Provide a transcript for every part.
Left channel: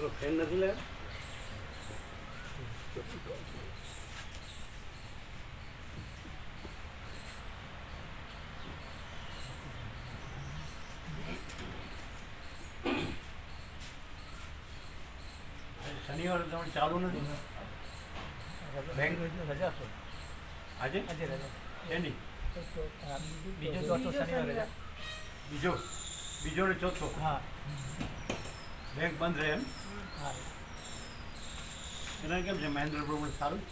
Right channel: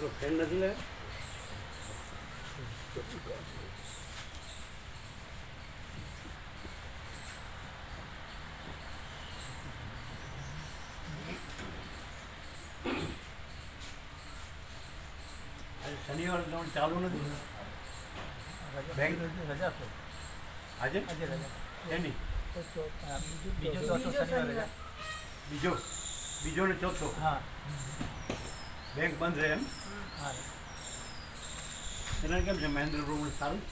ચલો ફેન નથી લે શનિવાર તમારે ચાલુ નથી બેંક રજા તો આજે આજે રજા એની બીજો ચોથો શનિવાર રજા બીજો ને ચોથો હા બેંક બંધ રહે એમ હા એના કેમ છે મહેન્દ્ર પ્રમાણે સારું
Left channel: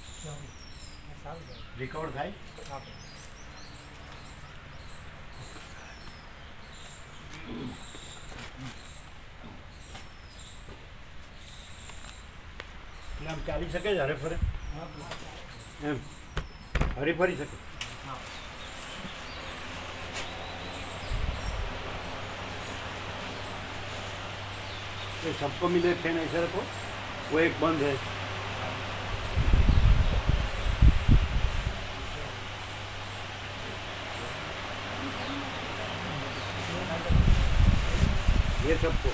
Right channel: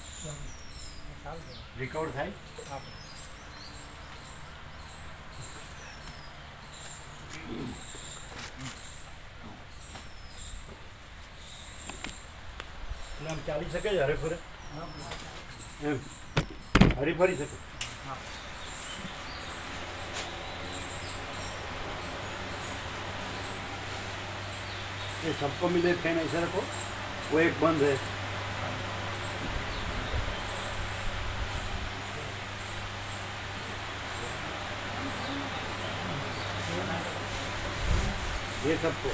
રિકવર થાય એટલે આમ ચાલી શકે છે હરે ફરે એમ હરી ફરી શકે ये सबको मिले फैन ऐसे रखो वो एक बंद है ये सबको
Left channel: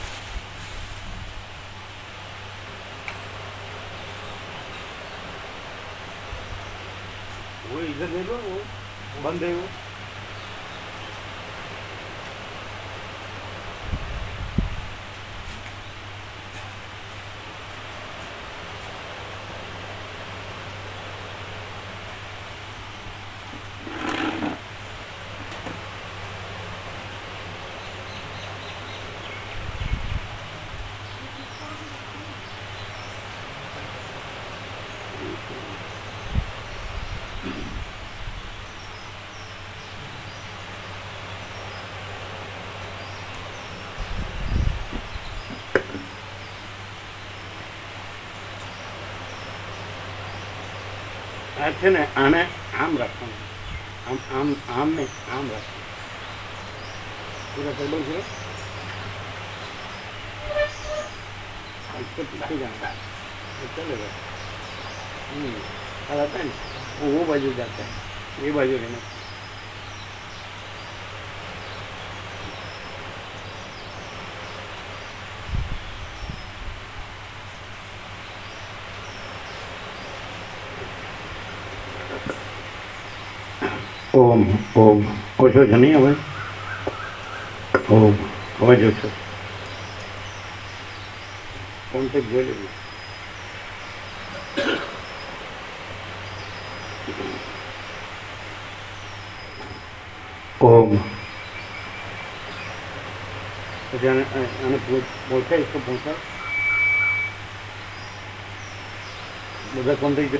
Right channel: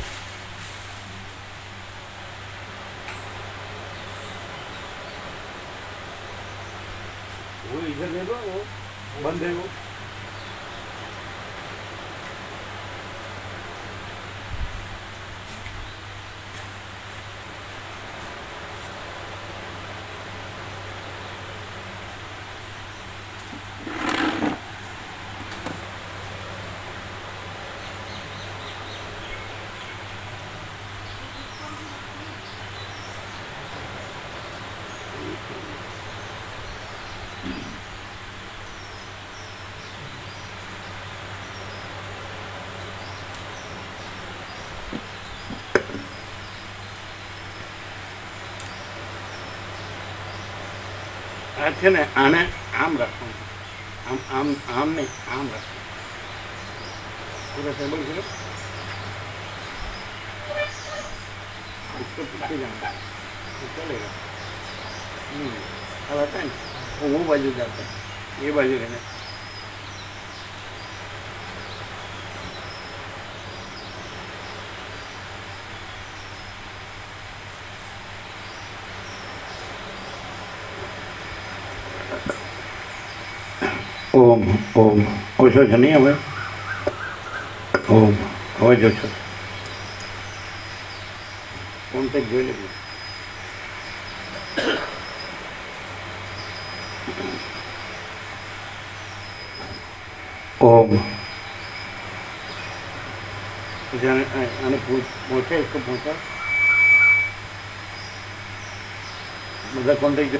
वो इधर ले लो वो बंद है वो છે ને આને આમ રાખવાનું આમ આમ ને આમ રાખવાનું પૂરા ટેબલ છે इसको पीछे जाना तो चलेगा अब आता है वो बाजू जाता है ये बाजू रहना ओम ओम ओछो छे नहीं हमें ओम હવે જોશો કોન્ટેક્ટ જોઈ લેજો ઓમ પછી આને પહોંચાય इसको पहुँचा બધા કોન્ટેક્ટ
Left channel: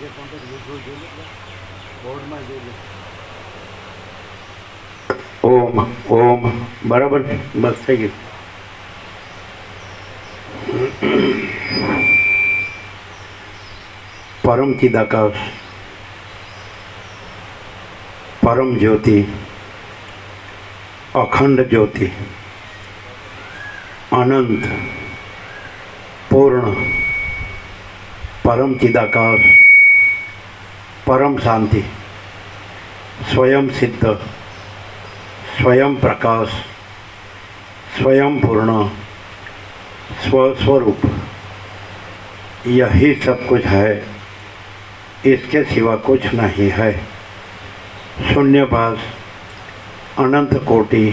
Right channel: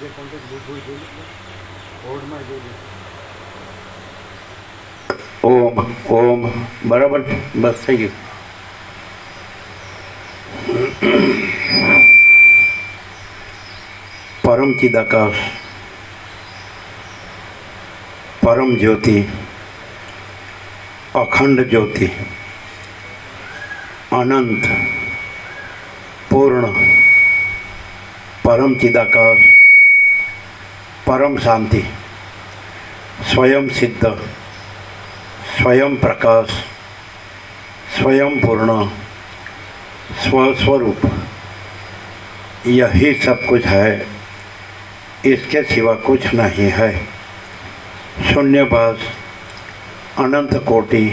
જે કોન્ટેક્ટ લીધો જોઈએ બોર્ડમાં જોઈએ ઓમ ઓમ બરાબર બસ થઈ ગયું परम चिदाकाश परम ज्योति अखंड ज्योति अनंत पूर्ण परम चिदाकाश परम शांति स्वयं सिद्ध स्वयं प्रकाश स्वयं पूर्ण स्वस्वरूप यही सब कुछ है, इसके सिवा कुछ नहीं है। शून्यभास अनंत कोटि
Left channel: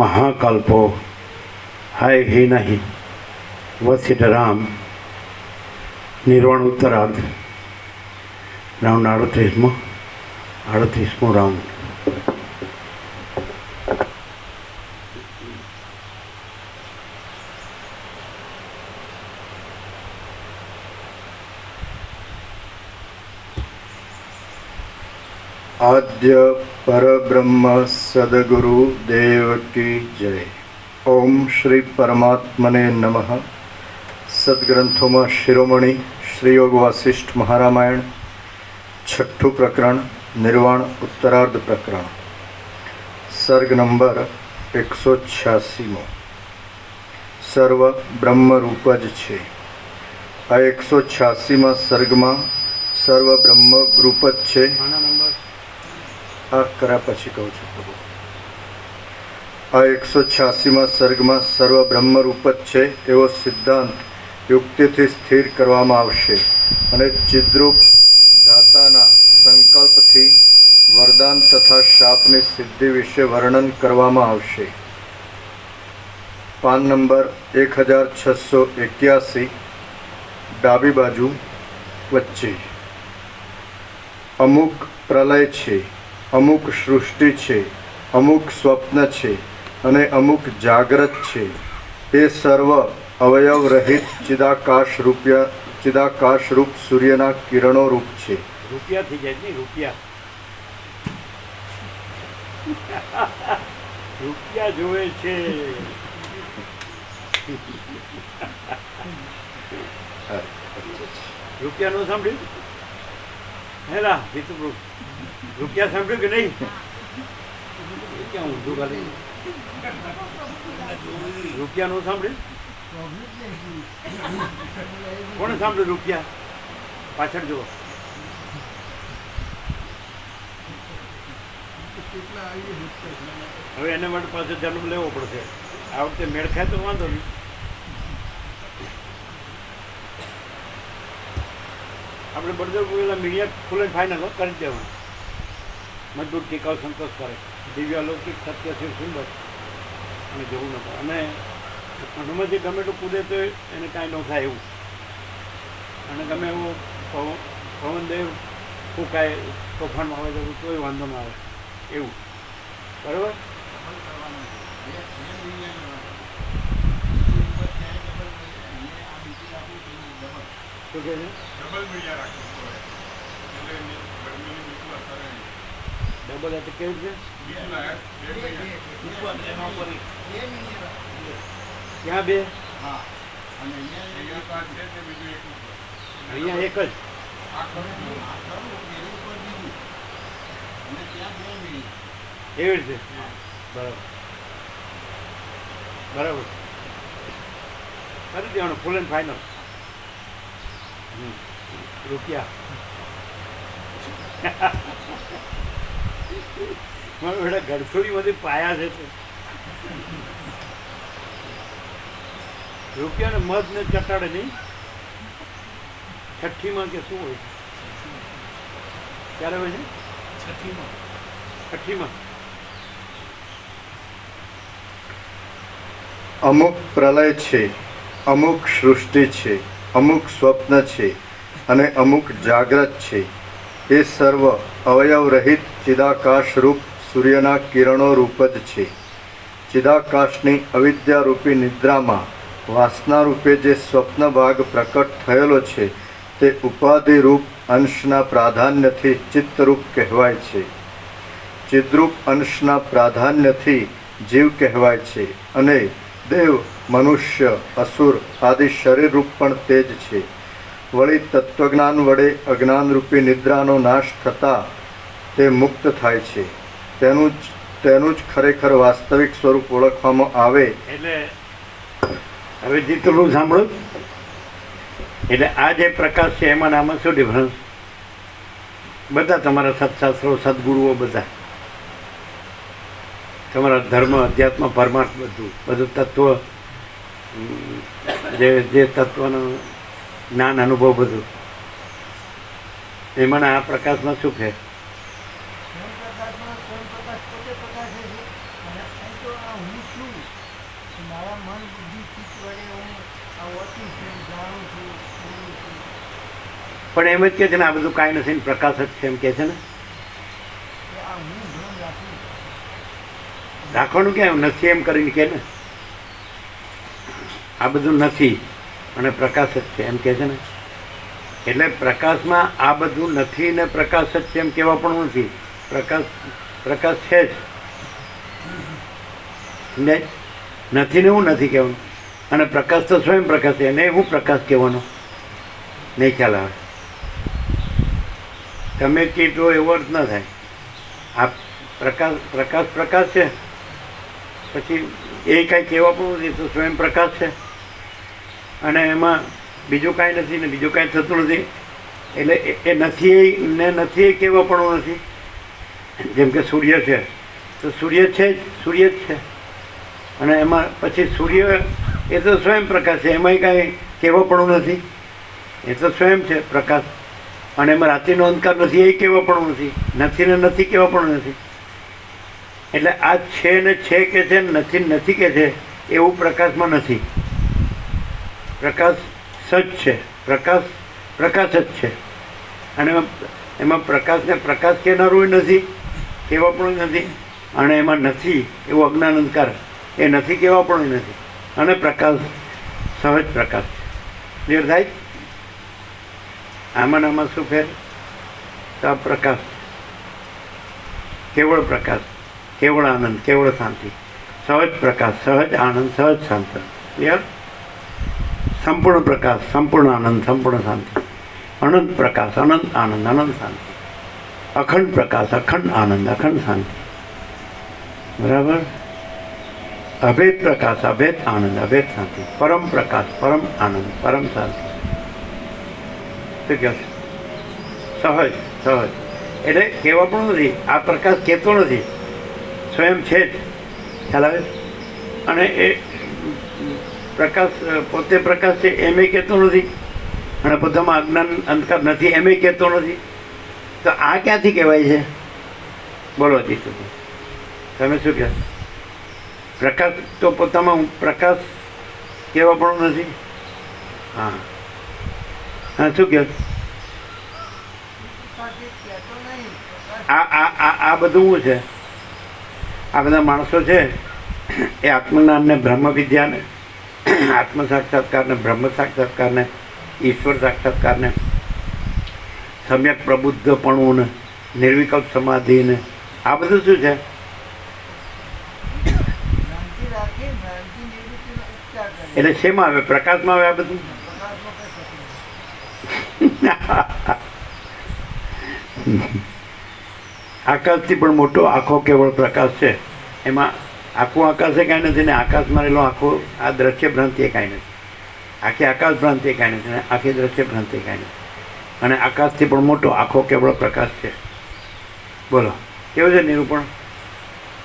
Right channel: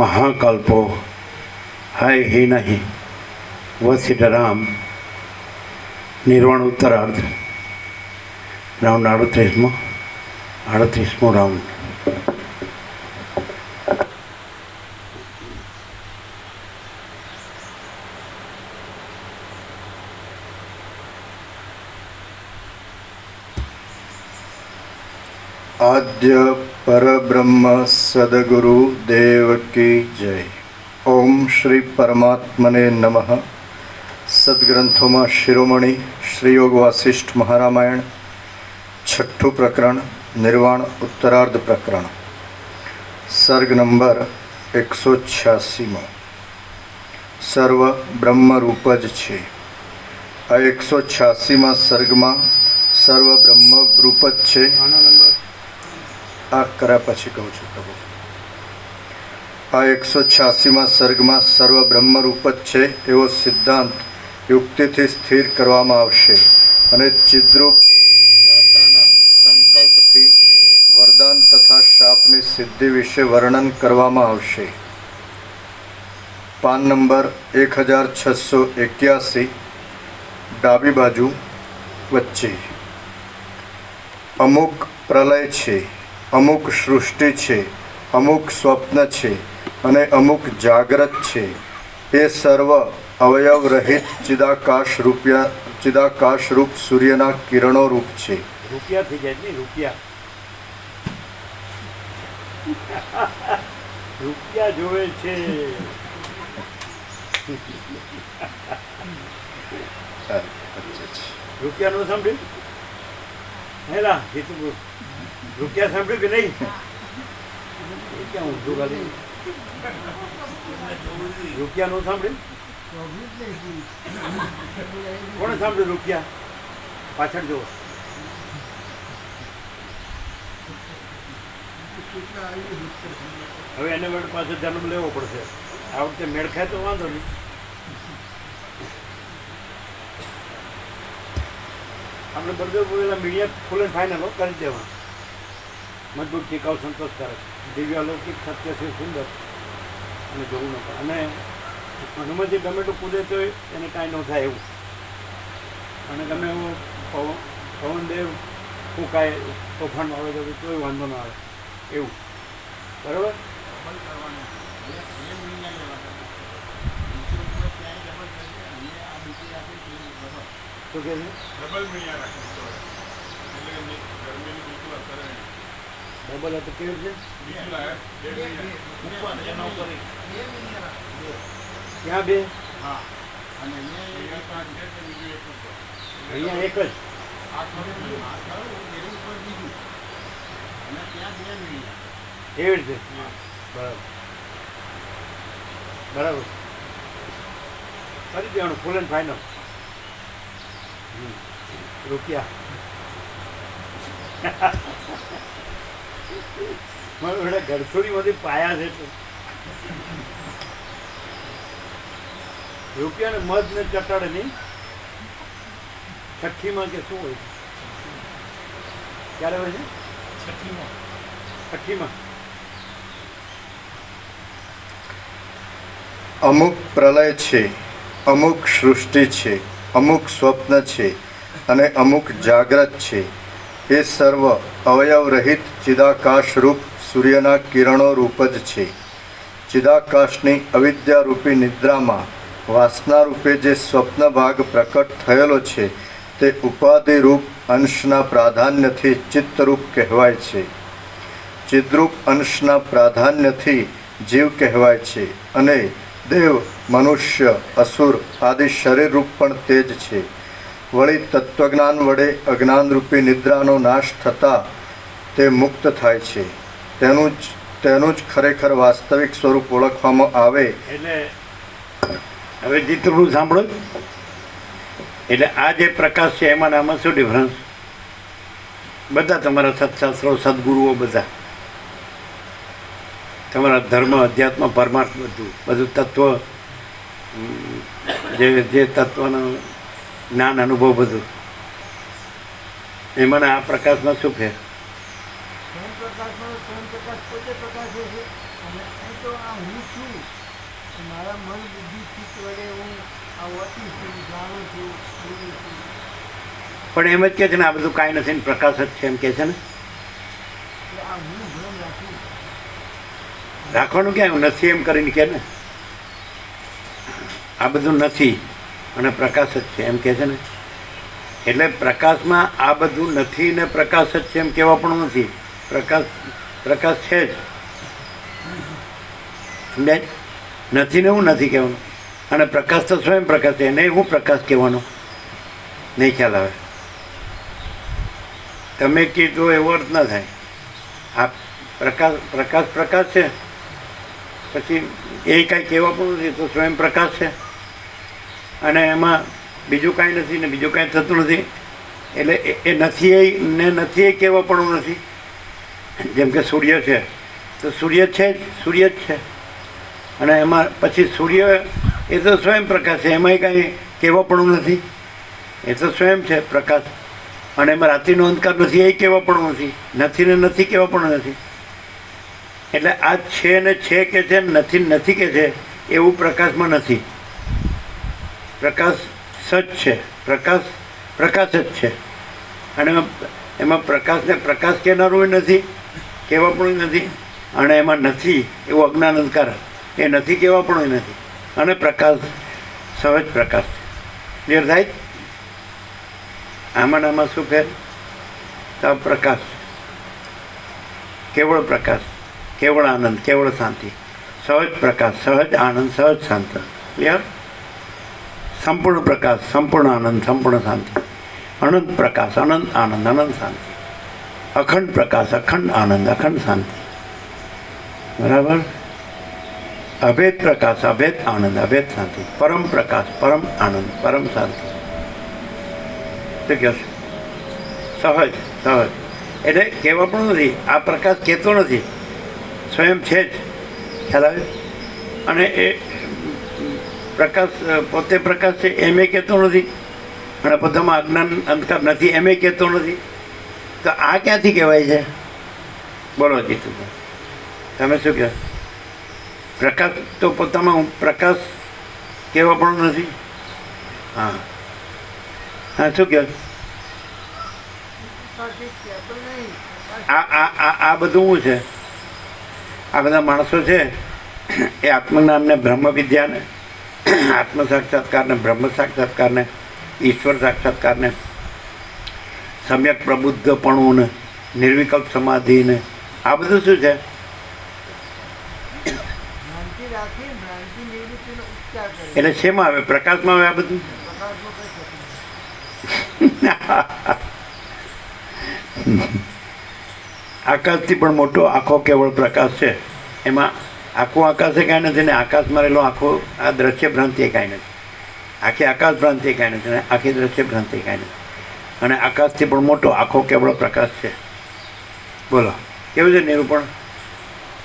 महाकल्पो है ही नहीं। वसिष्ठराम निर्वाण उत्तरार्ध राउंड 38मो राउंड। आद्य परब्रह्म सद्गुरु देव की जय। ओम श्री परमात्मने नमः। सद्ग्रंथों में शिरोमणि श्री योग वासिष्ठ महारामायण छठू प्रकरण निर्वाण उत्तरार्ध प्रकरण सर्ग नंबर 186 सर्व ब्रह्म रूप ज छे। આ 186માં સર્ગમાં સર્વ બ્રહ્મ રૂપ જ છે. આના નંબર આ કર્યા પછી કહું છું તમે. આ 186માં સર્ગમાં સર્વ બ્રહ્મ રૂપ જ છે એવો સિદ્ધાંત યુક્તિથી સ્થિર કરવામાં આવશે અને ચિદ્રૂપ દાતાના સંકલ્પથી વરદાન તથા શાપની સિદ્ધિ વિશે વર્ણન કરવામાં આવશે. પાન નંબર 1681, ડાબી બાજુ વચ્ચે. અમુક પ્રલય છે, અમુક સૃષ્ટિ છે, અમુક સ્વપ્ન છે અને અમુક જાગ્રત છે. એ સર્વ અવયવ રહિત ચિદાકાશ રૂપ સૂર્યના કિરણો રૂપ છે. રૂપિયા થઈ જાય ને રૂપિયા. રૂપિયા જોવે છે. રૂપિયા નું સાંભળ્યું? હેલા જીતુભાઈ, રૂપિયા સાંભળ્યું કે નહીં? ક્યાં ઊંધું ખાલી રૂપિયા નું સાંભળ્યું? કોણે સાંભળ્યું રૂપિયા? પાછળ જુઓ. હવે એને માટે પાછો જન્મ લેવો પડશે. આ વખતે મેળ ખાય તો વાંધો નહીં. આપણે બળદેવ બોલેલા મીડિયા ફૂલ એન્ડ ફાઇનલ કરી દેવા. મજબૂત ટીકાઉ સંતોષકારક દિવ્યાલૌકિક સત્ય છે સુંદર અને જોવું ન પડે. અને હનુમાનજી ટમેટું કૂદે તો એને કાંઈ ન થાય એવું. અને ગમે એવું પવનદેવ ફૂંકાય તોફાનમાં આવે જવું તોય વાંધો ન આવે એવું. બરાબર? શું કહે છે? ડબલ એટલે કેવું છે? ક્યાં બે? અહીંયા એક જ. એવી રીતે બરાબર બરાબર કરી દેવાનું ફૂલ એન્ડ ફાઇનલ. રૂપિયા મારે બધા ગરથોડીમાંથી પાયા છે. રૂપિયાને મધ ને ચટાડે નહીં. છઠ્ઠીમાં કે શું હોય? ક્યારે હોય છે? છઠ્ઠીમાં. અમુક પ્રલય છે, અમુક સૃષ્ટિ છે, અમુક સ્વપ્ન છે અને અમુક જાગ્રત છે. એ સર્વ અવયવ રહિત ચિદાકાશ રૂપ સૂર્યના કિરણો રૂપ જ છે. ચિદાકાશની અવિદ્યારૂપી નિદ્રામાં વાસના રૂપે જે સ્વપ્ન ભાગ પ્રકટ થયેલો છે તે ઉપાધિરૂપ અંશના પ્રાધાન્યથી ચિત્તરૂપ કહેવાય છે. ચિદ્રૂપ અંશના પ્રાધાન્યથી જીવ કહેવાય છે અને દેવ, મનુષ્ય, અસુર આદિ શરીરરૂપ પણ તે જ છે. વળી તત્વજ્ઞાન વડે અજ્ઞાનરૂપી નિદ્રાનો નાશ થતાં તે મુક્ત થાય છે. તેનું જ ખરેખર વાસ્તવિક સ્વરૂપ ઓળખવામાં આવે. એટલે હવે જેટલું સાંભળો. એટલે આ જે પ્રકાશ છે એમાં આમાં શું ડિફરન્સ? બધા તમારા સત્શાસ્ત્રો, સદગુરુઓ, બધા તમારા ધર્મ, અધ્યાત્મ, પરમાર્થ બધું તત્વ, જે તત્વનું જ્ઞાન, અનુભવ બધું એમાં આ પ્રકાશમાં શું ફેર? પણ એમ જ કે છે ને આ બધું કાંઈ નથી, પ્રકાશ જ છે એમ કે છે ને. રાખવાનું ક્યાં નથી એમ કરીને કે ને આ બધું નથી અને પ્રકાશ જ છે એમ કે છે ને. એટલે પ્રકાશમાં આ બધું નથી ને પ્રકાશ જ છે એમ કહેવા પણ નથી. પ્રકાશ છે જ. નથી ને હું નથી કહેવાનું. અને પ્રકાશ તો સ્વયં પ્રકાશ છે, એને હું પ્રકાશ કહેવાનો નહીં ખ્યાલ આવે. તમે કીધો એવો અર્થ ન થાય. આ પ્રકાશ છે, પછી એ કાંઈ કહેવા પણ નથી, તો સ્વયં પ્રકાશ છે. અને એમાં બીજું કાંઈ નથી ને બીજું કાંઈ થતું નથી. એટલે એ નથી ને નથી એ કેવા પણ નથી. જેમ કે સૂર્ય છે તો સૂર્ય છે જ, સૂર્ય જ છે. અને એમાં પછી સૂર્ય એ તો સ્વયં પ્રકાશ છે, એમાંય કાંઈ કહેવાપણું નથી. એ તો સ્વયં છે પ્રકાશ. અને એમાં રાત્રિનો અંધકાર નથી એ કહેવાપણું નથી. નથી ને નથી કહેવાપણું નથી. એટલે આ છે ને છે કે છે, નથી નથી કે છે એવું પ્રકાશમાં નથી. પ્રકાશ સચ છે, પ્રકાશ પ્રકાશ જ છે. અને એમાં પ્રકાશને પ્રકાશ કહેનારું નથી, કહેવાપણું નથી. અને એમાં નથી એવું અજ્ઞાન અંધકાર એ નથી કહેવાપણું નથી. અને પ્રકાશ સહજ પ્રકાશ છે. ક્લિયર થાય? આમાં આમાં શું ફેર? પ્રકાશ, કેવળ પ્રકાશ, કેવળ આનંદ, કેવળ શાંતિ, સહજ પ્રકાશ, સહજ આનંદ, સહજ શાંતિ. ક્લિયર? સંપૂર્ણ પ્રકાશ, સંપૂર્ણ આનંદ, સંપૂર્ણ શાંતિ. અનંત પ્રકાશ, અનંત આનંદ, અનંત શાંતિ. અખંડ પ્રકાશ, અખંડ આનંદ, અખંડ શાંતિ. બરાબર? અભેદ પ્રકાશ, અભેદ આનંદ, અભેદ શાંતિ. પરમ પ્રકાશ, પરમ આનંદ, પરમ શાંતિ. શું કહે છે? સહજ, સહજ. એટલે કહેવા પણ નથી. આ પ્રકાશ કહેતો નથી, સ્વયં છે જ. ખ્યાલ આવે? અને એ પ્રકાશ પોતે પ્રકાશ છે એમ એ કહેતો નથી. અને બધામાં અજ્ઞાન અંધકાર નથી એમ એ કહેતો નથી. તો આ ક્યાંથી કહેવાય છે? બોલો જીતુ, તમે શું કહો? પ્રકાશ તો પોતામાં પ્રકાશ કહેવા પણ નથી. હા હા, શું કહો? આ બધું શું છે? આ બધા માણસો છે એ આત્મજ્ઞાનને, બ્રહ્મ વિદ્યાને, આત્મ સાક્ષાત્કારને, બ્રહ્મ સાક્ષાત્કારને, ઈશ્વર સાક્ષાત્કારને, સમ્યક પ્રબુદ્ધપણુંને, નિર્વિકલ્પ સમાધિને, આ બધું શું છે? એટલે શેમાં આવે? પ્રકાશમાં આવે આ બધું? આકાશથી પણ મોટો આખો કેવળ પ્રકાશ છે. એમાં આખું આકાશ એ કાંઈ નથી ને આકાશમાં રહેલો આખો આ દ્રશ્ય ભ્રાંતિ એ કાંઈ નથી. આખી આકાશ ભ્રાંતિ એ કાંઈ નથી ને આખી દ્રશ્ય ભ્રાંતિ એ કાંઈ નથી. અને આકાશથી પણ મોટો આખો કેવળ પ્રકાશ છે. બોલો કેવું છે નિરૂપણ?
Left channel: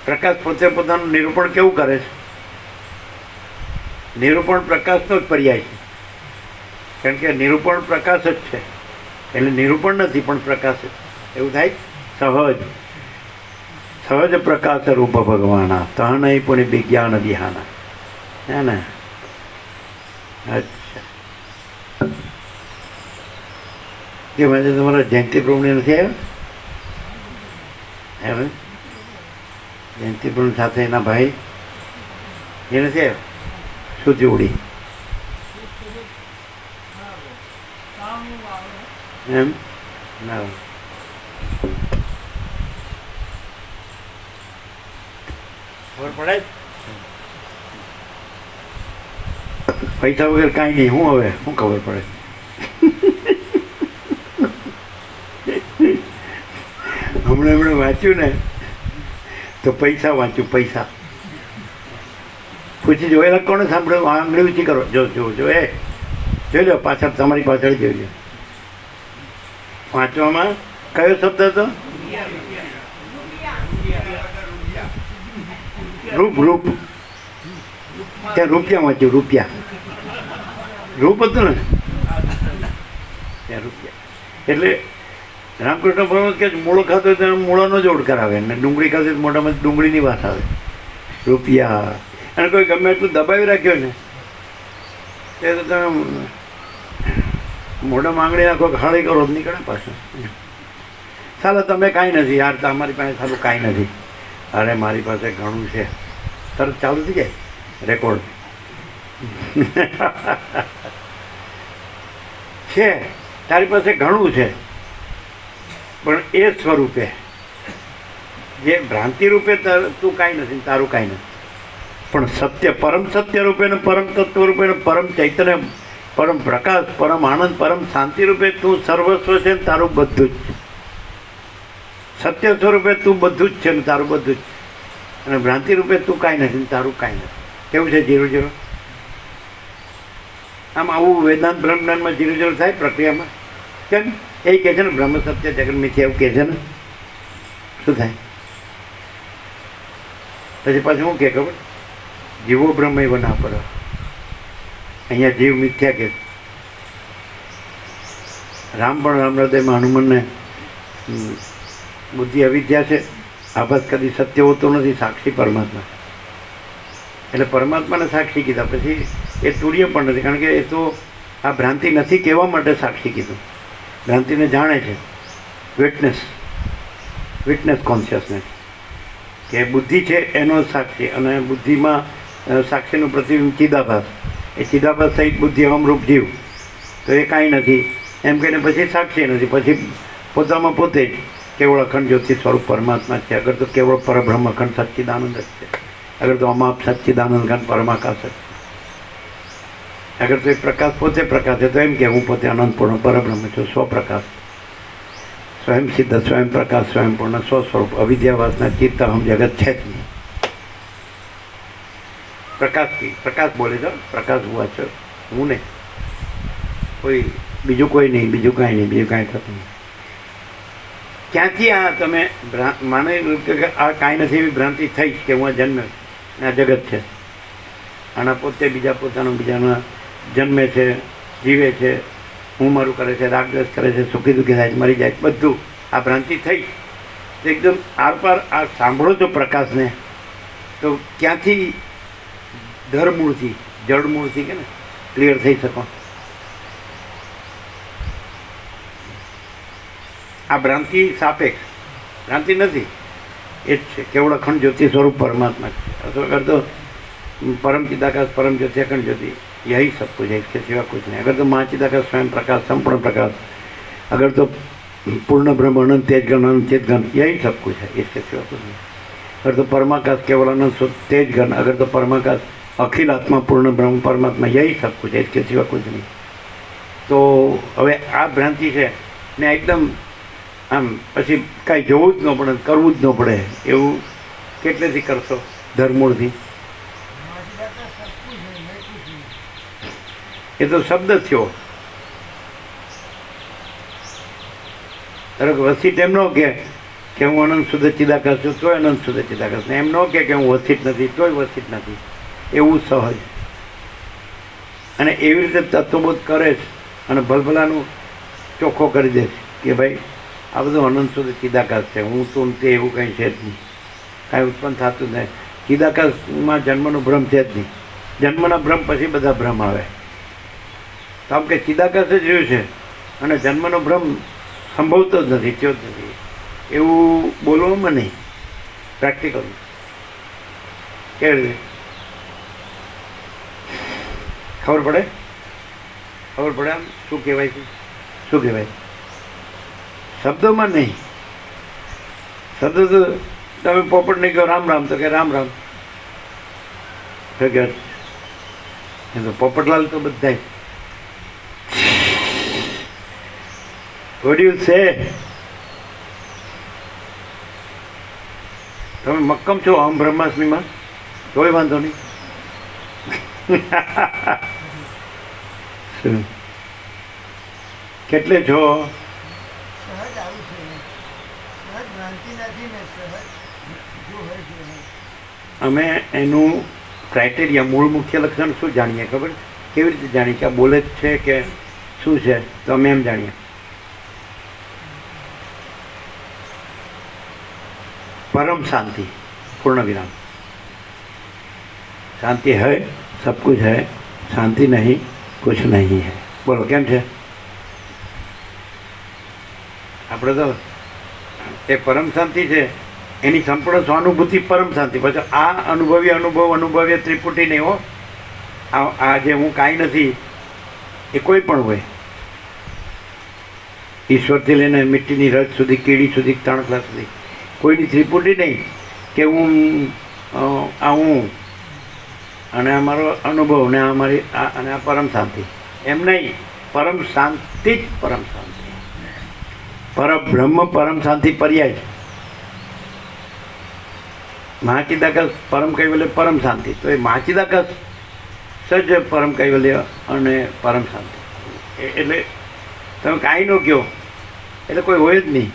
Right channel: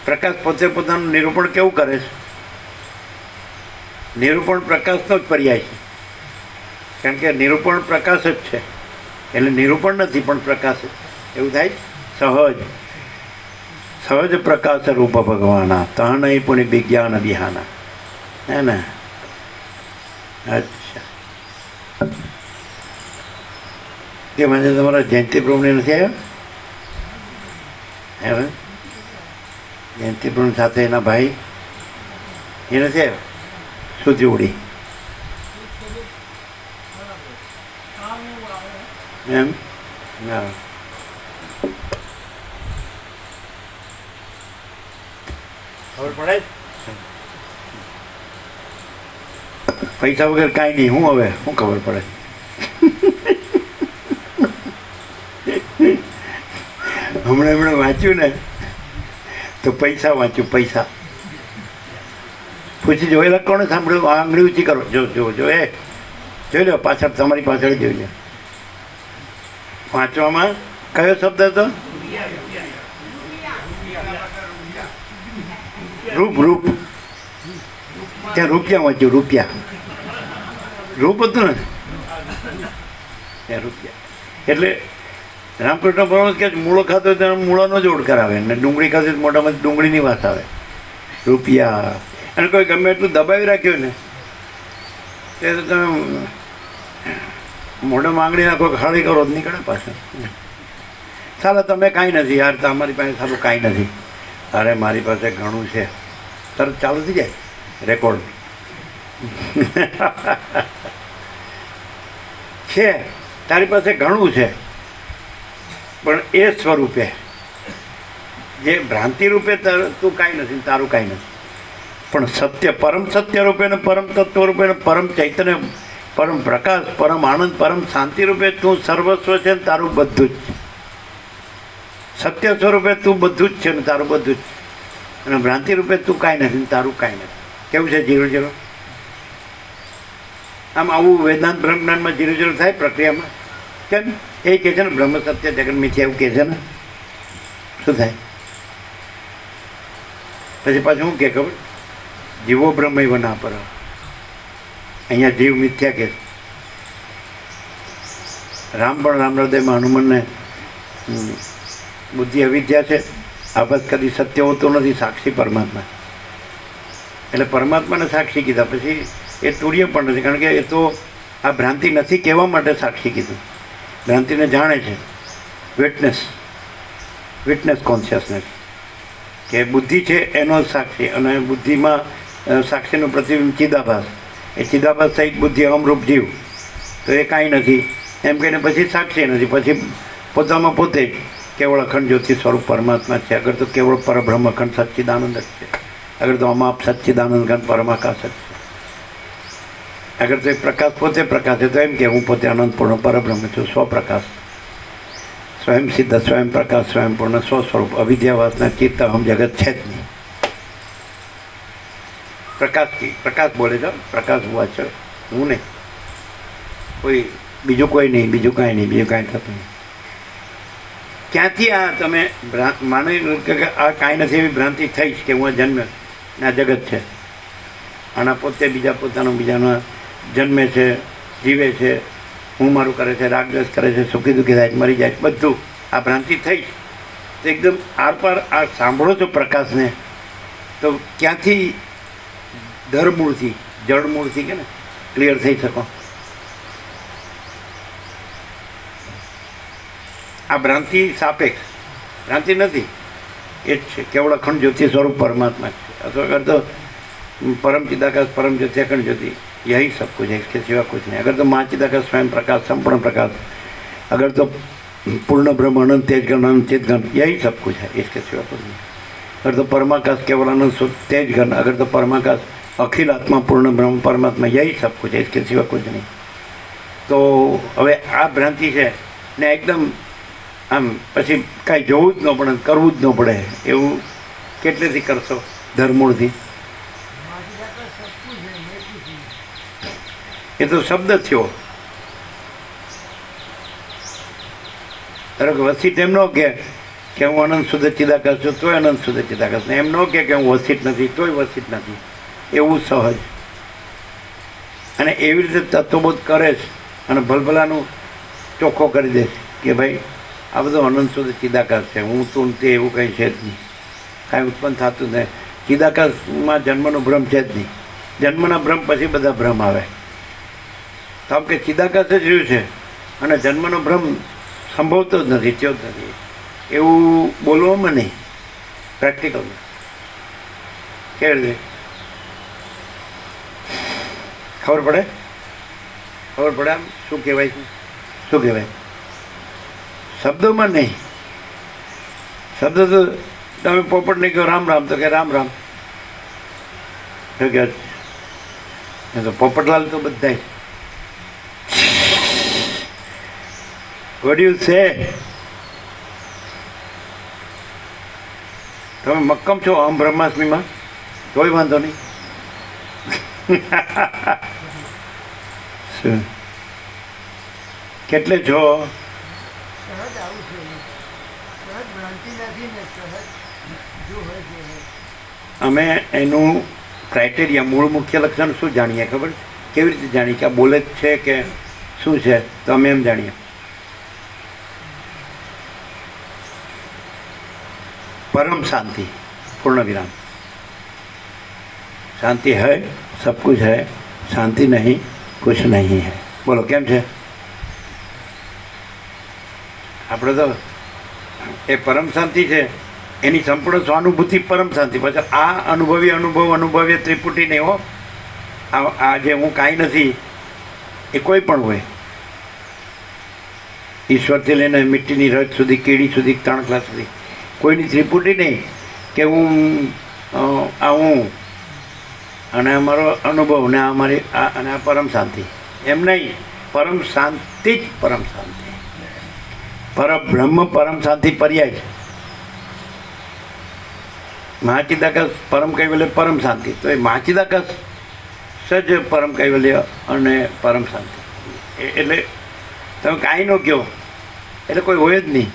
પ્રકાશ પોતે પોતાનું નિરૂપણ કેવું કરે છે? નિરૂપણ પ્રકાશનો જ પર્યાય છે. કારણ કે નિરૂપણ પ્રકાશ જ છે. એટલે નિરૂપણ નથી પણ પ્રકાશ જ. એવું થાય? સહજ સહજ પ્રકાશ રૂપ ભગવાના તહ નહીં પુણ્ય વિજ્ઞાન વિહાના. હે ને? અચ્છા, કે મને તમારા જયંતિ પ્રભુને નથી આવ્યો? હવે જયંતિ પ્રભુ સાથે એના ભાઈ એ નથી આવ્યો? સુધી ઉડી એમ? બરાબર. ખબર પડે? પૈસા વગર કાંઈ નહીં. હું હવે શું ખબર પડે? હમણાં વાંચ્યું ને તો પૈસા વાંચ્યું. પૈસા પૂછી જો એટલે કોને સાંભળ્યું? આંગળી ઊંચી કરો. જો જો જો એ જોઈ લો પાછળ, તમારી પાછળ જોઈ લો. વાંચવામાં કયો શબ્દ હતો? રૂપ. રૂપ ત્યાં રૂપિયા વાંચ્યું. રૂપિયા રૂપ હતું ને ત્યાં રૂપિયા. એટલે રામકૃષ્ણ પરમહંસ કે મૂળો ખાતો તો મૂળાનો જ ઓળ કરાવે ને ડુંગળી ખાતો મોટામાં ડુંગળીની વાત આવે. રૂપિયા. અને કોઈ ગમે એટલું દબાવી રાખ્યો ને તે તમે મોઢામાં આંગળી નાખો, ખાલી કરો જ નીકળે પાછું. ચાલો તમે કાંઈ નથી યાર, તો અમારી પાસે સારું કાંઈ નથી. અરે મારી પાસે ઘણું છે. તરત ચાલુ થઈ જાય રેકોર્ડ. છે તારી પાસે ઘણું છે પણ એ સ્વરૂપે જે ભ્રાંતિ રૂપે તું કાંઈ નથી, તારું કાંઈ નથી. પણ સત્ય, પરમ સત્ય રૂપે ને પરમ તત્વ રૂપે ને પરમ ચૈતન્ય, પરમ પ્રકાશ, પરમ આનંદ, પરમ શાંતિ રૂપે તું સર્વસ્વ છે ને તારું બધું જ. સત્ય સ્વરૂપે તું બધું જ છે ને તારું બધું જ. અને ભ્રાંતિ રૂપે તું કાંઈ નથી ને તારું કાંઈ નથી. કેવું છે? Zero zero. આમ આવું વેદાંત બ્રહ્મજ્ઞાનમાં ધીરે ધીરે થાય પ્રક્રિયામાં. કેમ એ કહે છે ને બ્રહ્મ સત્ય જગન મિથ્યા એવું કહે છે ને, શું થાય પછી પાછું શું કહે ખબર? જીવો બ્રહ્મ ના પર, અહીંયા જીવ મિથ્યા કે. રામ પણ રામ હૃદયમાં હનુમાનને બુદ્ધિ અવિદ્યા છે, આભાસ કદી સત્ય હોતું નથી, સાક્ષી પરમાત્મા. એટલે પરમાત્માને સાક્ષી કીધા પછી એ તુર્ય પણ નથી, કારણ કે એ તો આ ભ્રાંતિ નથી કહેવા માટે સાક્ષી કીધું. ભ્રાંતિને જાણે છે, વિટનેસ કોન્શિયસનેસ, કે બુદ્ધિ છે એનો સાક્ષી, અને બુદ્ધિમાં સાક્ષીનું પ્રતિબિંબ ચિદાભાસ. એ ચિદાભાસ સહિત બુદ્ધિ અમરૂપ જીવ, તો એ કાંઈ નથી એમ કહીને પછી સાક્ષી નથી, પછી પોતામાં પોતે જ કેવળ અખંડ જ્યોતિ સ્વરૂપ પરમાત્મા છે. અગર તો કેવળ પરબ્રહ્મ અખંડ સચ્ચિદાનંદ જ છે, અગર તો અમાપ સચ્ચિદાનંદ ઘન પરમાકાશ જ છે, અગર તો એ પ્રકાશ પોતે પ્રકાશ છે, તો એમ કે હું પોતે અનંતપૂર્ણ પરબ્રહ્મ છું, સ્વપ્રકાશ, સ્વયં સિદ્ધ, સ્વયં પ્રકાશ, સ્વયં પૂર્ણ, સ્વસ્વરૂપ, અવિદ્યાવાસના ચિત્ત હમ જગત છે જ નહીં. પ્રકાશ બોલે છે, પ્રકાશ હુઆ છે, હું નહીં, કોઈ બીજું કોઈ નહીં, બીજું કાંઈ નહીં, બીજું કાંઈ થતું નહીં. ક્યાંથી આ તમે માની કે આ કાંઈ નથી એવી ભ્રાંતિ થઈ કે હું જન્મ ને આ જગત છે, આના પોતે બીજા પોતાનું બીજાના જન્મે છે, જીવે છે, હું મારું કરે છે, રાગદ્વેષ કરે છે, સુખી દુઃખી થાય, મરી જાય, બધું આ ભ્રાંતિ થઈ. તો એકદમ આરપાર આ સાંભળો છો પ્રકાશને, તો ક્યાંથી ધરમૂળથી, જળમૂળથી કે ને ક્લિયર થઈ શકો. આ ભ્રાંતિ સાપેક્ષ ભ્રાંતિ નથી, એ જ છે કેવળ અખંડ જ્યોતિ સ્વરૂપ પરમાત્મા છે. અથવા તો परम चिदाकाश परम ज्योति अखंड ज्योति यही सब कुछ है, इसके सिवा कुछ नहीं. अगर तो महाचिदाकाश स्वयं प्रकाश संपूर्ण प्रकाश, अगर तो पूर्ण ब्रह्म अनंत तेज घन अनंत चेत घन, यही सब कुछ है, इसके सिवा कुछ नहीं. अगर तो परमाकाश केवल अनंत तेज घन, अगर तो परमाकाश अखिल आत्मा पूर्ण ब्रह्म परमात्मा, यही सब कुछ है, इसके सिवा कुछ नहीं. तो હવે આ ભ્રાંતિ છે ને એકદમ આમ પછી કાંઈ જોવું જ ન પડે, કરવું જ ન પડે એવું કેટલેથી કરશો? ધર્મૂળથી. એ તો શબ્દ થયો. ધારો કે વસીટ એમ ન કે હું અનંત શુદ્ધ ચિદાકાશ છું તોય અનંત શુદ્ધ ચિદાકાશ, ને એમ ન કે હું વસીટ નથી તોય વસીટ નથી, એવું સહજ. અને એવી રીતે તત્વબોધ કરે છે અને ભલભલાનું ચોખ્ખો કરી દે કે ભાઈ આ બધું અનંત શુદ્ધ ચિદાકાશ છે, હું તું તે એવું કંઈ છે જ નહીં, કાંઈ ઉત્પન્ન થતું નહીં. ચિદાકાશમાં જન્મનો ભ્રમ છે જ નહીં, જન્મના ભ્રમ પછી બધા ભ્રમ આવે. તો આમ કે ચિદાકાશ જ રહ્યું છે અને જન્મનો ભ્રમ સંભવતો જ નથી, થયો જ નથી, એવું બોલવામાં નહીં, પ્રેક્ટિકલમાં કેવી રીતે ખબર પડે? ખબર પડે આમ શું કહેવાય છે, શું કહેવાય? શબ્દોમાં નહીં. શબ્દ તો તમે પોપટને કહો રામ રામ તો કે રામ રામ, એ તો પોપટલાલ તો બધા વડીલ છે. તમે મક્કમ છો અહમ બ્રહ્માસ્મીમાં, કોઈ વાંધો નહીં. કેટલે છો? અમે એનું ક્રાઇટેરિયા, મૂળ મુખ્ય લક્ષણ શું જાણીએ ખબર? કેવી રીતે જાણીએ કે આ બોલે જ છે કે શું છે? તો અમે એમ જાણીએ परम शांति, पूर्ण विराम. शांति है, सब कुछ है, शांति नहीं, कुछ नहीं है. बोलो केम છે? આપણે તો એ પરમ શાંતિ છે, એની સંપૂર્ણ સ્વાનુભૂતિ પરમ શાંતિ. પછી આ અનુભવીએ ત્રિપુટી નહીં હો. આ જે હું કાંઈ નથી એ કોઈ પણ હોય, ઈશ્વરથી લઈને મિટ્ટીની રજ સુધી, કીડી સુધી, તણખલા સુધી, કોઈની ત્રિપુટી નહીં કે હું અને અમારો અનુભવ ને અમારી અને આ પરમ શાંતિ, એમ નહીં. પરમ શાંતિ જ પરમ શાંતિ, પરબ્રહ્મ પરમ શાંતિ પર્યાય છે. મહાચિદાકાશ પરમ કહેવાય એટલે પરમ શાંતિ. તો એ મહાચિદાકાશ સજ પરમ કૈવલ્ય અને પરમ શાંતિ. એટલે તમે કાંઈ ન કહો એટલે કોઈ હોય જ નહીં.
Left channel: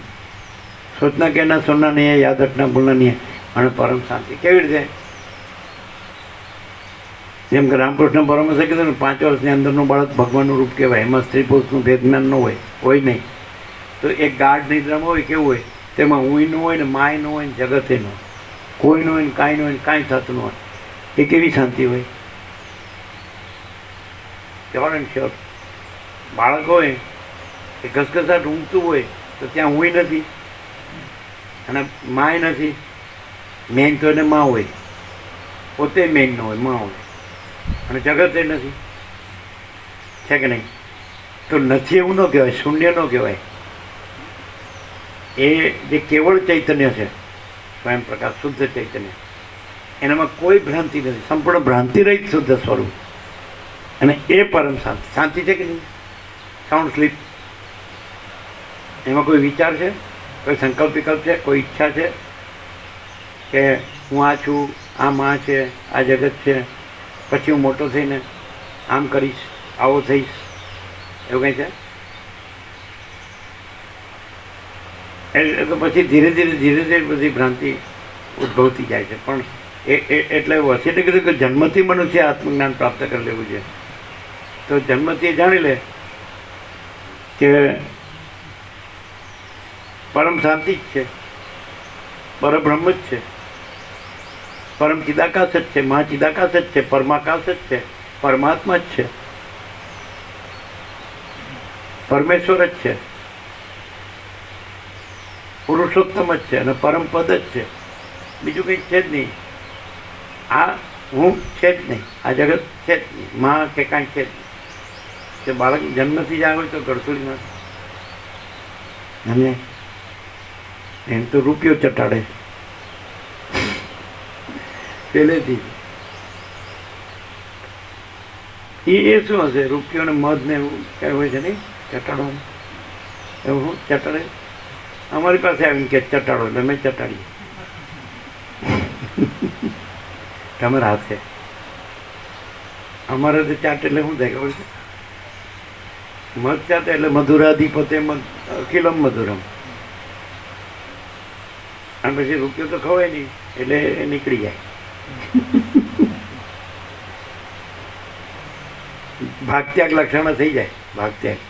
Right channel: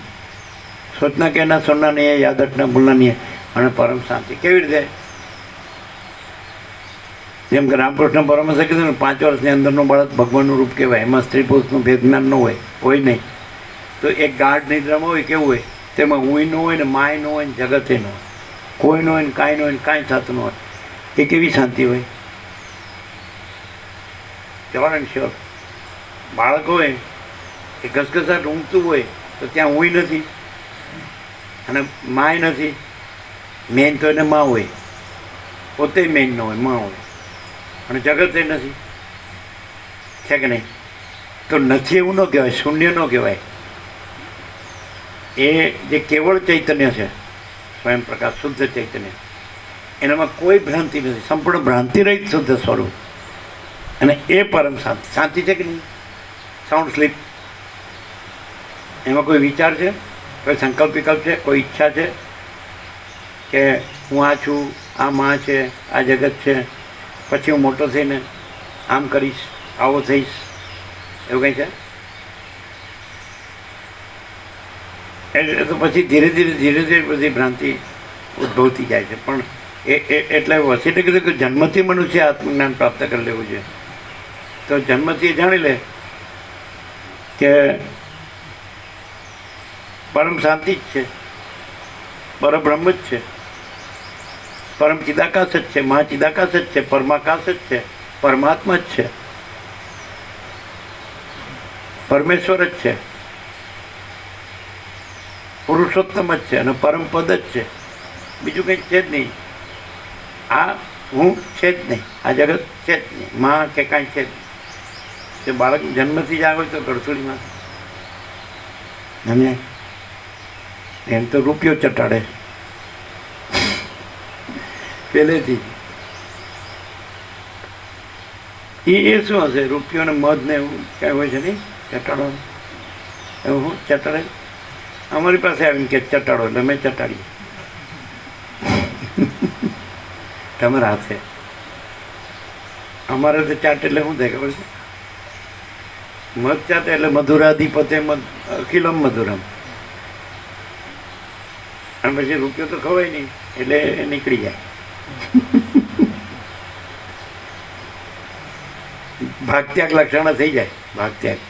સોચના કહેના સુનના નહીં, યાદ રખના ભૂલના નહીં, અને પરમ શાંતિ. કેવી રીતે? જેમ કે રામકૃષ્ણ પરમહંસે કીધું ને, 5 વર્ષની અંદરનું બાળક ભગવાનનું રૂપ કહેવાય. એમાં સ્ત્રી પુરુષનું ભેદ જ્ઞાન ન હોય નહીં. તો એક ગાઢ નિદ્રામાં હોય કેવું હોય? તેમાં હું ન હોય ને, માય ન હોય ને, જગતે ન હોય, કોઈ ન હોય ને, કાંઈ ન હોય ને, કાંઈ થતું ન હોય. એ કેવી શાંતિ હોય? જવાન શ્યોર. બાળક હોય એ ઘસઘસાટ ઊંઘતું હોય તો ત્યાં હું નથી અને માય નથી. મેન તો એને માં હોય, પોતે મેન ન હોય, માં હોય, અને જગત એ નથી. છે કે નહીં? તો નથી એવું ન કહેવાય, શૂન્ય ન કહેવાય. એ જે કેવળ ચૈતન્ય છે, સ્વયં પ્રકાશ, શુદ્ધ ચૈતન્ય, એનામાં કોઈ ભ્રાંતિ નથી, સંપૂર્ણ ભ્રાંતિ રહિત શુદ્ધ સ્વરૂપ. અને એ પરમ શાંતિ. શાંતિ છે કે નહીં? Sound sleep. એમાં કોઈ વિચાર છે, કોઈ સંકલ્પ વિકલ્પ છે, કોઈ ઈચ્છા છે કે હું આ છું, આ માં છે, આ જગત છે, પછી હું મોટો થઈને આમ કરીશ, આવો થઈશ, એવું કંઈ છે? એટલે તો પછી ધીરે ધીરે બધી ભ્રાંતિ ઉદ્ભવતી જાય છે. પણ એટલે વસીતે કીધું કે જન્મથી મનુષ્ય આત્મજ્ઞાન પ્રાપ્ત કરી લેવું છે. તો જન્મથી એ જાણી લે કે પરમ શાંતિ જ છે, પરબ્રહ્મ જ છે, પરમ ચિદાકાશ જ છે, મહાચિદાકાશ જ છે, પરમાકાશ જ છે, પરમાત્મા જ છે, પરમેશ્વર જ છે, પુરુષોત્તમ જ છે, અને પરમ પદ જ છે. બીજું કંઈ છે જ નહીં. આ હું છે જ નહીં, આ જગત છે જ નહીં, માં કે કાંઈ છે જ નહીં. તે બાળક જન્મથી જ આવે તો ગળથુડીમાં અને એમ તો રૂપિયો ચટાડે પહેલેથી. એ શું હશે? રૂપિયો ને મધ ને એવું કાંઈ હોય છે નહીં ચટાડવાનું? એવું હું ચટાડે? અમારી પાસે આવીને કે ચટાડો એટલે મેં ચટાડીએ. તમારા હાથે. અમારે તો ચાટ એટલે શું થાય ખબર છે? મધ ચાટ એટલે મધુરાધિપતે અખિલમ મધુરમ. અને પછી રૂપિયો તો ખવાય નહીં એટલે નીકળી જાય. ભાગત્યાગ લક્ષણ થઈ જાય. ભાગત્યાગ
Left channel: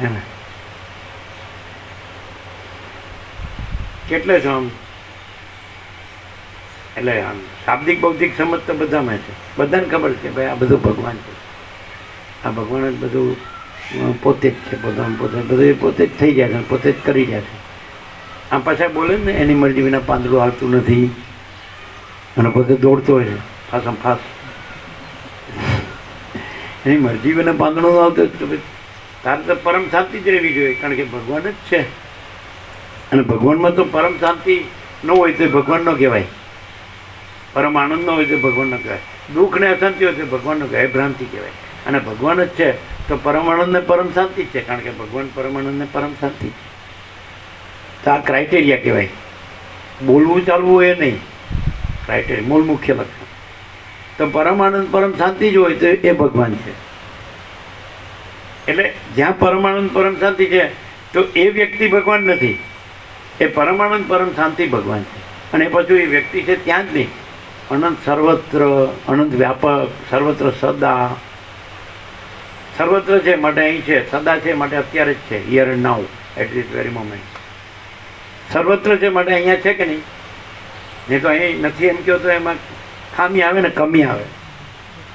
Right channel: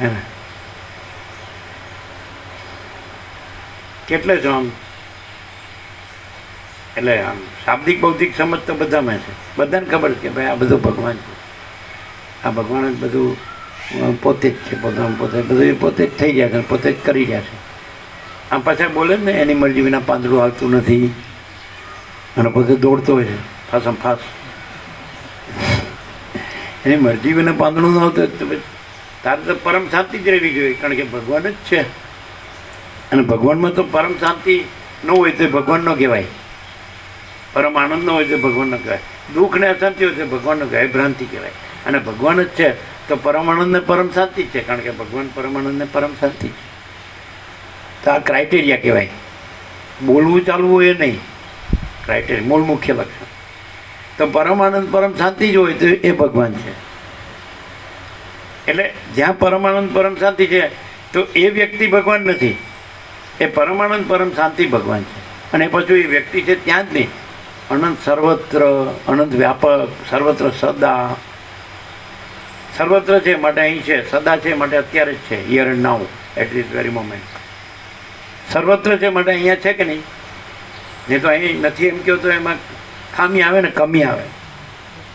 હે કેટલે છો આમ? એટલે આમ શાબ્દિક બૌદ્ધિક સમજ તો બધામાં છે. બધાને ખબર છે કે ભાઈ આ બધું ભગવાન છે, આ ભગવાન જ બધું પોતે જ છે, બધું પોતે જ થઈ ગયા છે, પોતે જ કરી રહ્યા છે. આ પાછા બોલે ને એની મરજી વિના પાંદડું હાલતું નથી, અને પોતે દોડતો હોય છે ફાસમ ફાસ. એની મરજી વિના પાંદડું ન આવતું તારે તો પરમ શાંતિ જ રહેવી જોઈએ, કારણ કે ભગવાન જ છે. અને ભગવાનમાં તો પરમ શાંતિ ન હોય તો ભગવાન ન કહેવાય, પરમ આનંદ ન હોય તો ભગવાન ન કહેવાય, દુઃખ ને અશાંતિ હોય તો ભગવાન ન કહેવાય, ભ્રાંતિ કહેવાય. અને ભગવાન જ છે તો પરમ આનંદ ને પરમ શાંતિ જ છે, કારણ કે ભગવાન પરમ આનંદ ને પરમ શાંતિ છે. તો આ ક્રાઇટેરિયા કહેવાય. બોલવું ચાલવું એ નહીં, ક્રાઇટેરિયા મૂળ મુખ્ય લક્ષણ. તો પરમ આનંદ પરમ શાંતિ જ હોય તો એ ભગવાન છે. એટલે જ્યાં પરમાનંદ પરમ શાંતિ છે તો એ વ્યક્તિ ભગવાન નથી, એ પરમાનંદ પરમ શાંતિ ભગવાન છે. અને પછી એ વ્યક્તિ છે ત્યાં જ નહીં, અનંત સર્વત્ર, અનંત વ્યાપક, સર્વત્ર સદા. સર્વત્ર છે માટે અહીં છે, સદા છે માટે અત્યારે જ છે, here and now, at this very moment. સર્વત્ર છે માટે અહીંયા છે કે નહીં? નહીં તો અહીં નથી એમ કહો તો એમાં ખામી આવે ને કમી આવે.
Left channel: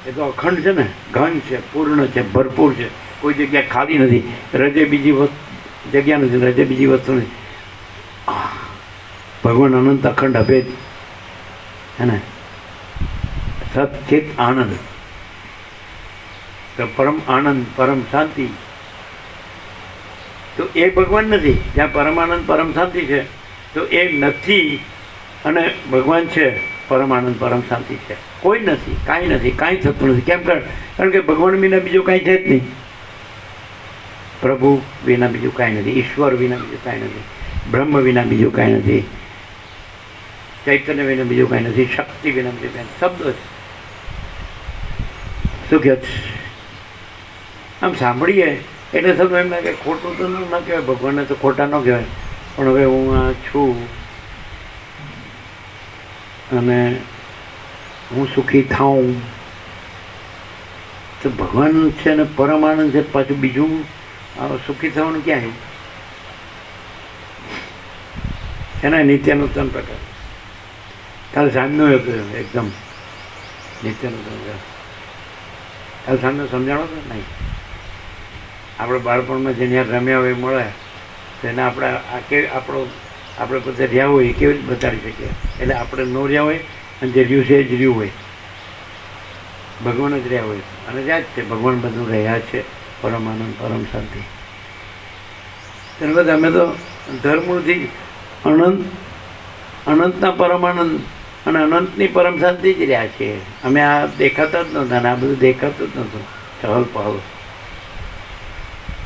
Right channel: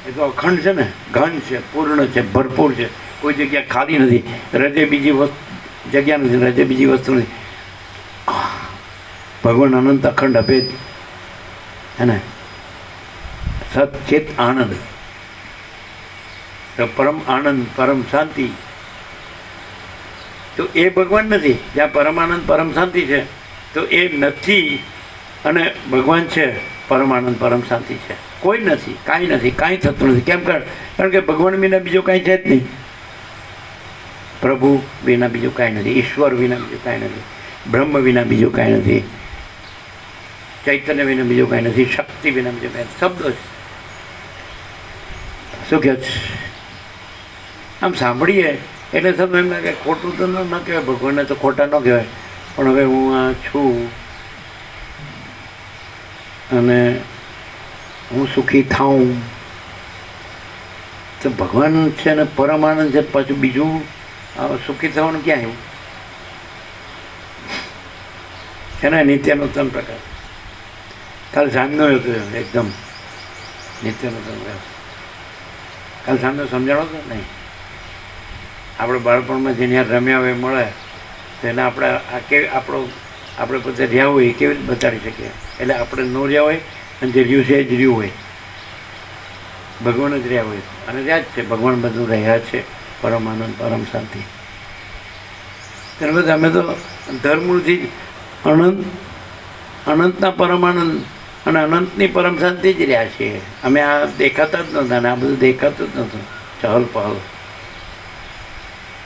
એ તો અખંડ છે ને, ઘન છે, પૂર્ણ છે, ભરપૂર છે, કોઈ જગ્યા ખાલી નથી. રજે બીજી જગ્યા નથી, રજે બીજી વસ્તુ નથી. ભગવાન અનંત અખંડ અભેદ હે ને, સચિત આનંદ. તો પરમ આનંદ પરમ શાંતિ તો એ ભગવાન નથી. જ્યાં પરમાનંદ પરમ શાંતિ છે તો એ નથી, અને ભગવાન છે, પરમાનંદ પરમ શાંતિ છે. કોઈ નથી, કાંઈ નથી, કાંઈ થતું નથી. કેમ? કારણ કે ભગવાન વિના બીજું કાંઈ છે જ નહીં. પ્રભુ વિના બીજું કાંઈ નથી, ઈશ્વર વિના બીજું કાંઈ નથી, બ્રહ્મ વિના બીજું કાંઈ નથી, ચૈતન્ય વિના બીજું કાંઈ નથી, શક્તિ વિના બીજું કાંઈ. શબ્દો છે. શું કહે છે? આમ સાંભળીએ એટલે થતું એમ લાગે ખોટું તો ન કહેવાય, ભગવાનને તો ખોટા ન કહેવાય, પણ હવે હું આ છું અને હું સુખી થાઉં તો ભગવાન છે ને પરમાનંદ છે, પાછું બીજું સુખી થવાનું ક્યાં આવ્યું? એના નિત્યનો 3 પ્રકાર. કાલ સાંજનો હતો એકદમ નિત્યનો 3 પ્રકાર. કાલ સાંજનો સમજાણો તો નહીં? આપણે બાળપણમાં જેને યાર રમ્યા હોય મળે તો એને આપણે પોતે રહ્યા હોય એ કેવી રીતે બતાડી શકીએ? એટલે આપણે ન રહ્યા હોય અને જે રહ્યું છે એ જ રહ્યું હોય, ભગવાન જ રહ્યા હોય અને ત્યાં જ છે ભગવાન, બધું રહ્યા છે, પરમ આનંદ, પરમ શાંતિ. ત્યારબાદ અમે તો ધર્મથી અનંતના પરમાનંદ અને અનંતની પરમ શાંતિ જ રહ્યા છીએ. અમે આ દેખાતા જ નહોતા અને આ બધું દેખાતું જ નહોતું, ચહલ પહલ.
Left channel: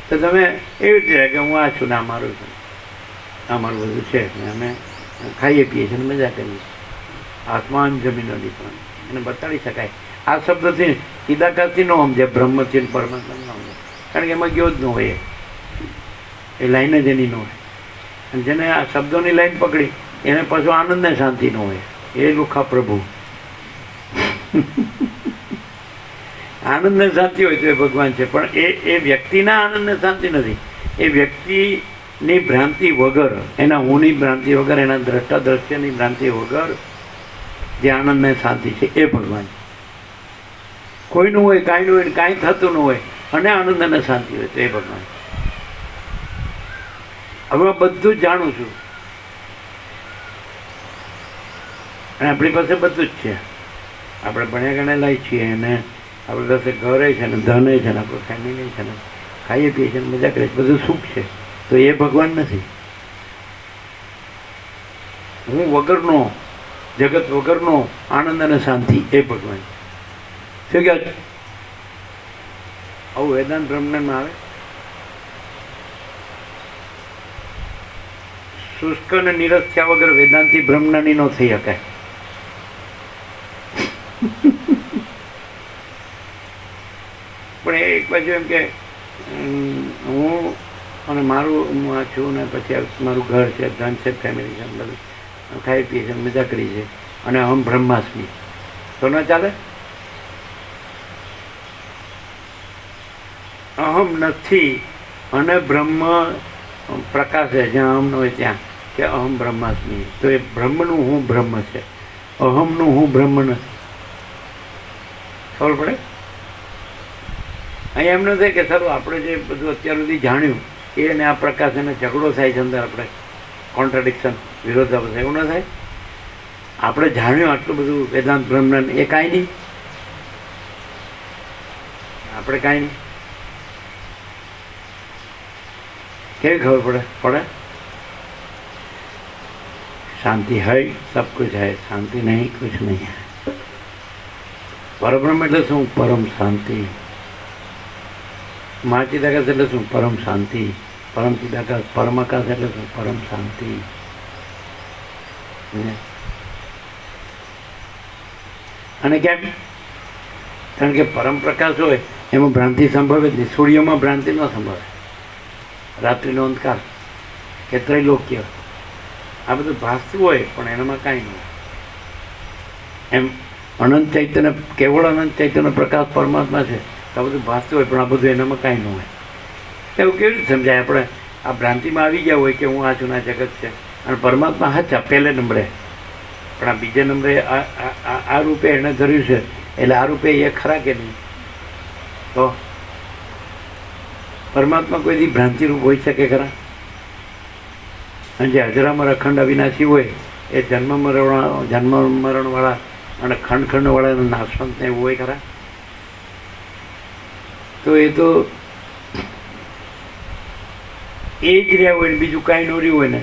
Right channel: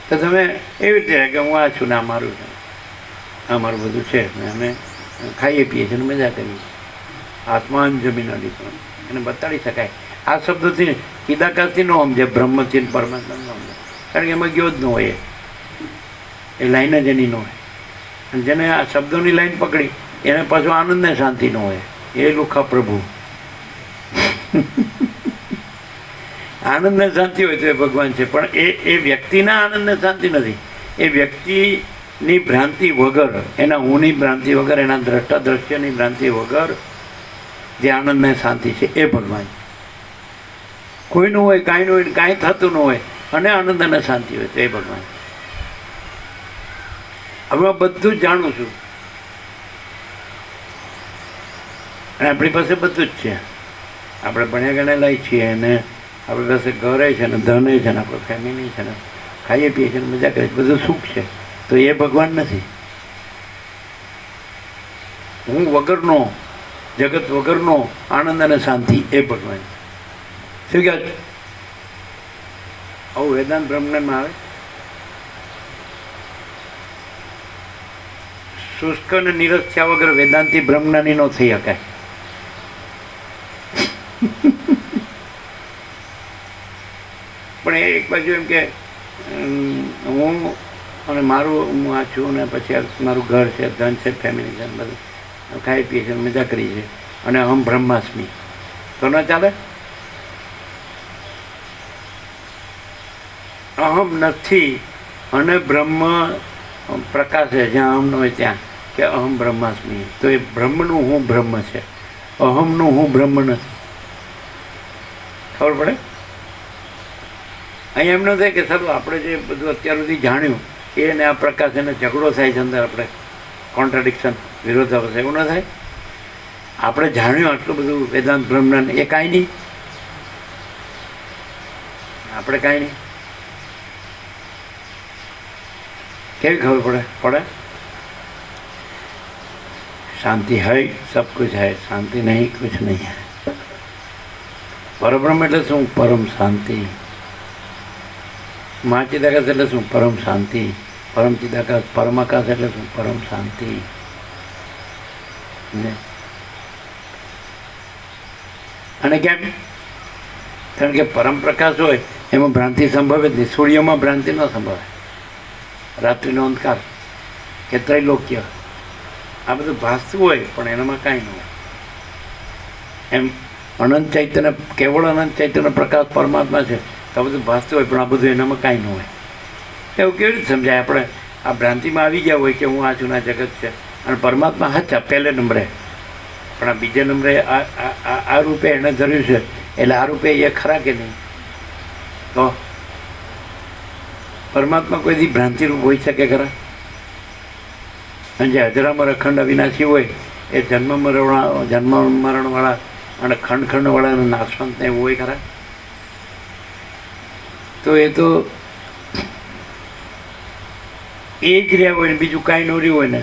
તો તમે એવી રીતે કે હું આ છું ને આ મારું છે, આ મારું બધું છે, અમે ખાઈએ પીએ છીએ ને મજા કરીએ. આસમાન જમીન અડી પણ એને બતાડી શકાય. આ શબ્દથી સીધાકાશથી ન સમજે, બ્રહ્મથી પરમાત્મા ન સમજે, કારણ કે એમાં ગયો જ ન હોય, એ લાઈન જ એની ન હોય. અને જેને આ શબ્દોની લાઈન પકડી એને પાછું આનંદ ને શાંતિ ન હોય, એ લુખા પ્રભુ. આનંદ ને શાંતિ હોય તો એ ભગવાન છે, પણ એ વ્યક્તિના આનંદ ને શાંતિ નથી. એ વ્યક્તિની ભ્રાંતિ વગર, એના હુંની ભ્રાંતિ વગર, એના દ્રષ્ટા દ્રશ્યની ભ્રાંતિ વગર જે આનંદ ને શાંતિ છે એ ભગવાન. કોઈનું હોય, કાંઈનું હોય, કાંઈ થતું ન હોય અને આનંદ અને શાંતિ હોય તો એ ભગવાન. હવે બધું જ જાણું છું અને આપણી પાસે બધું જ છે. આપણે ભણ્યા ગણેલા છીએ અને આપણી પાસે ઘરે છે ને ધને છે ને આપણું ફેમિલી છે ને ખાઈએ પીએ છીએ ને મજા કરીએ, બધું સુખ છે, તો એ ભગવાન નથી. હું વગરનો, જગત વગરનો આનંદ અને શાંતિ એ ભગવાન. શું કહે છે? આવું વેદાંત બ્રહ્મમાં આવે. શુષ્ક અને નિરસ થયા વગર વેદાંતિ બ્રહ્મજ્ઞાની ન થઈ શકાય. પણ એક બાજુ એમ કે હું અને મારું, હું આ છું ને પછી મારું ઘર છે, ધન છે, ફેમિલી છે, બધું ખાઈ પીએ છે, મજા કરી છે અને અહમ બ્રહ્માસ્મી, તો ના ચાલે. અહમ નથી અને બ્રહ્મ પ્રકાશ છે, જ્યાં અહમ ન હોય ત્યાં કે અહમ બ્રહ્માસ્મી, તો એ બ્રહ્મનું હું બ્રહ્મ છે, અહમનું હું બ્રહ્મ નથી. ખબર પડે? અહીં એમ ન થાય કે સારું આપણે જે બધું અત્યાર સુધી જાણ્યું એને આ પ્રકાશ એને ઝઘડો થાય છે અંદર, આપણે કોન્ટ્રાડિક્શન, વિરોધાભાસ, એવું ન થાય. આપણે જાણ્યું આટલું બધું વેદાંત બ્રહ્મજ્ઞાન, એ કાંઈ નહીં, આપણે કાંઈ નહીં. કેવી ખબર પડે? શાંતિ है सब कुछ है, शांति नहीं कुछ नहीं है. પરબ્રહ્મ એટલે શું? પરમ શાંતિ. મહાચિદાકાશ એટલે શું? પરમ શાંતિ. પરમ ચિદાકાશ, પરમાકાશ એટલે શું? પરમ શાંતિ. અને કેમ? કારણ કે પરમ પ્રકાશ હોય એમાં ભ્રાંતિ સંભવે જ નહીં. સૂર્યમાં ભ્રાંતિ ન સંભવે, રાત્રિનો અંધકાર કે ત્રૈલોક્ય, આ બધું ભાસતું હોય પણ એનામાં કાંઈ ન હોય. એમ અનંત ચૈતન્ય, કેવળ અનંત ચૈતન્ય પ્રકાશ પરમાત્મા છે, આ બધું ભાસતું હોય પણ આ બધું એનામાં કાંઈ ન હોય. એવું કેવી રીતે સમજાય? આપણે આ ભ્રાંતિમાં આવી ગયા હોય કે હું આ છું, આ જગત છે, અને પરમાત્મા હાચા પહેલે નંબરે, પણ આ બીજા નંબરે આ રૂપે એણે ધર્યું છે, એટલે આ રૂપે એ ખરા કે નહીં? તો પરમાત્મા કોઈ દી ભ્રાંતિરૂપ હોઈ શકે ખરા? અને જે હજરામાં અખંડ અવિનાશી હોય એ જન્મ મરણવાળા અને ખંડખંડવાળા નાશવંતને એવું હોય ખરા? તો એ તો એ જ રહ્યા હોય ને બીજું કાંઈ ન રહ્યું હોય ને,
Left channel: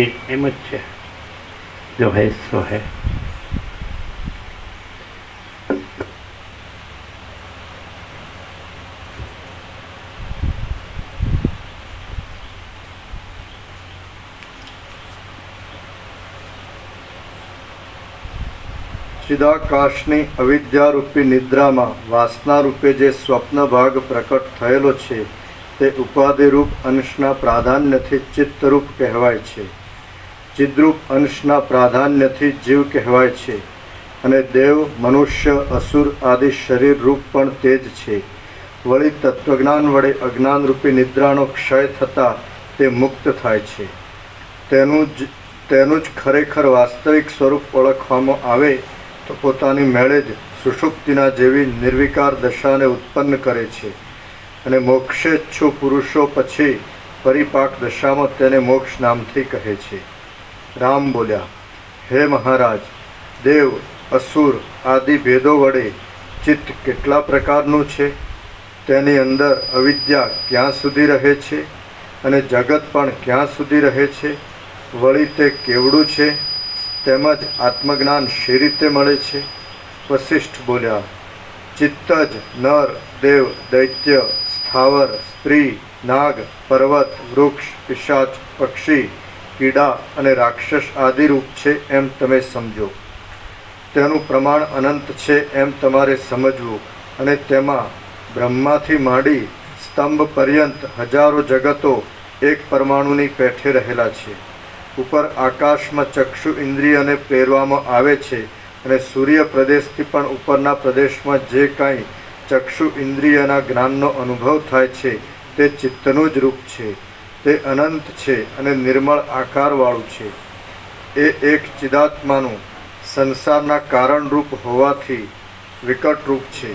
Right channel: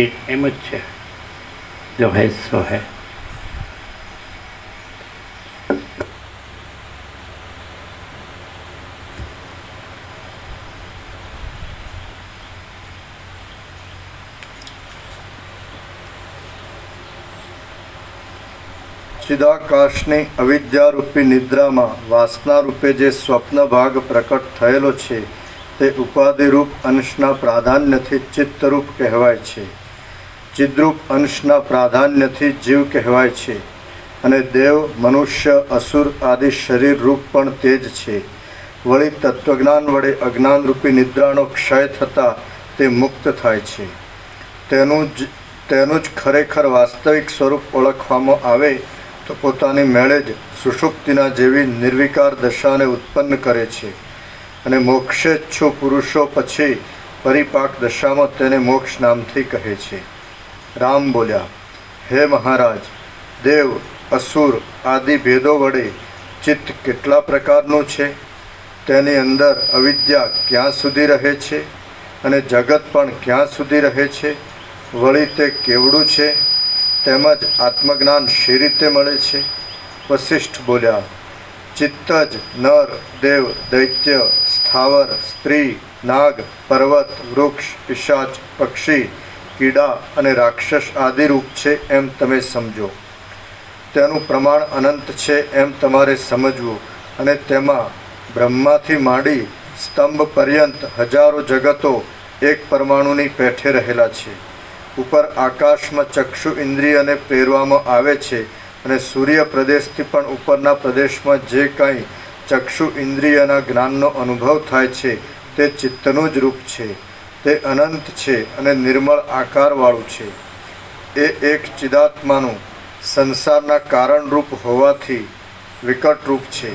એ એમ જ છે. જો હૈ સો હૈ. ચિદાકાશની અવિદ્યારૂપી નિદ્રામાં વાસનારૂપે જે સ્વપ્ન ભાગ પ્રકટ થયેલો છે તે ઉપાધિરૂપ અંશના પ્રાધાન્યથી ચિત્તરૂપ કહેવાય છે. ચિદ્રૂપ અંશના પ્રાધાન્યથી જીવ કહેવાય છે. અને દેવ, મનુષ્ય, અસુર આદિ શરીર રૂપ પણ તે જ છે. વળી તત્વજ્ઞાન વડે અજ્ઞાનરૂપી નિદ્રાનો ક્ષય થતાં તે મુક્ત થાય છે. તેનું જ ખરેખર વાસ્તવિક સ્વરૂપ ઓળખવામાં આવે તો પોતાની મેળે જ સુષુપ્તિના જેવી નિર્વિકાર દશાને ઉત્પન્ન કરે છે. અને મોક્ષેચ્છુ પુરુષો પછી પરિપાક દશામાં તેને મોક્ષ નામથી કહે છે. રામ બોલ્યા, હે મહારાજ, દેવ, અસુર આદિ ભેદો વડે ચિત્ત કેટલા પ્રકારનું છે? તેની અંદર અવિદ્યા ક્યાં સુધી રહે છે? અને જગત પણ ક્યાં સુધી રહે છે? વળી તે કેવડું છે? તેમજ આત્મજ્ઞાન શી રીતે મળે છે? વસિષ્ઠ બોલ્યા, ચિત્ત જ નર, દેવ, દૈત્ય, સ્થાવર, સ્ત્રી, નાગ, પર્વત, વૃક્ષ, પિશાચ, પક્ષી, કીડા અને રાક્ષસ આદિ રૂપ છે એમ તમે સમજો. તેનું પ્રમાણ અનંત છે એમ તમારે સમજવું. અને તેમાં બ્રહ્માથી માંડી સ્તંભ પર્યંત હજારો જગતો એક પરમાણુની પેઠે રહેલા છે. ઉપર આકાશમાં ચક્ષુ ઇન્દ્રિયને પ્રેરવામાં આવે છે અને સૂર્ય પ્રદેશથી પણ ઉપરના પ્રદેશમાં જે કાંઈ ચક્ષુ ઇન્દ્રિયના જ્ઞાનનો અનુભવ થાય છે તે ચિત્તનું જ રૂપ છે. તે અનંત છે અને નિર્મળ આકારવાળું છે. એ એક ચિદાત્માનું સંસારના કારણરૂપ હોવાથી વિકટ રૂપ છે.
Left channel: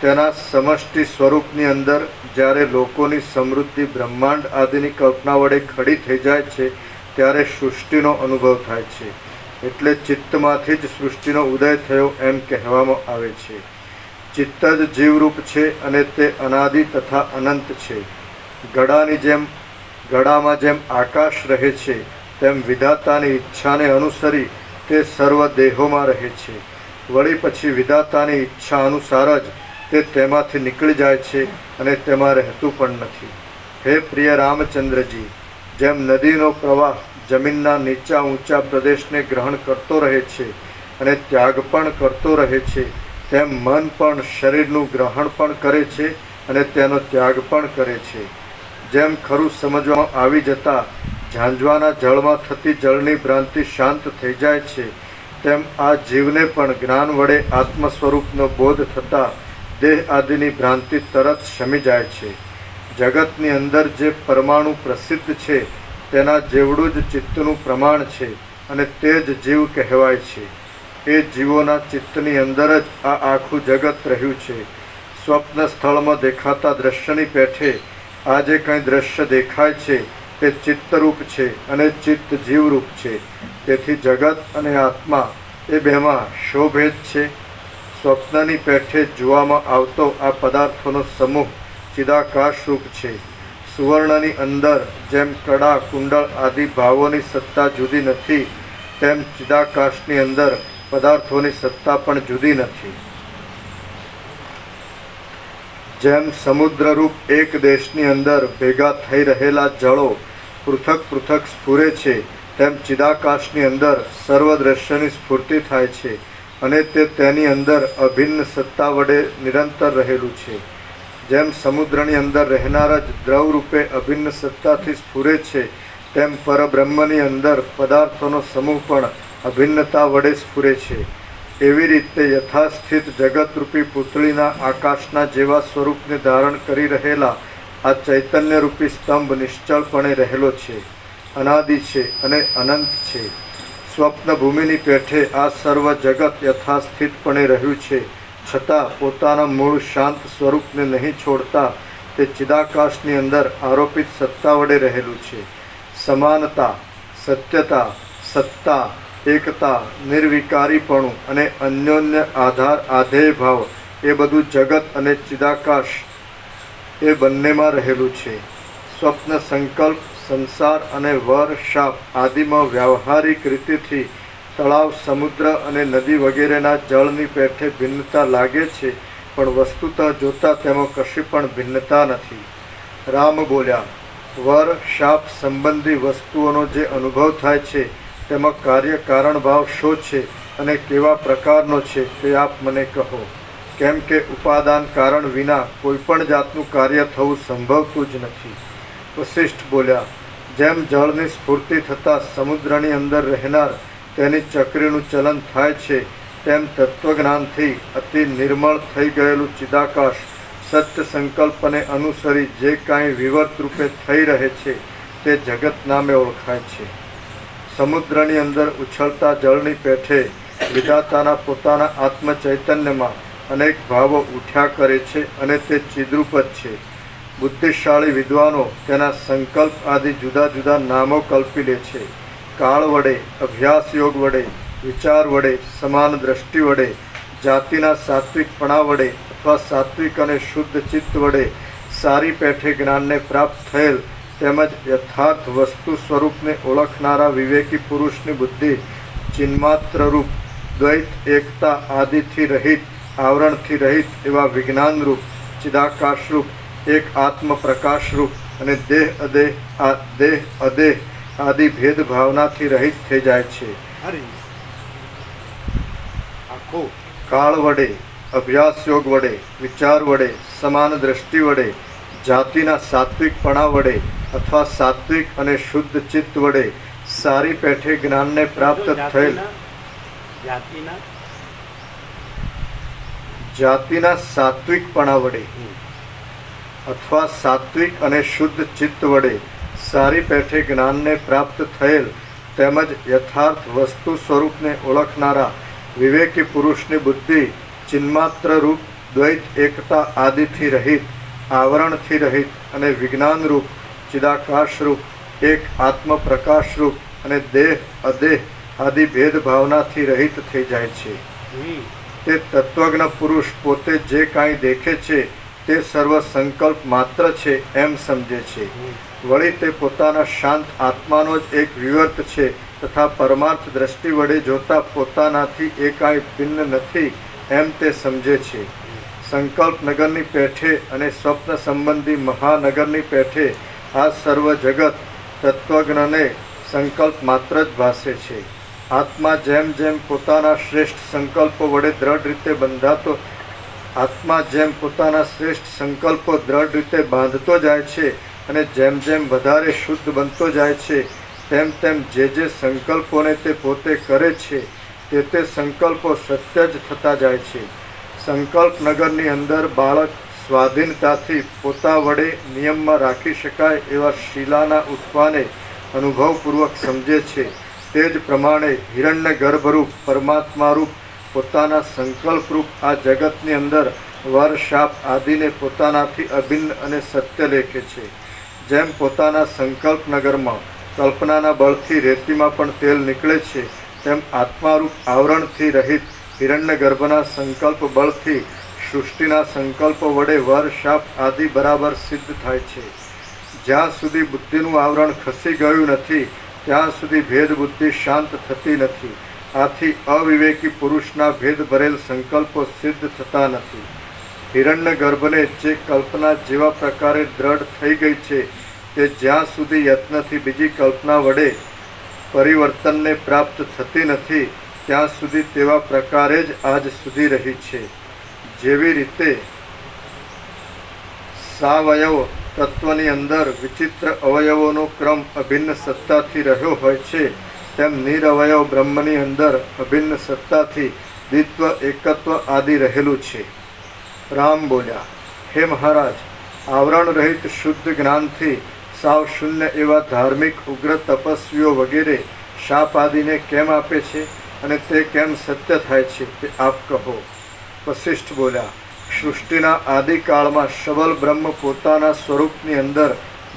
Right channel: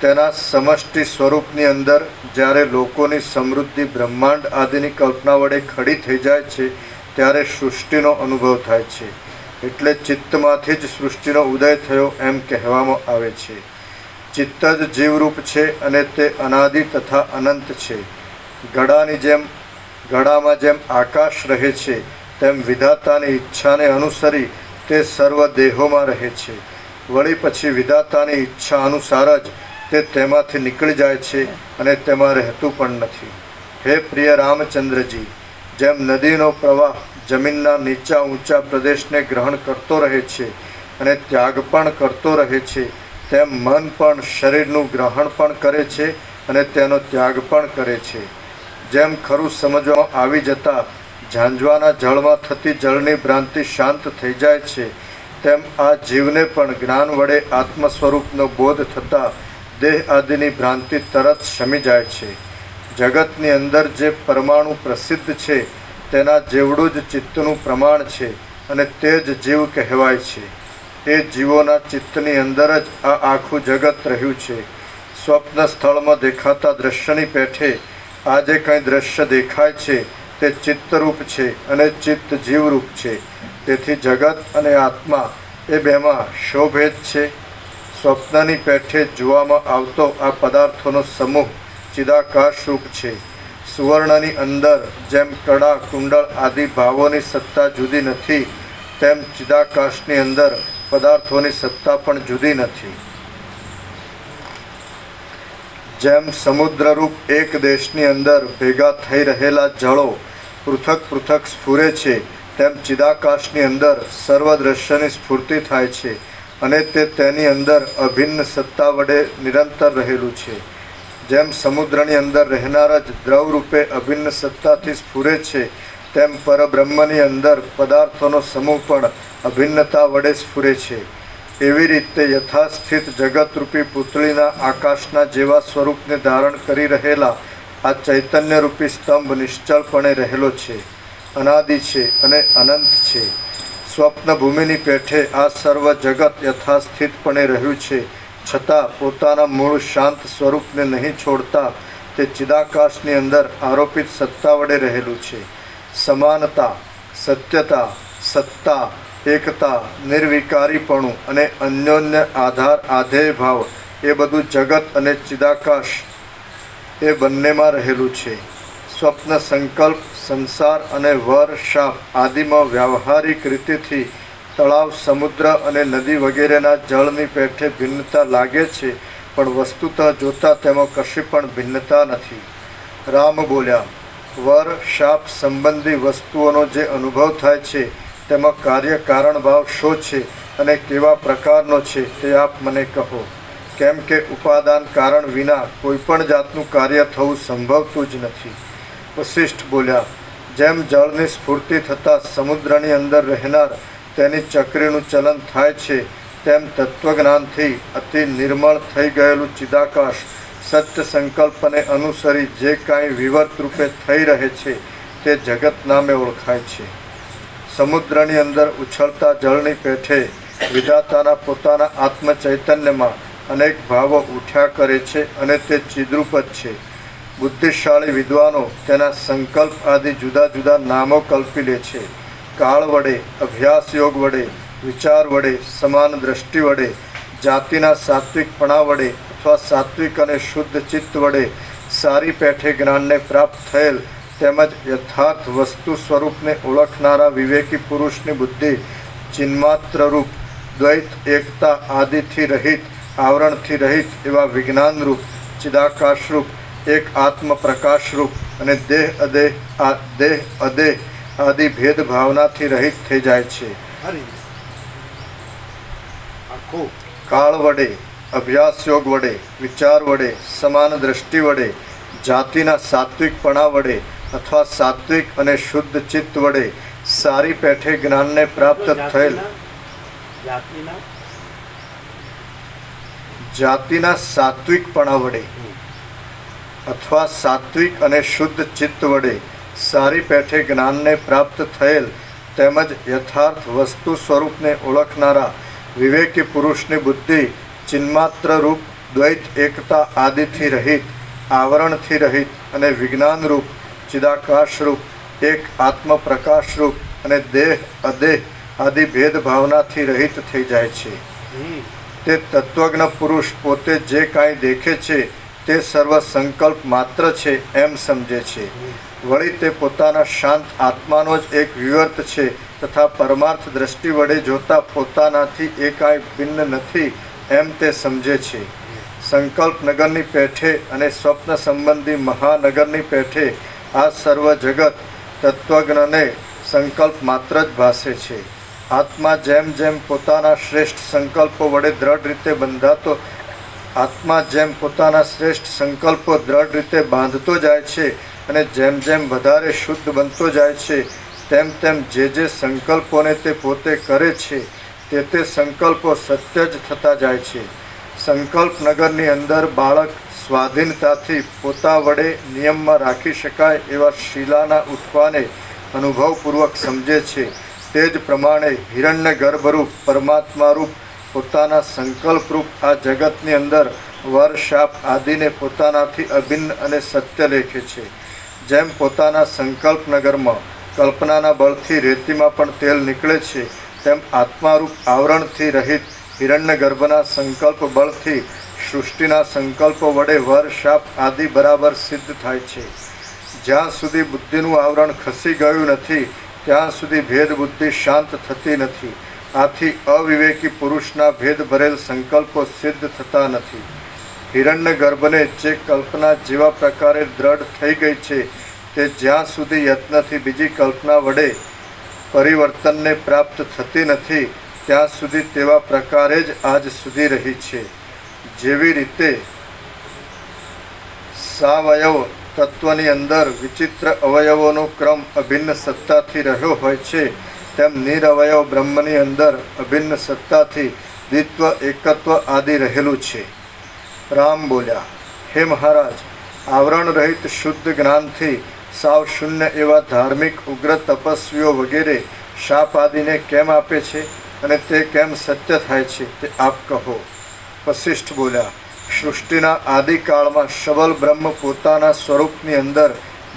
તેના સમષ્ટિ સ્વરૂપની અંદર જ્યારે લોકોની સમૃદ્ધિ બ્રહ્માંડ આદિની કલ્પના વડે ખડી થઈ જાય છે ત્યારે સૃષ્ટિનો અનુભવ થાય છે. એટલે ચિત્તમાંથી જ સૃષ્ટિનો ઉદય થયો એમ કહેવામાં આવે છે. ચિત્ત જ જીવરૂપ છે અને તે અનાદિ તથા અનંત છે. ગળામાં જેમ આકાશ રહે છે તેમ વિધાતાની ઈચ્છાને અનુસરી તે સર્વ દેહોમાં રહે છે. વળી પછી વિધાતાની ઈચ્છા અનુસાર જ તે તેમાંથી નીકળી જાય છે અને તેમાં રહેતું પણ નથી. હે પ્રિય રામચંદ્રજી, જેમ નદીનો પ્રવાહ જમીનના નીચા ઊંચા પ્રદેશને ગ્રહણ કરતો રહે છે અને ત્યાગ પણ કરતો રહે છે, તેમ મન પણ શરીરનું ગ્રહણ પણ કરે છે અને તેનો ત્યાગ પણ કરે છે. જેમ ખરું સમજવામાં આવી જતાં ઝાંઝવાના જળમાં થતી જળની ભ્રાંતિ શાંત થઈ જાય છે, તેમ આ જીવને પણ જ્ઞાન વડે આત્મ સ્વરૂપનો બોધ થતાં દેહ આદિની ભ્રાંતિ તરત શમી જાય છે. જગતની અંદર જે પરમાણુ પ્રસિદ્ધ છે તેના જેવડું જ ચિત્તનું પ્રમાણ છે અને તે જ જીવ કહેવાય છે. એ જીવોના ચિત્તની અંદર જ આ આખું જગત રહ્યું છે. સ્વપ્ન સ્થળમાં દેખાતા દ્રશ્યની પેઠે આ જે કંઈ દ્રશ્ય દેખાય છે તે ચિત્તરૂપ છે અને ચિત્ત જીવરૂપ છે. તેથી જગત અને આત્મા એ બેમાં શો ભેદ છે? સ્વપ્નની પેઠે જોવામાં આવતો આ પદાર્થોનો સમૂહ ચિદાકાશ રૂપ છે. સુવર્ણની અંદર જેમ કડા, કુંડળ આદિ ભાવોની સત્તા જુદી નથી, તેમ ચિદાકાશની અંદર પદાર્થોની સત્તા પણ જુદી નથી. જેમ સમુદ્રરૂપ એક દેશની અંદર ભેગા થઈ રહેલા જળો પૃથક પૃથક સ્ફુરે છે, તેમ ચિદાકાશની અંદર સર્વ દ્રશ્યની સ્ફૂર્તિ થાય છે અને તે તેની અંદર અભિન્ન સત્તા વડે નિરંતર રહેલું છે. જેમ સમુદ્રની અંદર રહેનારા જ દ્રવ રૂપે અભિન્ન સત્તાથી સ્ફુરે છે, તેમ પરબ્રહ્મની અંદર પદાર્થોનો સમૂહ પણ અભિન્નતા વડે સ્ફુરે છે. એવી રીતે યથાસ્થિત જગતરૂપી પૂતળીના આકાશના જેવા સ્વરૂપને ધારણ કરી રહેલા આ ચૈતન્યરૂપી સ્તંભ નિશ્ચળપણે રહેલો છે, અનાદિ છે અને અનંત છે. સ્વપ્ન ભૂમિની પેઠે આ સર્વ જગત યથાસ્થિતપણે રહ્યું છે, છતાં પોતાના મૂળ શાંત સ્વરૂપને નહીં છોડતા તે ચિદાકાશની અંદર આરોપિત સત્તા વડે રહેલું છે. સમાનતા, સત્યતા, સત્તા, એકતા, નિર્વિકારીપણું અને અન્યોન્ય આધાર આધેય ભાવ એ બધું જગત અને ચિદાકાશ એ બંનેમાં રહેલું છે. સ્વપ્ન સંકલ્પ, સંસાર અને વર શાપ આદિમાં વ્યાવહારિક રીતેથી તળાવ, સમુદ્ર અને નદી વગેરેના જળની પેઠે ભિન્નતા લાગે છે, પણ વસ્તુતઃ જોતા તેમાં કશી પણ ભિન્નતા નથી. રામ બોલ્યા, વર શાપ સંબંધી વસ્તુઓનો જે અનુભવ થાય છે તેમાં કાર્ય કારણ ભાવ શો છે અને કેવા પ્રકારનો છે તે આપ મને કહો, કેમ કે ઉપાદાન કારણ વિના કોઈ પણ જાતનું કાર્ય થવું સંભવતું જ નથી. વશિષ્ઠ બોલ્યા, જેમ જળની સ્ફૂર્તિ થતાં સમુદ્રની અંદર રહેનાર તેની ચક્રીનું ચલન થાય છે, તેમ તત્વજ્ઞાનથી અતિ નિર્મળ થઈ ગયેલું ચિદાકાશ સત્ય સંકલ્પને અનુસરી જે કાંઈ વિવર્ત રૂપે થઈ રહે છે તે જગત નામે ઓળખાય છે. સમુદ્રની અંદર ઉછળતા જળની પેઠે વિધાતાના પોતાના આત્મ ચૈતન્યમાં અનેક ભાવો ઉઠ્યા કરે છે અને તે ચિદ્રૂપ જ છે. બુદ્ધિશાળી વિદ્વાનો તેના સંકલ્પ આદિ જુદા જુદા નામો કલ્પી લે છે. કાળ વડે, અભ્યાસ યોગ વડે, વિચાર વડે, સમાન દ્રષ્ટિ વડે, જાતિના સાત્વિકપણા વડે અથવા સાત્વિક અને શુદ્ધ ચિત્ત વડે સારી પેઠે જ્ઞાનને પ્રાપ્ત થયેલ તેમજ યથાર્થ વસ્તુ સ્વરૂપને ઓળખનારા વિવેકી પુરુષની બુદ્ધિ ચિન્માત્ર રૂપ, દ્વૈત એકતા આદિથી રહિત, આવરણથી રહિત એવા વિજ્ઞાનરૂપ, ચિદાકાશરૂપ, એક આત્મ પ્રકાશરૂપ અને દેહ અદેહ આદિ ભેદભાવનાથી રહિત થઈ જાય છે. કાળ વડે, અભ્યાસ યોગ વડે, વિચાર વડે, સમાન દ્રષ્ટિ વડે, જાતિના સાત્વિકપણા વડે અથવા સાત્વિક અને શુદ્ધ ચિત્ત વડે સારી પેઠે જ્ઞાનને પ્રાપ્ત થયેલ જાતિના સાત્વિકપણા વડે અથવા સાત્વિક અને શુદ્ધ ચિત્ત વડે સારી પેઠે જ્ઞાનને પ્રાપ્ત થયેલ તેમજ યથાર્થ વસ્તુ સ્વરૂપને ઓળખનારા વિવેકી પુરુષની બુદ્ધિ ચિન્માત્ર રૂપ, દ્વૈત એકતા આદિથી રહિત, આવરણથી રહિત અને વિજ્ઞાન રૂપ, ચિદાકાશ રૂપ, એક આત્મ પ્રકાશ રૂપ અને દેહ અદેહ આદિ ભેદભાવનાથી રહિત થઈ જાય છે. તે તત્વજ્ઞ પુરુષ પોતે જે કાંઈ દેખે છે તે સર્વ સંકલ્પ માત્ર છે એમ સમજે છે. વળી તે પોતાના શાંત આત્માનો જ એક વિવર્ત છે તથા પરમાર્થ દ્રષ્ટિ વડે જોતા પોતાનાથી એ કાંઈ ભિન્ન નથી એમ તે સમજે છે. સંકલ્પ નગરની પેઠે અને સ્વપ્ન સંબંધી મહાનગરની પેઠે આ સર્વ જગત તત્વજ્ઞને સંકલ્પ માત્ર જ ભાસે છે. આત્મા જેમ જેમ પોતાના શ્રેષ્ઠ સંકલ્પો વડે દ્રઢ રીતે બંધાતો દ્રઢ રીતે બાંધતો જાય છે અને જેમ જેમ વધારે શુદ્ધ બનતો જાય છે તેમ તેમ જે સંકલ્પોને તે પોતે કરે છે તે સંકલ્પો સત્ય જ થતા જાય છે. સંકલ્પ નગરની અંદર બાળક સ્વાધીનતાથી પોતા વડે નિયમમાં રાખી શકાય એવા શીલાના ઉઠવાને અનુભવપૂર્વક સમજે છે. તે જ પ્રમાણે હિરણ્ય ગર્ભરૂપ, પરમાત્મારૂપ, પોતાના સંકલ્પરૂપ આ જગતની અંદર વર, શાપ આદિને પોતાનાથી અભિન્ન અને સત્ય લેખે છે. જેમ પોતાના સંકલ્પ નગરમાં કલ્પનાના બળથી રેતીમાં પણ તેલ નીકળે છે, તેમ આત્મારૂપ આવરણથી રહિત હિરણ્ય ગર્ભના સંકલ્પ બળથી સૃષ્ટિના સંકલ્પો વડે વર, શાપ આદિ બરાબર સિદ્ધ થાય છે. જ્યાં સુધી બુદ્ધિનું આવરણ ખસી ગયું નથી ત્યાં સુધી ભેદ બુદ્ધિ શાંત થતી નથી. આથી અવિવેકી પુરુષના ભેદ ભરેલ સંકલ્પો સિદ્ધ થતા નથી. હિરણ્ય ગર્ભને જે કલ્પના જેવા પ્રકારે દ્રઢ થઈ ગઈ છે તે જ્યાં સુધી યત્નથી બીજી કલ્પના વડે પરિવર્તનને પ્રાપ્ત થતી નથી ત્યાં સુધી તેવા પ્રકારે જ આજ સુધી રહી છે. જેવી રીતે સાવયવ તત્વની અંદર વિચિત્ર અવયવોનો ક્રમ અભિન્ન સત્તાથી રહ્યો હોય છે, તેમ નિરવયવ બ્રહ્મની અંદર અભિન્ન સત્તાથી દ્વિત્વ, એકત્વ આદિ રહેલું છે. રામ બોલ્યા, હે મહારાજ, આવરણ રહિત શુદ્ધ જ્ઞાનથી સાવ શૂન્ય એવા ધાર્મિક ઉગ્ર તપસ્વીઓ વગેરે શાપ આદિને કેમ આપે છે અને તે કેમ સત્ય થાય છે તે આપ કહો. વશિષ્ઠ બોલ્યા, સૃષ્ટિના આદિકાળમાં સબલ બ્રહ્મ પોતાના સ્વરૂપની અંદર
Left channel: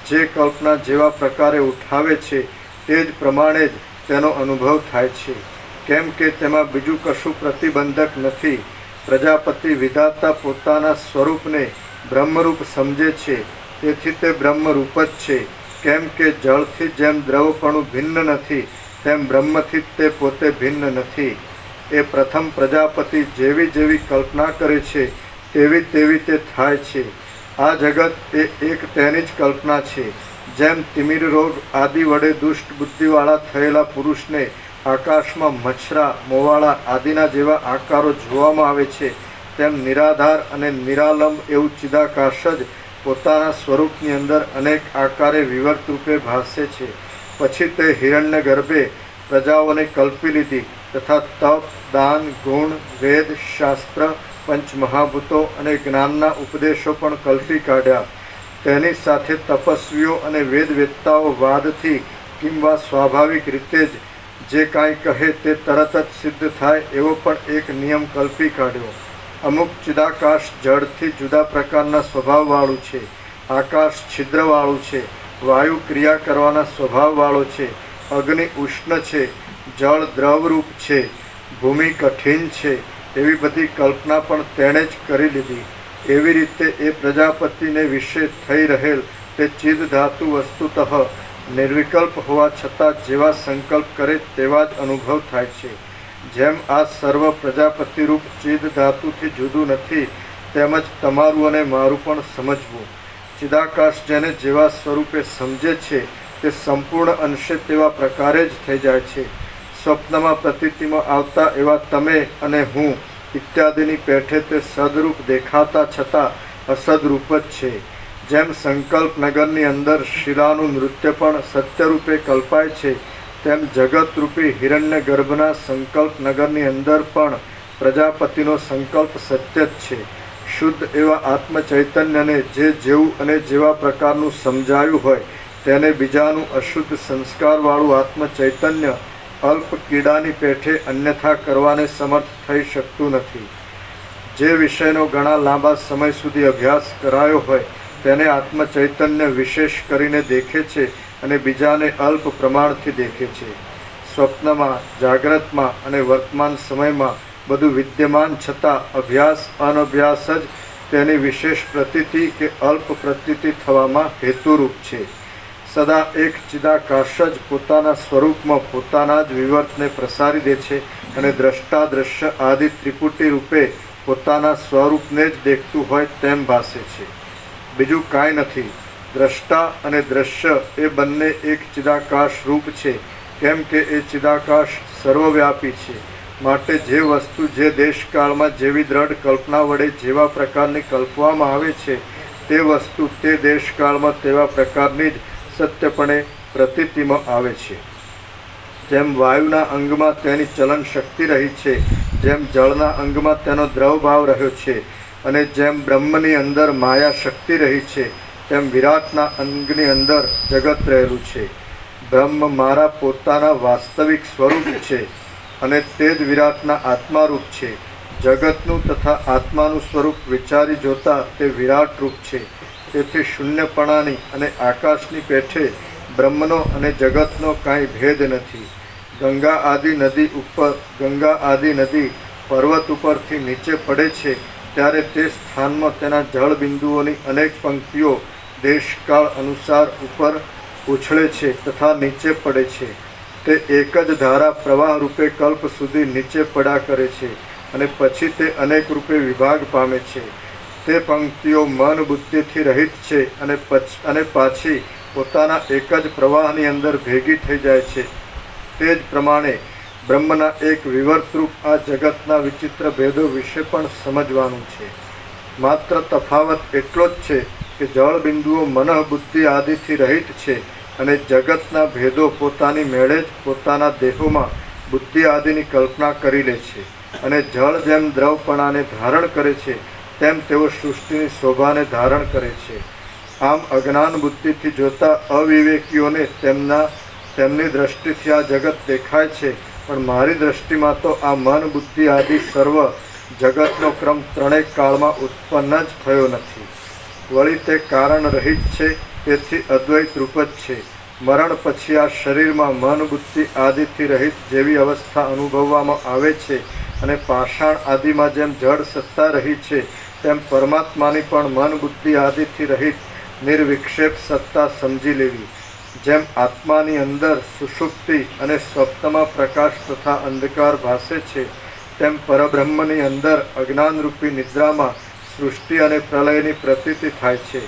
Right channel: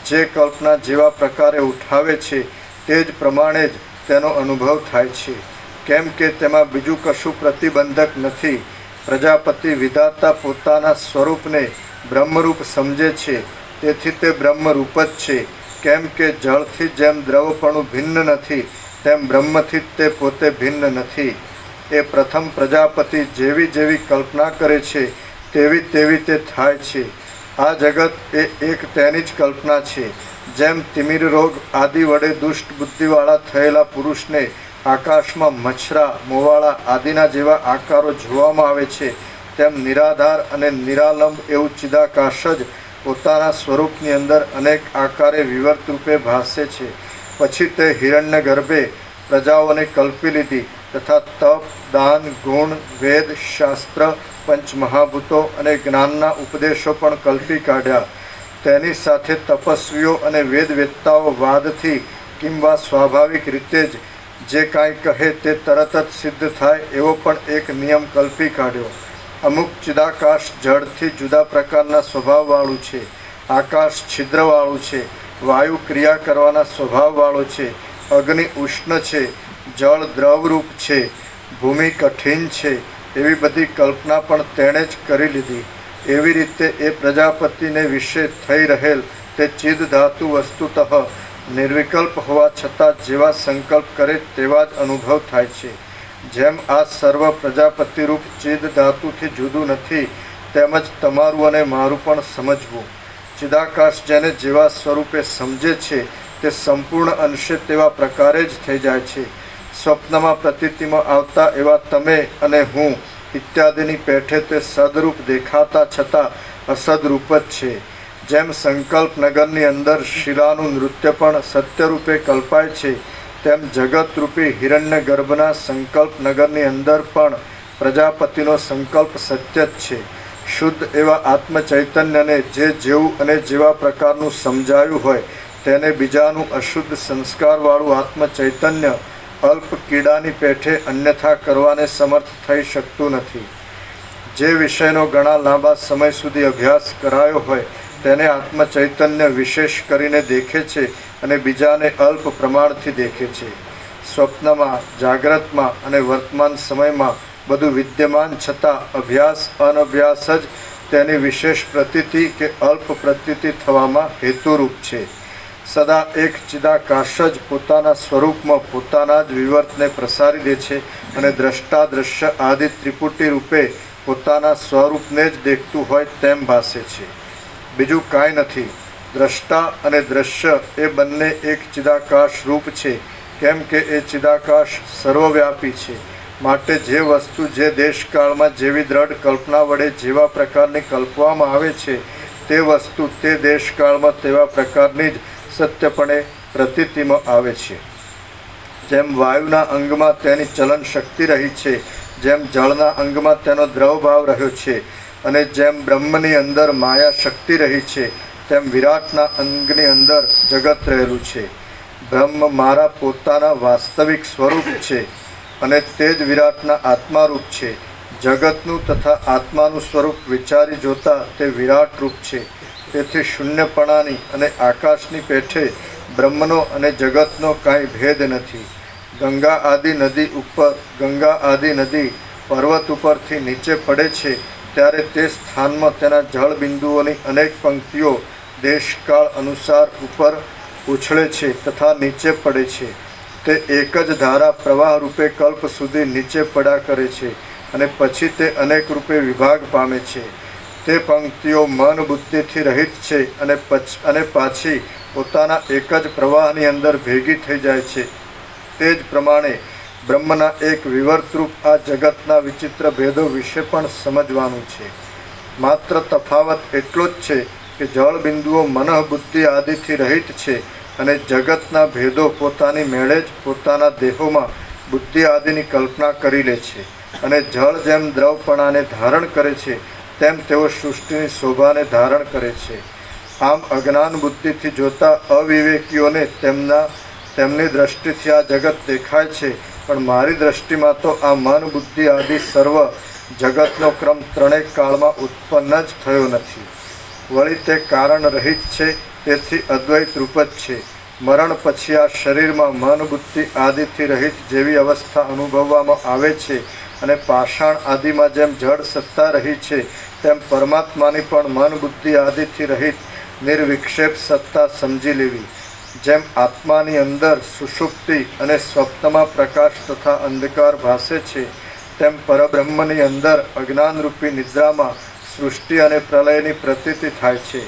જે કલ્પના જેવા પ્રકારે ઉઠાવે છે તે જ પ્રમાણે જ તેનો અનુભવ થાય છે. કેમ કે તેમાં બીજું કશું પ્રતિબંધક નથી. પ્રજાપતિ વિધાતા પોતાના સ્વરૂપને બ્રહ્મરૂપ સમજે છે, તેથી તે બ્રહ્મરૂપ જ છે. કેમ કે જળથી જેમ દ્રવપણું ભિન્ન નથી તેમ બ્રહ્મથી તે પોતે ભિન્ન નથી. એ પ્રથમ પ્રજાપતિ જેવી જેવી કલ્પના કરે છે તેવી તેવી તે થાય છે. આ જગત એ એક તેની જ કલ્પના છે. જેમ તિમિર રોગ આદિ વડે દુષ્ટ બુદ્ધિવાળા થયેલા પુરુષને આકાશમાં મચ્છરા, મોવાળા આદિના જેવા આકારો જોવામાં આવે છે, તેમ નિરાધાર અને નિરાલંબ એવું ચિદાકાશ જ પોતાના સ્વરૂપની અંદર અનેક આકારે વિવર્ત રૂપે ભાસે છે. પછી તે હિરણ્ય ગર્ભે પ્રજાઓને કલ્પી લીધી તથા તપ, દાન, ગુણ, વેદ, શાસ્ત્ર, પંચમહાભૂતો અને જ્ઞાનના ઉપદેશો પણ કલ્પી કાઢ્યા. તેની સાથે તપસ્વીઓ અને વેદવેત્તાઓ વાદથી કિંવા સ્વાભાવિક રીતે જ જે કાંઈ કહે તે તરત જ સિદ્ધ થાય એવો પણ એક નિયમ કલ્પી કાઢ્યો. અમુક ચિદાકાશ જળથી જુદા પ્રકારના સ્વભાવવાળું છે, આકાશ છિદ્રવાળું છે, વાયુ ક્રિયા કરવાના સ્વભાવવાળો છે, અગ્નિ ઉષ્ણ છે, જળ દ્રવરૂપ છે, ભૂમિ કઠિન છે, એવી બધી કલ્પના પણ તેણે જ કરી લીધી. એવી રીતે એ પ્રજાપતિને વિશે થઈ રહેલ તે ચિદ ધાતુ વસ્તુતઃ નિર્વિકલ્પ હોવા છતાં જેવા સંકલ્પ કરે તેવા જ અનુભવ થાય છે. જેમ આ સર્વ પ્રજાપતિરૂપ ચિદ ધાતુથી જુદું નથી, તેમજ તમારું અને મારું પણ સમજવું. ચિદાકાશ જેને જેવા સ્વરૂપે સમજે છે તે સંપૂર્ણ અંશે તેવા પ્રકારે જ થઈ જાય છે. સ્વપ્નમાં પ્રતીતિમાં આવતા એવા તમે અને હું ઇત્યાદિની પેઠે તે સદરૂપ દેખાતા છતાં અસદરૂપ જ છે. જેમ સંકલ્પ નગરની અંદર શિલાનું નૃત્ય પણ સત્યરૂપે કલ્પાય છે, તેમ જગતરૂપી હિરણ્ય ગર્ભના સંકલ્પ નગરની અંદર પણ પ્રજાપતિનો સંકલ્પ સત્ય જ છે. શુદ્ધ એવા આત્મચૈતન્યને જે જેવું અને જેવા પ્રકારનું સમજાયું હોય તેને બીજાનું અશુદ્ધ સંસ્કારવાળું આત્મચૈતન્ય અલ્પ કીડાની પેઠે અન્યથા કરવાને સમર્થ થઈ શકતું નથી. જે વિષયનો ઘણા લાંબા સમય સુધી અભ્યાસ કરાયો હોય તેને આત્મચૈતન્ય વિશેષ કરીને દેખે છે અને બીજાને અલ્પ પ્રમાણથી દેખે છે. સ્વપ્નમાં, જાગ્રતમાં અને વર્તમાન સમયમાં બધું વિદ્યમાન છતાં અભ્યાસ અનભ્યાસ જ તેની વિશેષ પ્રતીતિ કે અલ્પ પ્રતીતિ થવામાં હેતુરૂપ છે. સદા એક ચિદાકાશ જ પોતાના સ્વરૂપમાં પોતાના જ વિવર્તને પ્રસારી દે છે અને દ્રષ્ટા દ્રશ્ય આદિ ત્રિપુટી રૂપે પોતાના સ્વરૂપને જ દેખતું હોય તેમ ભાસે છે. બીજું કાંઈ નથી. દ્રષ્ટા અને દ્રશ્ય એ બંને એક ચિદાકાશ રૂપ છે, કેમ કે એ ચિદાકાશ સર્વવ્યાપી છે. માટે જે વસ્તુ જે દેશકાળમાં જેવી દ્રઢ કલ્પના વડે જેવા પ્રકારની કલ્પવામાં આવે છે તે વસ્તુ તે દેશકાળમાં તેવા પ્રકારની જ સત્યપણે પ્રતીતિમાં આવે છે. જેમ વાયુના અંગમાં તેની ચલન શક્તિ રહી છે, જેમ જળના અંગમાં તેનો દ્રવ ભાવ રહ્યો છે, અને જેમ બ્રહ્મની અંદર માયા શક્તિ રહી છે, તેમ વિરાટના અંગની અંદર જગત રહેલું છે. બ્રહ્મ મારા પોતાના વાસ્તવિક સ્વરૂપ છે અને તે જ વિરાટના આત્મારૂપ છે. જગતનું તથા આત્માનું સ્વરૂપ વિચારી જોતા તે વિરાટ રૂપ છે. તેથી શૂન્યપણાની અને આકાશની પેઠે બ્રહ્મનો અને જગતનો કાંઈ ભેદ નથી. ગંગા આદિ નદી પર્વત ઉપરથી નીચે પડે છે ત્યારે તે સ્થાનમાં તેના જળ બિંદુઓની અનેક પંક્તિઓ દેશકાળ અનુસાર ઉપર ઉછળે છે તથા નીચે પડે છે. તે એક જ ધારા પ્રવાહ રૂપે કલ્પ સુધી નીચે પડ્યા કરે છે અને પછી તે અનેક રૂપે વિભાગ પામે છે. તે પંક્તિઓ મન બુદ્ધિથી રહિત છે અને પાછી પોતાના એક જ પ્રવાહની અંદર ભેગી થઈ જાય છે. તે જ પ્રમાણે બ્રહ્મના એક વિવર્તરૂપ આ જગતના વિચિત્ર ભેદો વિશે પણ સમજવાનું છે. માત્ર તફાવત એટલો જ છે કે જળ બિંદુઓ મનઃ બુદ્ધિ આદિથી રહિત છે અને જગતના ભેદો પોતાની મેળે જ પોતાના દેહોમાં બુદ્ધિ આદિની કલ્પના કરી લે છે. અને જળ જેમ દ્રવપણાને ધારણ કરે છે તેમ તેઓ સૃષ્ટિની શોભાને ધારણ કરે છે. આમ અજ્ઞાન બુદ્ધિથી જોતા અવિવેકીઓને તેમની દ્રષ્ટિથી આ જગત દેખાય છે, પણ મારી દ્રષ્ટિમાં તો આ મન બુદ્ધિ આદિ સર્વ જગતનો ક્રમ ત્રણેય કાળમાં ઉત્પન્ન જ થયો નથી. વળી તે કારણ રહિત છે, તેથી અદ્વૈત રૂપ જ છે. મરણ પછી આ શરીરમાં મન બુદ્ધિ આદિથી રહિત જેવી અવસ્થા અનુભવવામાં આવે છે અને પાષાણ આદિમાં જેમ જળ સત્તા રહી છે તેમ પરમાત્માની પણ મન બુદ્ધિ આદિથી રહિત નિર્વિક્ષેપ સત્તા સમજી લેવી. જેમ આત્માની અંદર સુષુપ્તિ અને સ્વપ્નમાં પ્રકાશ તથા અંધકાર ભાસે છે, તેમ પરબ્રહ્મની અંદર અજ્ઞાનરૂપી નિદ્રામાં સૃષ્ટિ અને પ્રલયની પ્રતીતિ થાય છે.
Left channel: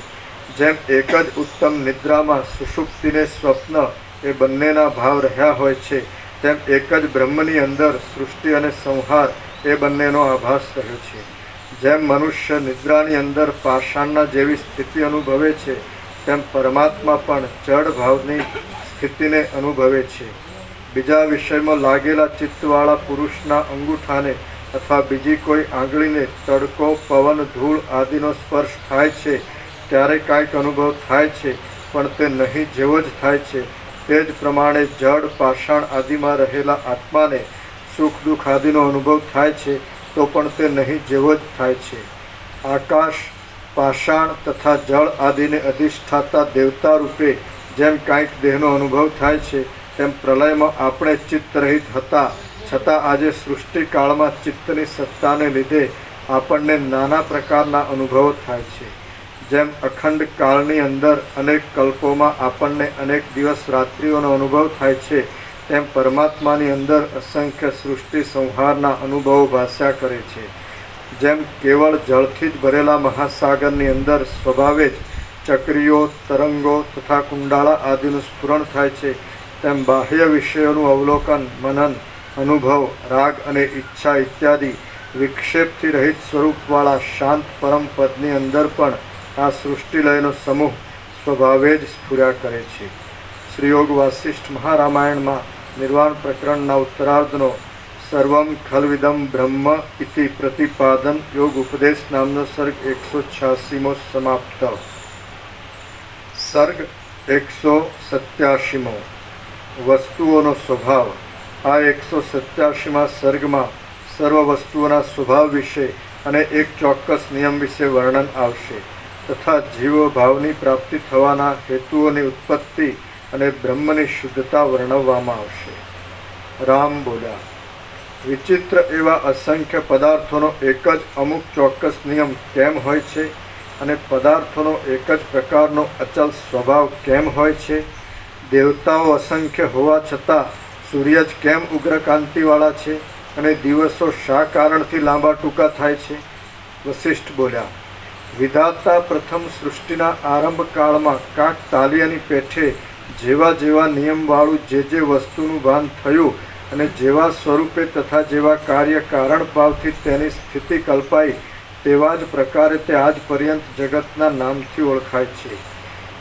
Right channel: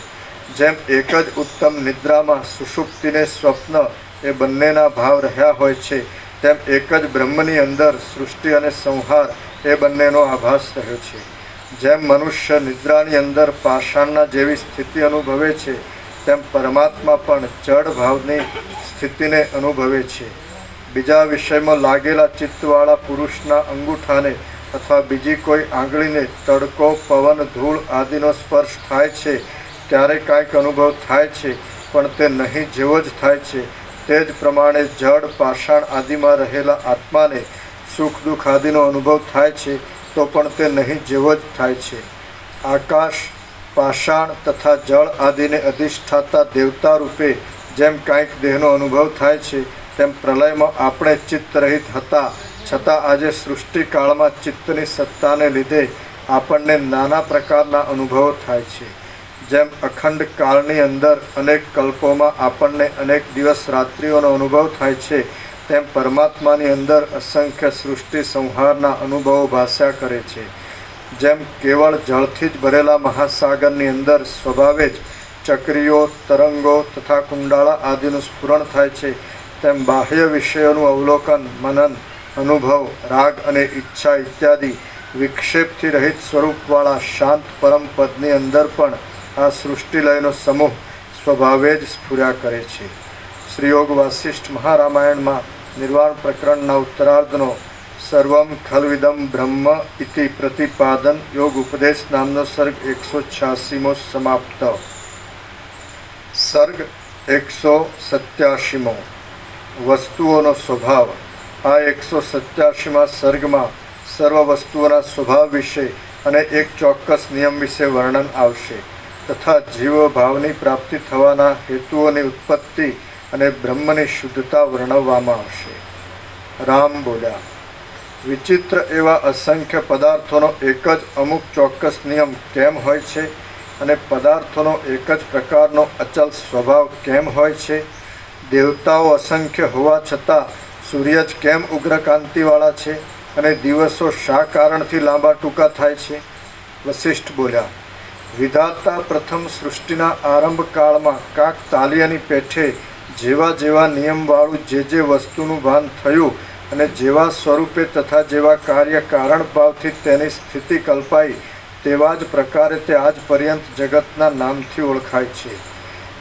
જેમ એક જ ઉત્તમ નિદ્રામાં સુષુપ્તિને સ્વપ્ન એ બંનેના ભાવ રહ્યા હોય છે, તેમ એક જ બ્રહ્મની અંદર સૃષ્ટિ અને સંહાર એ બંનેનો આભાસ રહ્યો છે. જેમ મનુષ્ય નિદ્રાની અંદર પાષાણના જેવી સ્થિતિ અનુભવે છે, તેમ પરમાત્મા પણ જડ ભાવની સ્થિતિને અનુભવે છે. બીજા વિષયમાં લાગેલા ચિત્તવાળા પુરુષના અંગૂઠાને અથવા બીજી કોઈ આંગળીને તડકો, પવન, ધૂળ આદિનો સ્પર્શ થાય છે ત્યારે કાંઈક અનુભવ થાય છે, પણ તે નહીં જેવો જ થાય છે. તે જ પ્રમાણે જડ, પાષાણ આદિમાં રહેલા આત્માને સુખ દુઃખ આદિનો અનુભવ થાય છે, તો પણ તે નહીં જેવો જ થાય છે. આકાશ, પાષાણ તથા જળ આદિને અધિષ્ઠાતા દેવતા રૂપે જેમ કાંઈક દેહનો અનુભવ થાય છે, તેમ પ્રલયમાં આપણે ચિત્ત રહિત હતા છતાં આજે સૃષ્ટિકાળમાં ચિત્તની સત્તાને લીધે આપણને નાના પ્રકારના અનુભવો થાય છે. જેમ અખંડ કાળની અંદર અનેક કલ્પોમાં આપણને અનેક દિવસ રાત્રિઓનો અનુભવ થાય છે, તેમ પરમાત્માની અંદર અસંખ્ય સૃષ્ટિ સંહારના અનુભવો ભાસ્યા કરે છે. જેમ કેવળ જળથી જ ભરેલા મહાસાગરની અંદર સ્વભાવે જ ચક્રીઓ, તરંગો તથા કુંડાળા આદિનું સ્ફુરણ થાય છે, તેમ બાહ્ય વિષયોનું અવલોકન, મનન, અનુભવ, રાગ અને ઈચ્છા ઇત્યાદિ વિક્ષેપથી રહિત સ્વરૂપવાળા શાંત પરમ પદની અંદર પણ આ સૃષ્ટિલયનો સમૂહ સ્વભાવે જ સ્ફુર્યા કરે છે. શ્રીયોગ વાસિષ્ઠ મહારામાયણમાં નિર્વાણ પ્રકરણના ઉત્તરાર્ધનો સર્વમ ખલ્વિદમ બ્રહ્મ ઇતિ પ્રતિપાદન યોગ ઉપદેશ નામનો સર્ગ 186મો સમાપ્ત. સર્ગ 187મો વસ્તુઓનો સ્વભાવ. આ 187મા સર્ગમાં સર્વ વસ્તુઓના સ્વભાવ વિશે અને એક ચોક્કસ નિયમ વિશે વર્ણન આવશે તથા જીવ ભાવની પ્રાપ્તિ થવાના હેતુઓની ઉત્પત્તિ અને બ્રહ્મની શુદ્ધતા વર્ણવવામાં આવશે. રામ બોલ્યા, વિચિત્ર એવા અસંખ્ય પદાર્થોનો એક જ અમુક ચોક્કસ નિયમ કેમ હોય છે અને પદાર્થોનો એક જ પ્રકારનો અચલ સ્વભાવ કેમ હોય છે? દેવતાઓ અસંખ્ય હોવા છતાં સૂર્ય જ કેમ ઉગ્રકાંતિવાળા છે અને દિવસો શા કારણથી લાંબા ટૂંકા થાય છે? વસિષ્ઠ બોલ્યા, વિધાતા પ્રથમ સૃષ્ટિના આરંભ કાળમાં કાક તાલિયાની પેઠે જેવા જેવા નિયમવાળું જે વસ્તુનું ભાન થયું અને જેવા સ્વરૂપે તથા જેવા કાર્ય કારણ ભાવથી તેની સ્થિતિ કલ્પાઈ, તેવા જ પ્રકારે તે આજ પર્યંત જગતના નામથી ઓળખાય છે.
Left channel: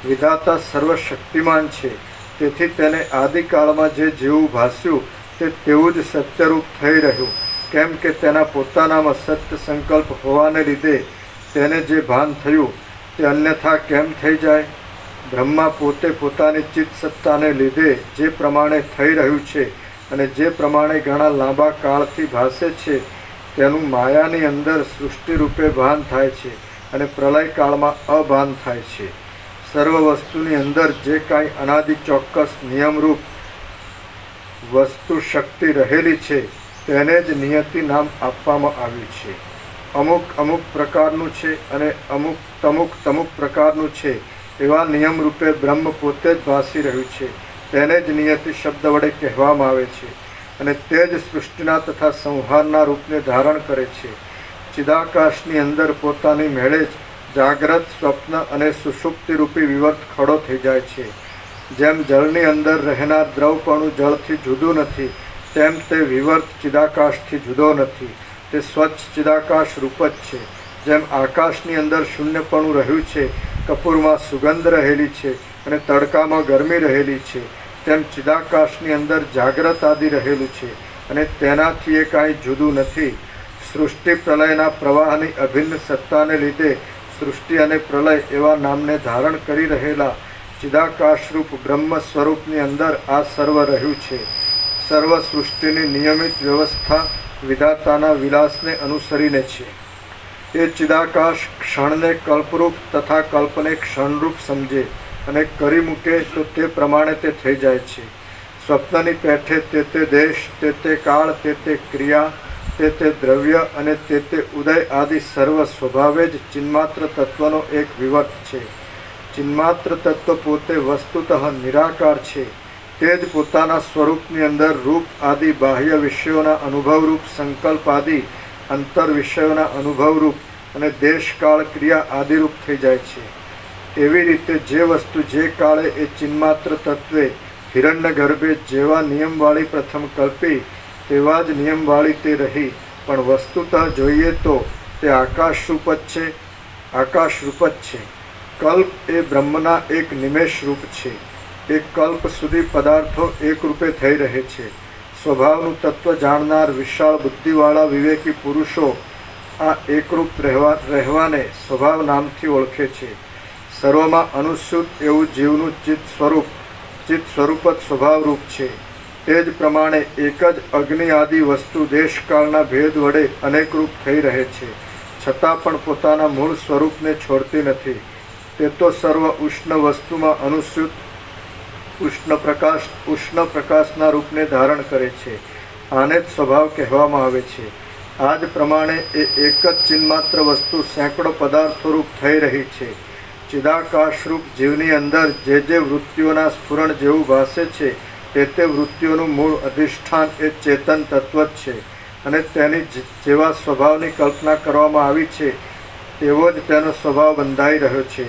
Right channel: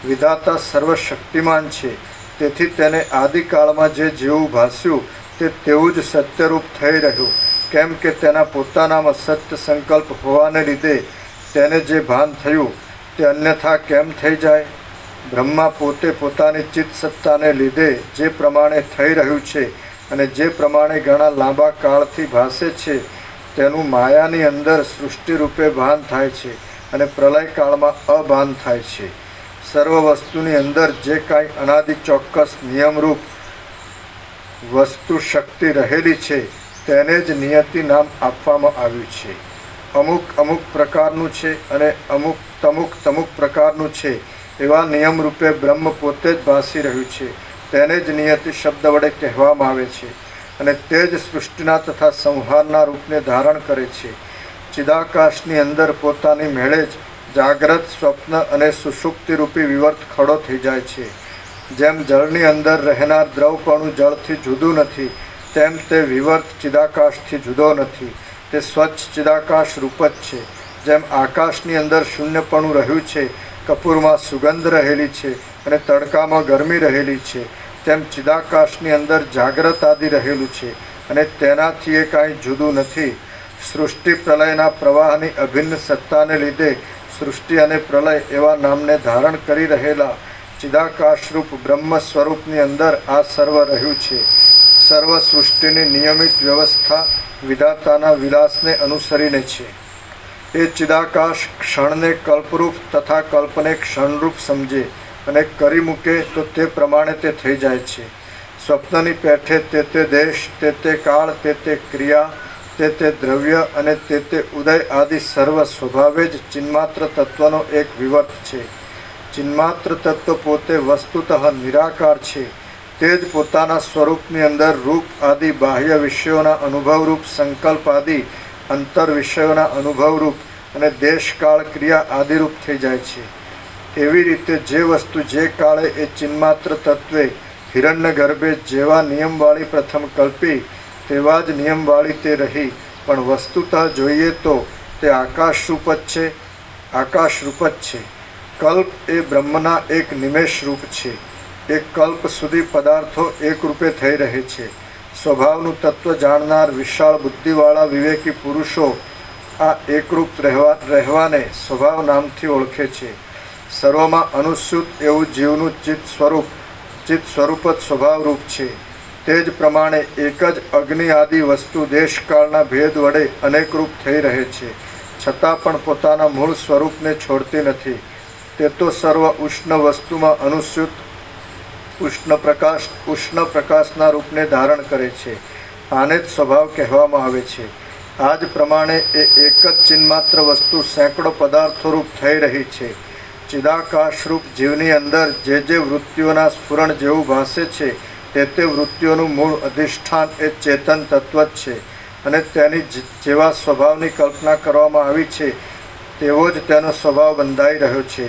વિધાતા સર્વશક્તિમાન છે, તેથી તેને આદિકાળમાં જે જેવું ભાસ્યું તે તેવું જ સત્યરૂપ થઈ રહ્યું, કેમ કે તેના પોતાનામાં સત્ય સંકલ્પ હોવાને લીધે તેને જે ભાન થયું તે અન્યથા કેમ થઈ જાય? બ્રહ્મા પોતે પોતાની ચિત્ત સત્તાને લીધે જે પ્રમાણે થઈ રહ્યું છે અને જે પ્રમાણે ઘણા લાંબા કાળથી ભાસે છે, તેનું માયાની અંદર સૃષ્ટિ રૂપે ભાન થાય છે અને પ્રલયકાળમાં અભાન થાય છે. સર્વ વસ્તુની અંદર જે કાંઈ અનાદિ ચોક્કસ નિયમરૂપ વસ્તુ શક્તિ રહેલી છે તેને જ નિયતિ નામ આપવામાં આવ્યું છે. અમુક અમુક પ્રકારનું છે અને અમુક તમુક પ્રકારનું છે એવા નિયમ રૂપે બ્રહ્મ પોતે જ ભાસી રહ્યું છે, તેને જ નિયતિ શબ્દ વડે કહેવામાં આવે છે અને તે જ સૃષ્ટિના તથા સંહારના રૂપને ધારણ કરે છે. ચિદાકાશની અંદર પોતાની મેળે જ જાગ્રત, સ્વપ્ન અને સુષુપ્તિ રૂપી વિવર્ત ખડો થઈ જાય છે. જેમ જળની અંદર રહેનાર દ્રવપણું જળથી જુદું નથી, તેમ તે વિવર્ત ચિદાકાશથી જુદો નથી, તે સ્વચ્છ ચિદાકાશ રૂપ જ છે. જેમ આકાશની અંદર શૂન્યપણું રહ્યું છે, કપૂરમાં સુગંધ રહેલી છે અને તડકામાં ગરમી રહેલી છે, તેમ ચિદાકાશની અંદર જાગ્રત આદિ રહેલું છે અને તેનાથી એ કાંઈ જુદું નથી. સૃષ્ટિ પ્રલયના પ્રવાહની અભિન્ન સત્તાને લીધે સૃષ્ટિ અને પ્રલય એવા નામને ધારણ કરી રહેલા ચિદાકાશરૂપ બ્રહ્મ સ્વરૂપની અંદર આ સર્વ રહ્યું છે. સર્વ સૃષ્ટિની નિયમિત વ્યવસ્થા વિધાતાના વિલાસને અનુસરીને છે. એ ચિદાકાશ ક્ષણને કલ્પરૂપ તથા કલ્પને ક્ષણરૂપ સમજે અને કરી મૂકે તો તે પ્રમાણે તે થઈ જાય છે. સ્વપ્નની પેઠે તે દેશ, તે કાળ, તે ક્રિયા, તે દ્રવ્ય અને તે ઉદય આદિ સર્વ સ્વભાવે જ ચિન્માત્ર તત્વનો એક વિવર્ત છે. ચિન્માત્ર તત્વ પોતે વસ્તુતઃ નિરાકાર છે. તે જ પોતાના સ્વરૂપની અંદર રૂપ આદિ બાહ્ય વિષયોના અનુભવરૂપ સંકલ્પ આદિ અંતર વિષયોના અનુભવરૂપ અને દેશકાળ ક્રિયા આદિરૂપ થઈ જાય છે. એવી રીતે જે વસ્તુ જે કાળે એ ચિન્માત્ર તત્વે હિરણ્યગર્ભે જેવા નિયમવાળી પ્રથમ કલ્પી તેવા જ નિયમવાળી તે રહી, પણ વસ્તુતઃ જોઈએ તો તે આકાશરૂપ જ છે. કલ્પ એ બ્રહ્મના એક નિમેષ રૂપ છે. એક કલ્પ સુધી પદાર્થો એક રૂપે થઈ રહે છે. સ્વભાવનું તત્વ જાણનાર વિશાળ બુદ્ધિવાળા વિવેકી પુરુષો આ એકરૂપ રહેવાને સ્વભાવ નામથી ઓળખે છે. સર્વમાં અનુસ્યુત એવું જીવનું ચિત્ત સ્વરૂપ જ સ્વભાવરૂપ છે. તે જ પ્રમાણે એક જ અગ્નિ આદિ વસ્તુ દેશકાળના ભેદ વડે અનેકરૂપ થઈ રહે છે, છતાં પણ પોતાના મૂળ સ્વરૂપને છોડતી નથી. તે તો સર્વ ઉષ્ણ વસ્તુમાં અનુસ્યુત ઉષ્ણ પ્રકાશના રૂપને ધારણ કરે છે. આને જ સ્વભાવ કહેવામાં આવે છે. આ જ પ્રમાણે એ એક જ ચિન્માત્ર વસ્તુ સેંકડો પદાર્થો રૂપ થઈ રહી છે. ચિદાકાશરૂપ જીવની અંદર જે વૃત્તિઓના સ્ફુરણ જેવું ભાસે છે તે વૃત્તિઓનું મૂળ અધિષ્ઠાન એ ચેતન તત્વ જ છે, અને તેની જેવા સ્વભાવની કલ્પના કરવામાં આવી છે તેવો જ તેનો સ્વભાવ બંધાઈ રહ્યો છે.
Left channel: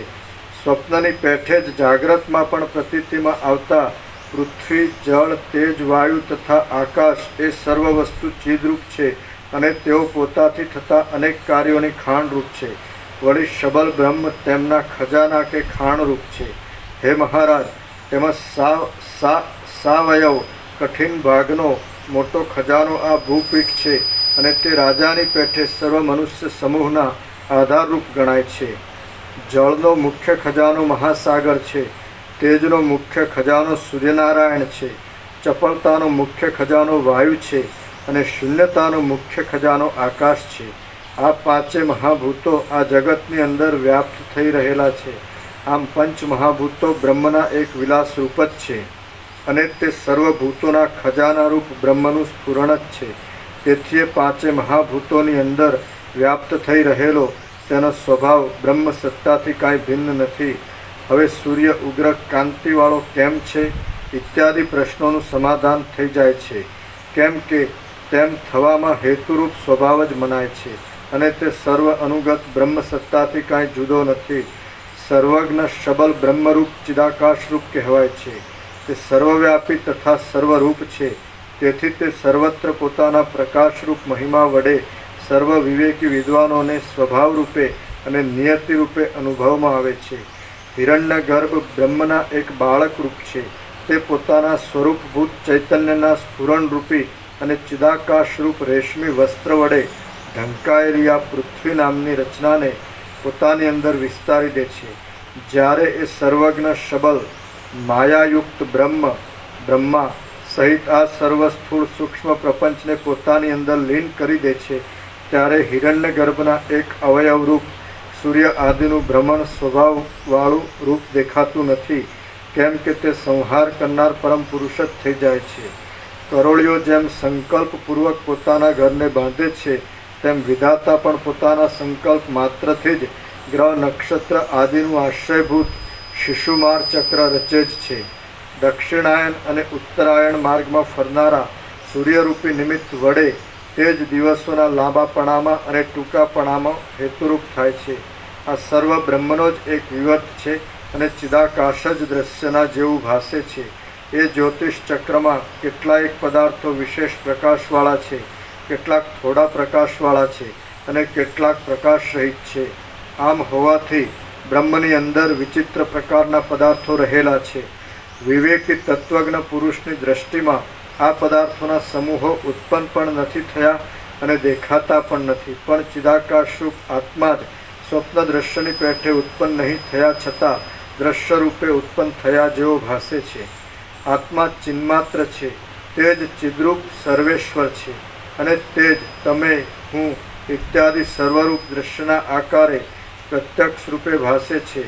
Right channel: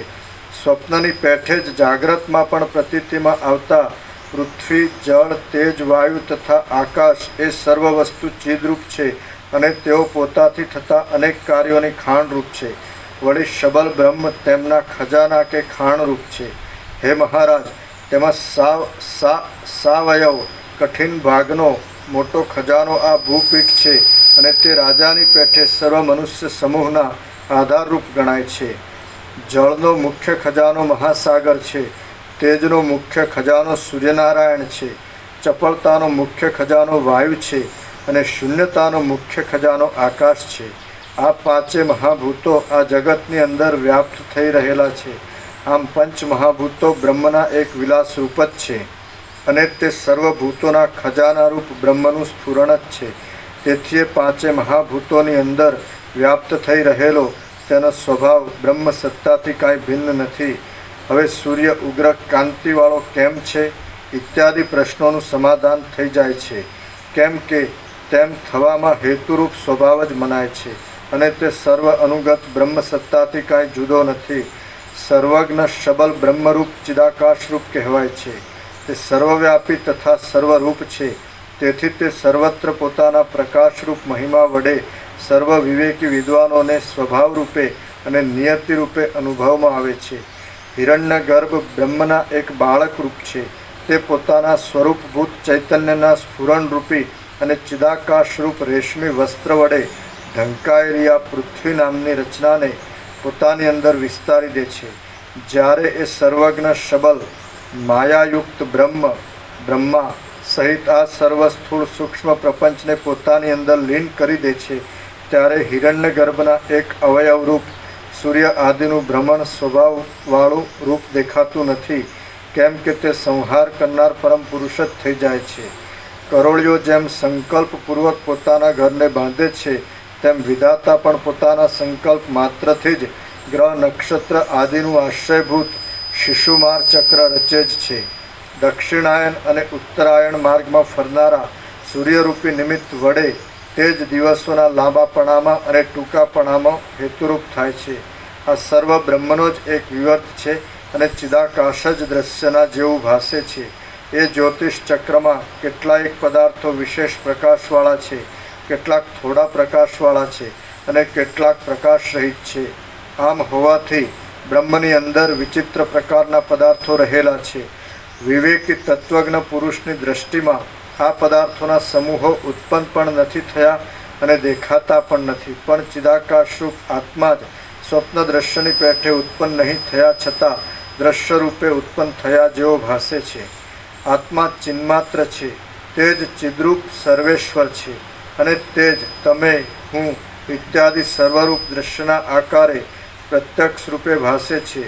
સ્વપ્નની પેઠે જ જાગ્રતમાં પણ પ્રતીતિમાં આવતા પૃથ્વી, જળ, તેજ, વાયુ તથા આકાશ એ સર્વ વસ્તુ ચિદરૂપ છે, અને તેઓ પોતાથી થતા અનેક કાર્યોની ખાણરૂપ છે. વળી શબલ બ્રહ્મ તેમના ખજાના કે ખાણરૂપ છે. હે મહારાજ, તેમાં સાવયવ કઠિન ભાગનો મોટો ખજાનો આ ભૂપીઠ છે, અને તે રાજાની પેઠે સર્વ મનુષ્ય સમૂહના આધારરૂપ ગણાય છે. જળનો મુખ્ય ખજાનો મહાસાગર છે. તેજનો મુખ્ય ખજાનો સૂર્યનારાયણ છે. ચપળતાનો મુખ્ય ખજાનો વાયુ છે, અને શૂન્યતાનો મુખ્ય ખજાનો આકાશ છે. આ પાંચે મહાભૂતો આ જગતની અંદર વ્યાપ્ત થઈ રહેલા છે. આમ પંચ મહાભૂતો બ્રહ્મના એક વિલાસ રૂપ જ છે, અને તે સર્વભૂતોના ખજાનારૂપ બ્રહ્મનું સ્ફુરણ જ છે. તેથી એ પાંચે મહાભૂતોની અંદર વ્યાપ્ત થઈ રહેલો તેનો સ્વભાવ બ્રહ્મ સત્તાથી કાંઈ ભિન્ન નથી. હવે સૂર્ય ઉગ્ર કાંતિવાળો કેમ છે ઇત્યાદિ પ્રશ્નોનું સમાધાન થઈ જાય છે. કેમ કે તેમ થવામાં હેતુરૂપ સ્વભાવ જ મનાય છે, અને તે સર્વ અનુગત બ્રહ્મ સત્તાથી કાંઈ જુદો નથી. સર્વજ્ઞ શબલ બ્રહ્મરૂપ ચિદાકાશરૂપ કહેવાય છે. તે સર્વવ્યાપી તથા સર્વરૂપ છે. તેથી તે સર્વત્ર પોતાના પ્રકાશરૂપ મહિમા વડે સર્વ વિવેકી વિદ્વાનોને સ્વભાવ રૂપે અને નિયતિ રૂપે અનુભવમાં આવે છે. હિરણ્યગર્ભ બ્રહ્મના એક બાળક રૂપ છે. તે પોતાના સ્વરૂપભૂત ચૈતન્યના સ્ફુરણરૂપી અને ચિદાકાશરૂપ રેશમી વસ્ત્ર વડે ઢંકાયેલી આ પૃથ્વી નામની રચનાને પોતાની અંદર વિસ્તારી દે છે. જ્યારે એ સર્વજ્ઞ શબલ માયાયુક્ત બ્રહ્મા સહિત આ સર્વ સ્થૂળ સૂક્ષ્મ પ્રપંચને પોતાની અંદર લીન કરી દે છે, ત્યારે હિરણ્યગર્ભના એક અવયવરૂપ સૂર્ય આદિનું ભ્રમણ સ્વભાવવાળું રૂપ દેખાતું નથી, કેમ કે તે સંહાર કરનાર પરમ પુરુષ જ થઈ જાય છે. કરોળીઓ જેમ સંકલ્પપૂર્વક પોતાના ઘરને બાંધે છે, તેમ વિધાતા પણ પોતાના સંકલ્પ માત્રથી જ ગ્રહ નક્ષત્ર આદિનું આશ્રયભૂત શિશુમાર ચક્ર રચે જ છે. દક્ષિણાયન અને ઉત્તરાયણ માર્ગમાં ફરનારા સૂર્યરૂપી નિમિત્ત વડે તે જ દિવસોના લાંબાપણામાં અને ટૂંકાપણામાં હેતુરૂપ થાય છે. આ સર્વ બ્રહ્મનો જ એક વિવર્ત છે, અને ચિદાકાશ જ દ્રશ્યના જેવું ભાસે છે. એ જ્યોતિષ ચક્રમાં કેટલાક પદાર્થો વિશેષ પ્રકાશવાળા છે, કેટલાક થોડા પ્રકાશવાળા છે, અને કેટલાક પ્રકાશ રહિત છે. આમ હોવાથી બ્રહ્મની અંદર વિચિત્ર પ્રકારના પદાર્થો રહેલા છે. વિવેકી તત્વજ્ઞ પુરુષની દ્રષ્ટિમાં આ પદાર્થોના સમૂહો ઉત્પન્ન પણ નથી થયા અને દેખાતા પણ નથી, પણ ચિદાકાશરૂપ આત્મા જ સ્વપ્ન દ્રશ્યની પેઠે ઉત્પન્ન નહીં થયા છતાં દ્રશ્ય રૂપે ઉત્પન્ન થયા જેવો ભાસે છે. આત્મા ચિન્માત્ર છે, તે જ ચિદ્રૂપ સર્વેશ્વર છે, અને તે જ તમે, હું ઇત્યાદિ સર્વરૂપ દ્રશ્યના આકારે પ્રત્યક્ષ રૂપે ભાસે છે.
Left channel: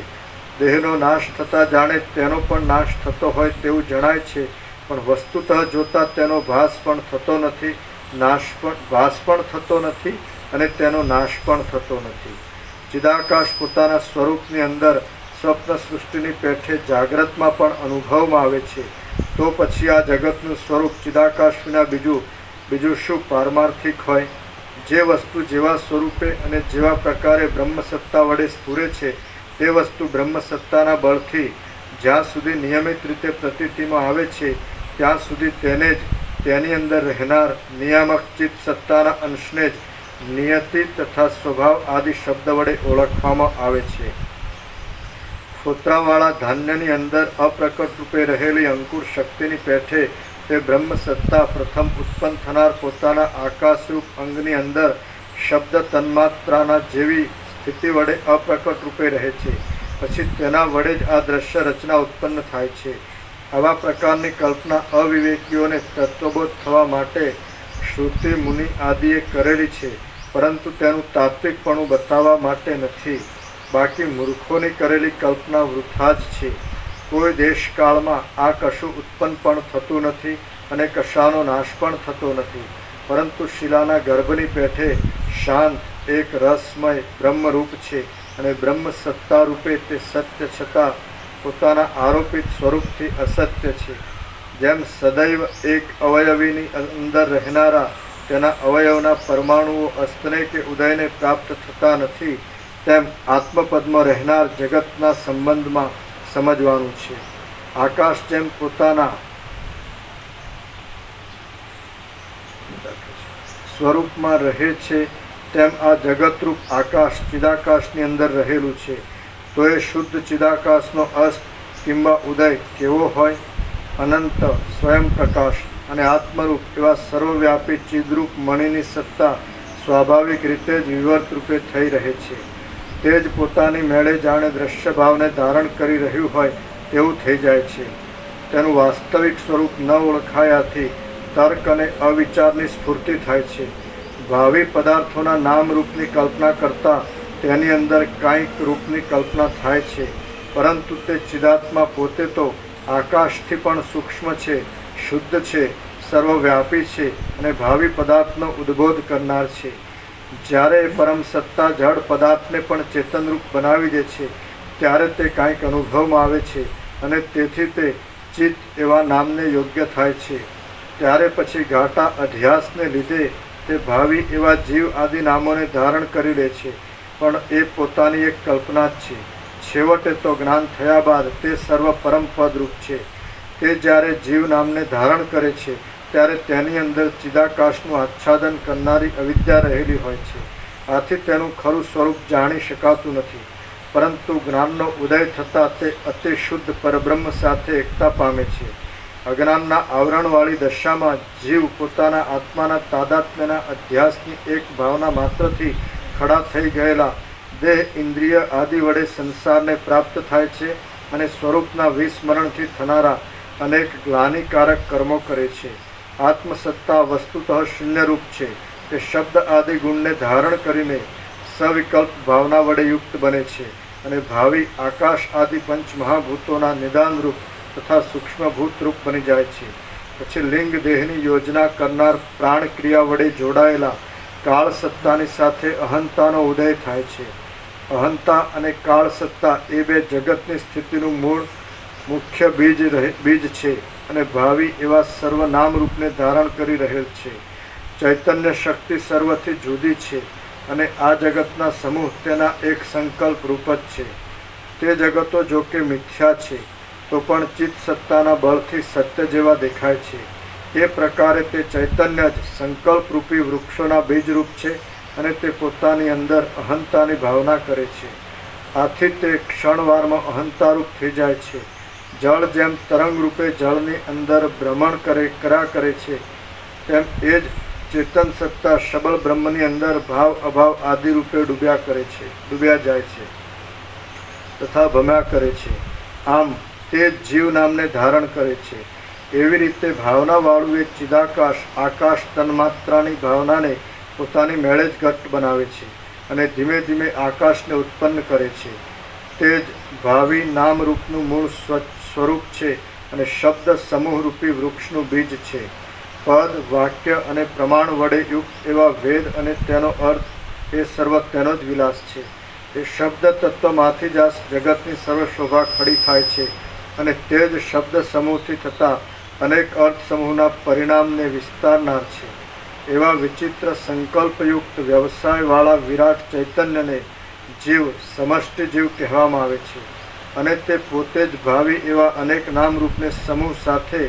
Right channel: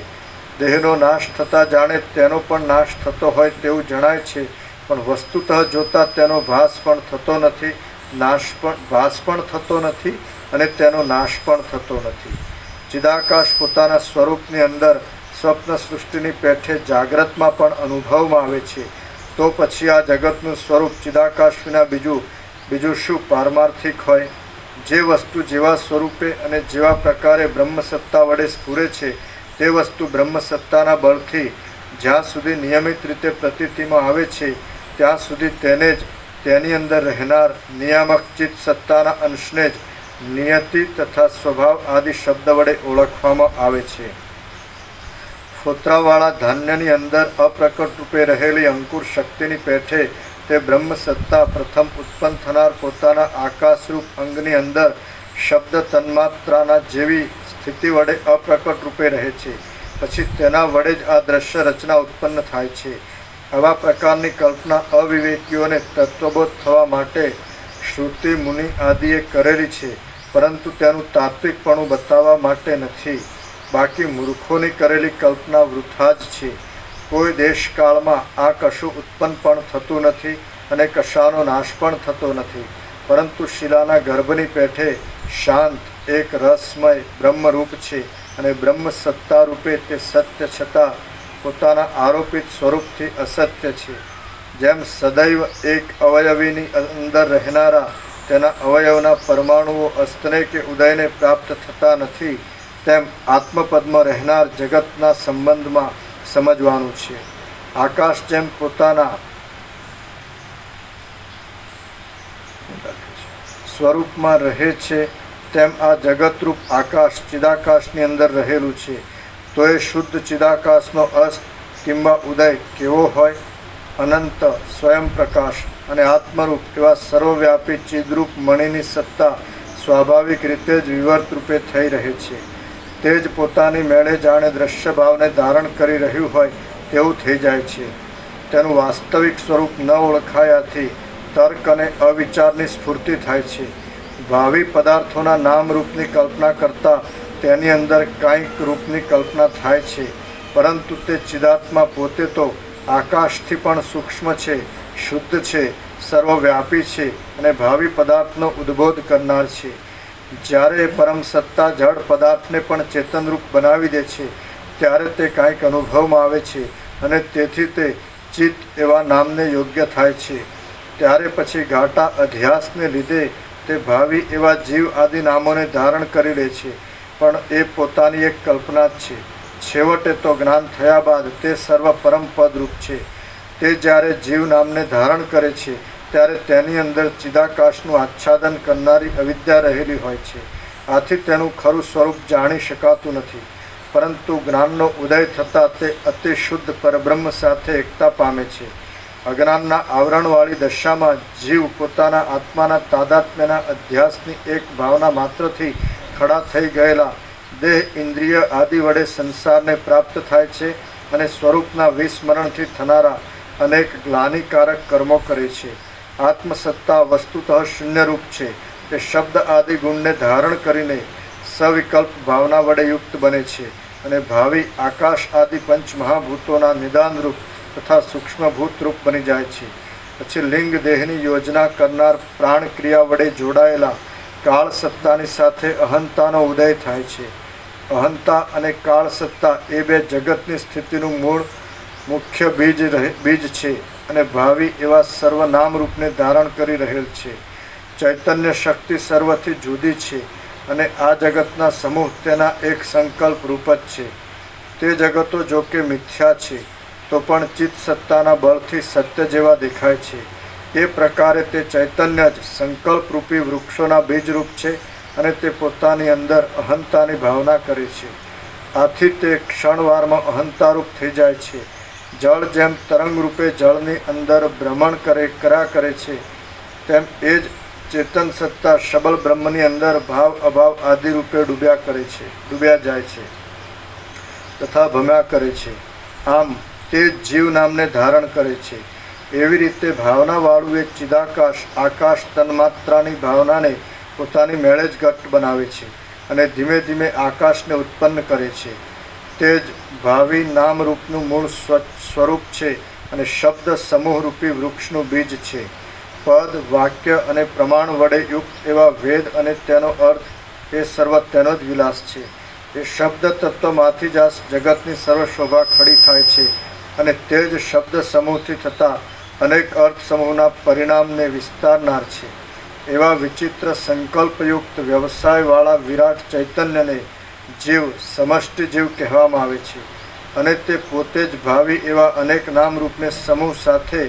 દેહનો નાશ થતાં જાણે તેનો પણ નાશ થતો હોય તેવું જણાય છે, પણ વસ્તુતઃ જોતાં તેનો ભાસ પણ થતો નથી, ભાસ પણ થતો નથી, અને તેનો નાશ પણ થતો નથી. ચિદાકાશ પોતાના સ્વરૂપની અંદર સ્વપ્ન સૃષ્ટિની પેઠે જાગ્રતમાં પણ અનુભવમાં આવે છે. તો પછી આ જગતનું સ્વરૂપ ચિદાકાશ વિના બીજું શું પારમાર્થિક હોય? જે વસ્તુ જેવા સ્વરૂપે અને જેવા પ્રકારે બ્રહ્મસત્તા વડે સ્ફુરે છે, તે વસ્તુ બ્રહ્મસત્તાના બળથી જ્યાં સુધી નિયમિત રીતે પ્રતીતિમાં આવે છે ત્યાં સુધી તેને જ તેની અંદર રહેનાર નિયામક ચિત્ત સત્તાના અંશને જ નિયતિ તથા સ્વભાવ આદિ શબ્દ વડે ઓળખવામાં આવે છે. ફોતરાવાળા ધાન્યની અંદર અપ્રકટ રૂપે રહેલી અંકુર શક્તિની પેઠે તે બ્રહ્મ સત્તા પ્રથમ ઉત્પન્ન થનાર પોતાના આકાશરૂપ અંગની અંદર શબ્દ તન્માત્રાના જેવી સ્થિતિ વડે અપ્રકટ રૂપે રહે છે. પછી તેના વડે જ આ દ્રશ્ય રચના ઉત્પન્ન થાય છે. આવા પ્રકારની કલ્પના અવિવેકીઓને તત્વબોધ થવા માટે શ્રુતિ મુનિ આદિએ કરેલી છે, પરંતુ તેનું તાત્વિકપણું બતાવવા માટે નથી. બાકી મૂર્ખોની કરેલી કલ્પના વૃથા જ છે. કોઈ દેશકાળમાં આ કશું ઉત્પન્ન પણ થતું નથી અને કશાનો નાશ પણ થતો નથી, પરંતુ શિલાના ગર્ભની પેઠે શાંત એક રસમય બ્રહ્મરૂપ છે અને બ્રહ્મ સત્તા રૂપે તે સત્ય છતાં પોતાના આરોપિત સ્વરૂપથી અસત્ય છે. જેમ સદૈવ એક અવયવીની અંદર રહેનારા તેના અવયવના પરમાણુઓ અસ્તને કે ઉદયને પ્રાપ્ત થતા નથી, તેમ આત્મપદમાં રહેનાર જગતના સંબંધમાં સમજવાનું છે. આકાશ જેમ પોતાના સ્વરૂપમાં રહે છે, તેમ આ જગતરૂપ આકાશ ચિદાકાશની અંદર રહેલું છે. તો એ શુદ્ધ ચિદાકાશનો અસ્ત કિંબા ઉદય કેવો હોય? અનંત સ્વયં પ્રકાશ અને આત્મરૂપ એવા સર્વવ્યાપી ચિદરૂપ મણિની સત્તા સ્વાભાવિક રીતે જ વિવર્ત રૂપે થઈ રહે છે. તે જ પોતાની મેળે જાણે દ્રશ્ય ભાવને ધારણ કરી રહ્યું હોય તેવું થઈ જાય છે. તેનું વાસ્તવિક સ્વરૂપ ન ઓળખાયાથી તર્ક અને અવિચારની સ્ફૂર્તિ થાય છે. ભાવિ પદાર્થોના નામરૂપની કલ્પના કરતાં તેની અંદર કાંઈક રૂપની કલ્પના થાય છે, પરંતુ તે ચિદાત્મા પોતે તો આકાશથી પણ સૂક્ષ્મ છે, શુદ્ધ છે, સર્વવ્યાપી છે અને ભાવિ પદાર્થનો ઉદ્બોધ કરનાર છે. જ્યારે પરમ સત્તા જળ પદાર્થને પણ ચેતનરૂપ બનાવી દે છે ત્યારે તે કાંઈક અનુભવમાં આવે છે અને તેથી તે ચિત્ત એવા નામને યોગ્ય થાય છે. ત્યારે પછી ઘાટા અધ્યાસને લીધે તે ભાવિ એવા જીવ આદિ નામોને ધારણ કરી લે છે, પણ એ પોતાની એક કલ્પના જ છે. છેવટે તો જ્ઞાન થયા બાદ તે સર્વ પરમ પદરૂપ છે. તે જ્યારે જીવ નામને ધારણ કરે છે ત્યારે તેની અંદર ચિદાકાશનું આચ્છાદન કરનારી અવિદ્યા રહેલી હોય છે. આથી તેનું ખરું સ્વરૂપ જાણી શકાતું નથી, પરંતુ જ્ઞાનનો ઉદય થતાં તે અતિ શુદ્ધ પરબ્રહ્મ સાથે એકતા પામે છે. અજ્ઞાનના આવરણવાળી દશામાં જીવ પોતાના આત્માના તાદાત્મ્યના અધ્યાસની એક ભાવના માત્રથી ખડા થઈ ગયેલા દેહ ઇન્દ્રિય આદિ વડે સંસારને પ્રાપ્ત થાય છે અને સ્વરૂપના વિસ્મરણથી થનારા અનેક ગ્લાનિકારક કર્મો કરે છે. આત્મસત્તા વસ્તુતઃ શૂન્યરૂપ છે. તે શબ્દ આદિ ગુણને ધારણ કરીને સવિકલ્પ ભાવના વડે યુક્ત બને છે અને ભાવિ આકાશ આદિ પંચમહાભૂતોના નિદાનરૂપ તથા સૂક્ષ્મભૂતરૂપ બની જાય છે. પછી લિંગ દેહની યોજના કરનાર પ્રાણક્રિયા વડે જોડાયેલા કાળ સત્તાની સાથે અહંતાનો ઉદય થાય છે. અહંતા અને કાળ સત્તા એ બે જગતની સ્થિતિનું મૂળ મુખ્ય બીજ છે અને ભાવિ એવા સર્વનામ રૂપને ધારણ કરી રહેલ છે. ચૈતન્ય શક્તિ સર્વથી જુદી છે અને આ જગતના સમૂહ તેના એક સંકલ્પ રૂપ જ છે. તે જગતો જો કે મિથ્યા છે તો પણ ચિત્ત સત્તાના બળથી સત્ય જેવા દેખાય છે. એ પ્રકારે તે ચૈતન્ય જ સંકલ્પરૂપી વૃક્ષોના બીજરૂપ છે અને તે પોતાની અંદર અહંતાની ભાવના કરે છે. આથી તે ક્ષણવારમાં અહંતારૂપ થઈ જાય છે. જળ જેમ તરંગ રૂપે જળની અંદર ભ્રમણ કર્યા કરે છે, તેમ એ જ ચેતન સત્તા શબલ બ્રહ્મની અંદર ભાવ અભાવ આદિ રૂપે ડૂબ્યા જાય છે તથા ભમ્યા કરે છે. આમ તે જીવ નામને ધારણ કરે છે. એવી રીતે ભાવનાવાળું એક ચિદાકાશ આકાશ તન્માત્રાની ભાવનાને પોતાની મેળે જ ઘટ બનાવે છે અને ધીમે ધીમે આકાશને ઉત્પન્ન કરે છે. તે જ ભાવિ નામરૂપનું મૂળ સ્વરૂપ છે અને શબ્દ સમૂહરૂપી વૃક્ષનું બીજ છે. પદ વાક્ય અને પ્રમાણ વડે યુક્ત એવા વેદ અને તેનો અર્થ એ સર્વ તેનો જ વિલાસ છે. એ શબ્દ તત્વમાંથી જ આ જગતની સર્વ શોભા ખડી થાય છે અને તે જ શબ્દ સમૂહથી થતા અનેક અર્થ સમૂહના પરિણામને વિસ્તારનાર છે. એવા વિચિત્ર સંકલ્પયુક્ત વ્યવસાયવાળા વિરાટ ચૈતન્યને જીવ સમષ્ટિ જીવ કહેવામાં આવે છે. અને તે પોતે જ ભાવિ એવા અનેક નામરૂપને સમૂહ સાથે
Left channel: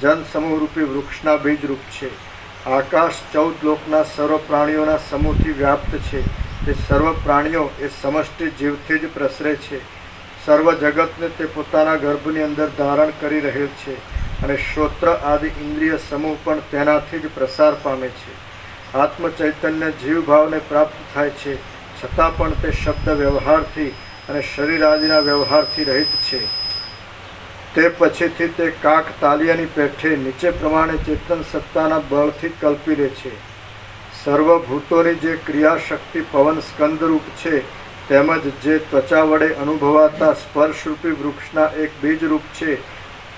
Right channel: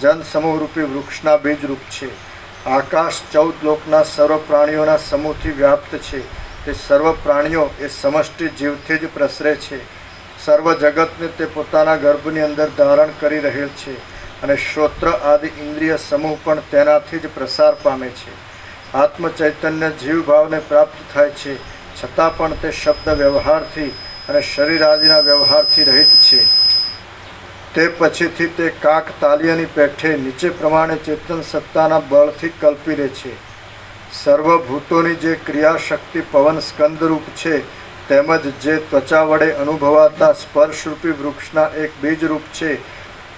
જન સમૂહરૂપી વૃક્ષના બીજરૂપ છે. આકાશ 14 લોકના સર્વ પ્રાણીઓના સમૂહથી વ્યાપ્ત છે. તે સર્વ પ્રાણીઓ એ સમષ્ટિ જીવથી જ પ્રસરે છે. સર્વ જગતને તે પોતાના ગર્ભની અંદર ધારણ કરી રહેલ છે અને શ્રોત્ર આદિ ઇન્દ્રિય સમૂહ પણ તેનાથી જ પ્રસાર પામે છે. આત્મ ચૈતન્ય જીવભાવને પ્રાપ્ત થાય છે, છતાં પણ તે શબ્દ વ્યવહારથી અને શરીર આદિના વ્યવહારથી રહિત છે. તે પછીથી તે કાક તાલિયાની પેઠે નીચે પ્રમાણે ચેતન સત્તાના બળથી કલ્પી લે છે. સર્વભૂતોની જે ક્રિયાશક્તિ પવન સ્કંદરૂપ છે, તેમજ જે ત્વચા વડે અનુભવાતા સ્પર્શરૂપી વૃક્ષના એક બીજરૂપ છે,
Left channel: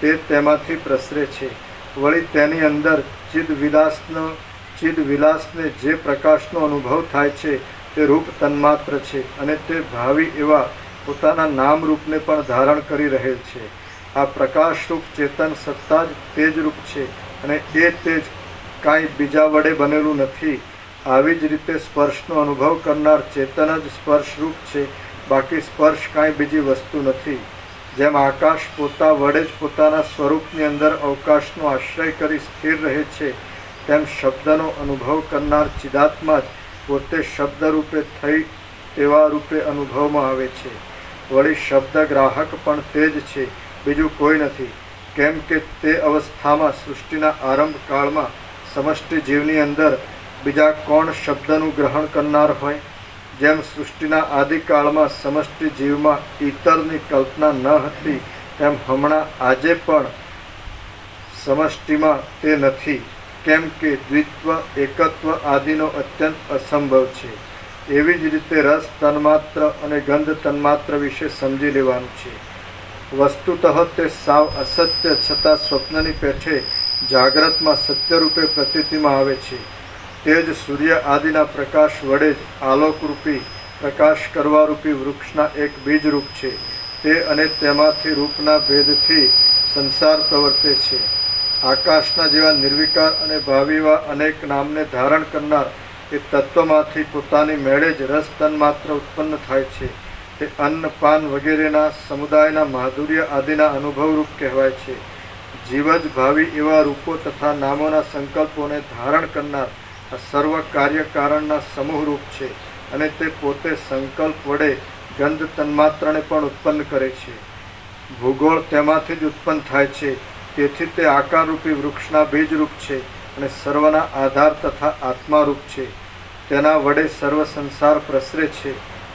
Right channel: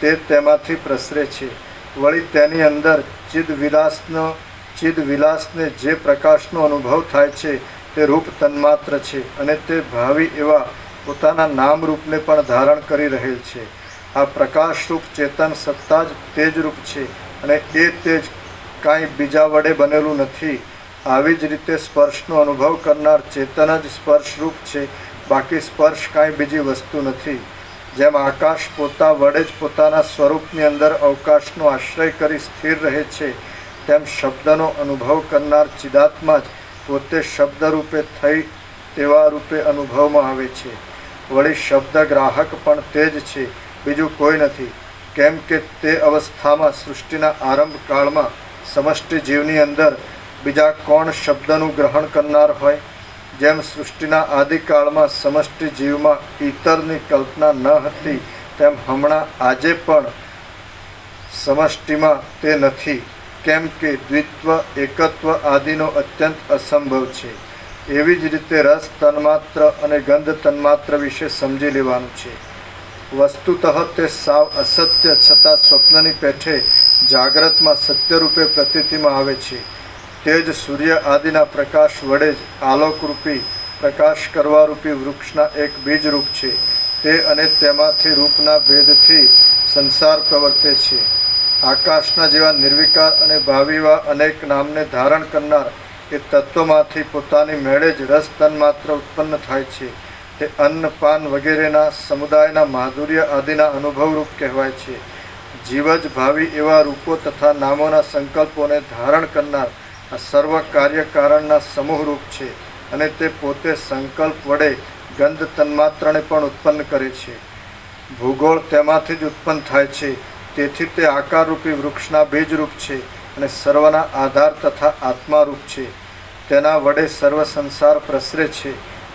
તે તેમાંથી પ્રસરે છે. વળી તેની અંદર ચિદવિલાસને જે પ્રકાશનો અનુભવ થાય છે, તે રૂપ તન્માત્ર છે અને તે ભાવિ એવા પોતાના નામરૂપને પણ ધારણ કરી રહેલ છે. આ પ્રકાશરૂપ ચેતન સત્તા જ તેજરૂપ છે અને એ તેજ કાંઈ બીજા વડે બનેલું નથી. આવી જ રીતે સ્પર્શનો અનુભવ કરનાર ચેતન જ સ્પર્શરૂપ છે, બાકી સ્પર્શ કાંઈ બીજી વસ્તુ નથી. જેમ આકાશ પોતા વડે જ પોતાના સ્વરૂપની અંદર અવકાશનો આશ્રય કરી સ્થિર રહે છે, તેમ શબ્દનો અનુભવ કરનાર ચિદાત્મા જ પોતે શબ્દરૂપે થઈ તેવા રૂપે અનુભવમાં આવે છે. વળી શબ્દ ગ્રાહક પણ તે જ છે, બીજું કોઈ નથી. કેમ કે તે અવસ્થામાં સૃષ્ટિના આરંભ કાળમાં સમષ્ટિ જીવની અંદર બીજા કોણ શબ્દનું ગ્રહણ કરનાર હોય? જેમ સૃષ્ટિના આદિકાળમાં સમષ્ટિ જીવમાં ઈતરની કલ્પના ન હતી, તેમ હમણાં આજે પણ સમષ્ટિમાં તે નથી. કેમ કે દ્વિત્વ એકત્વ આદિનો અત્યંત અસંભવ છે. એવી જ રીતે રસ તન્માત્ર અને ગંધ તન્માત્ર વિશે સમજી લેવાનું છે. વસ્તુતઃ તે સાવ અસત્ય છતાં સ્વપ્નની પેઠે જાગ્રતમાં સત્યરૂપે પ્રતીતિમાં આવે છે. તે જ સૂર્ય આદિના પ્રકાશ વડે જ આલોકરૂપી પ્રકાશ કરવારૂપી વૃક્ષના એક બીજરૂપ છે. તે અને તેમાંથી રૂપના ભેદથી સંસાર પ્રવર્તે છે. આકાશના જેવા નિર્વિકાર અને ભાવિવા અનેક નામને ધારણ કરનાર એ તત્વમાંથી પોતાની મેળે જ રસ તન્માત્ર ઉત્પન્ન થાય છે. તે અન્ન પાન વગેરેના સમુદાયના માધુર્ય આદિના અનુભવરૂપ કહેવાય છે. જીવ જ ભાવિ એવા રૂપો તથા નામોના સંકલ્પોને ધારણ કરનાર આ સર્વ કાર્યકારણના સમૂહરૂપ છે અને તે પોતે સંકલ્પ વડે ગંધ તન્માત્રને પણ ઉત્પન્ન કરે છે. ભૂગોળ તેમાંથી જ ઉત્પન્ન થાય છે. તેથી તે આકારરૂપી વૃક્ષના બીજરૂપ છે અને સર્વના આધાર તથા આત્મારૂપ છે. તેના વડે સર્વ સંસાર પ્રસરે છે.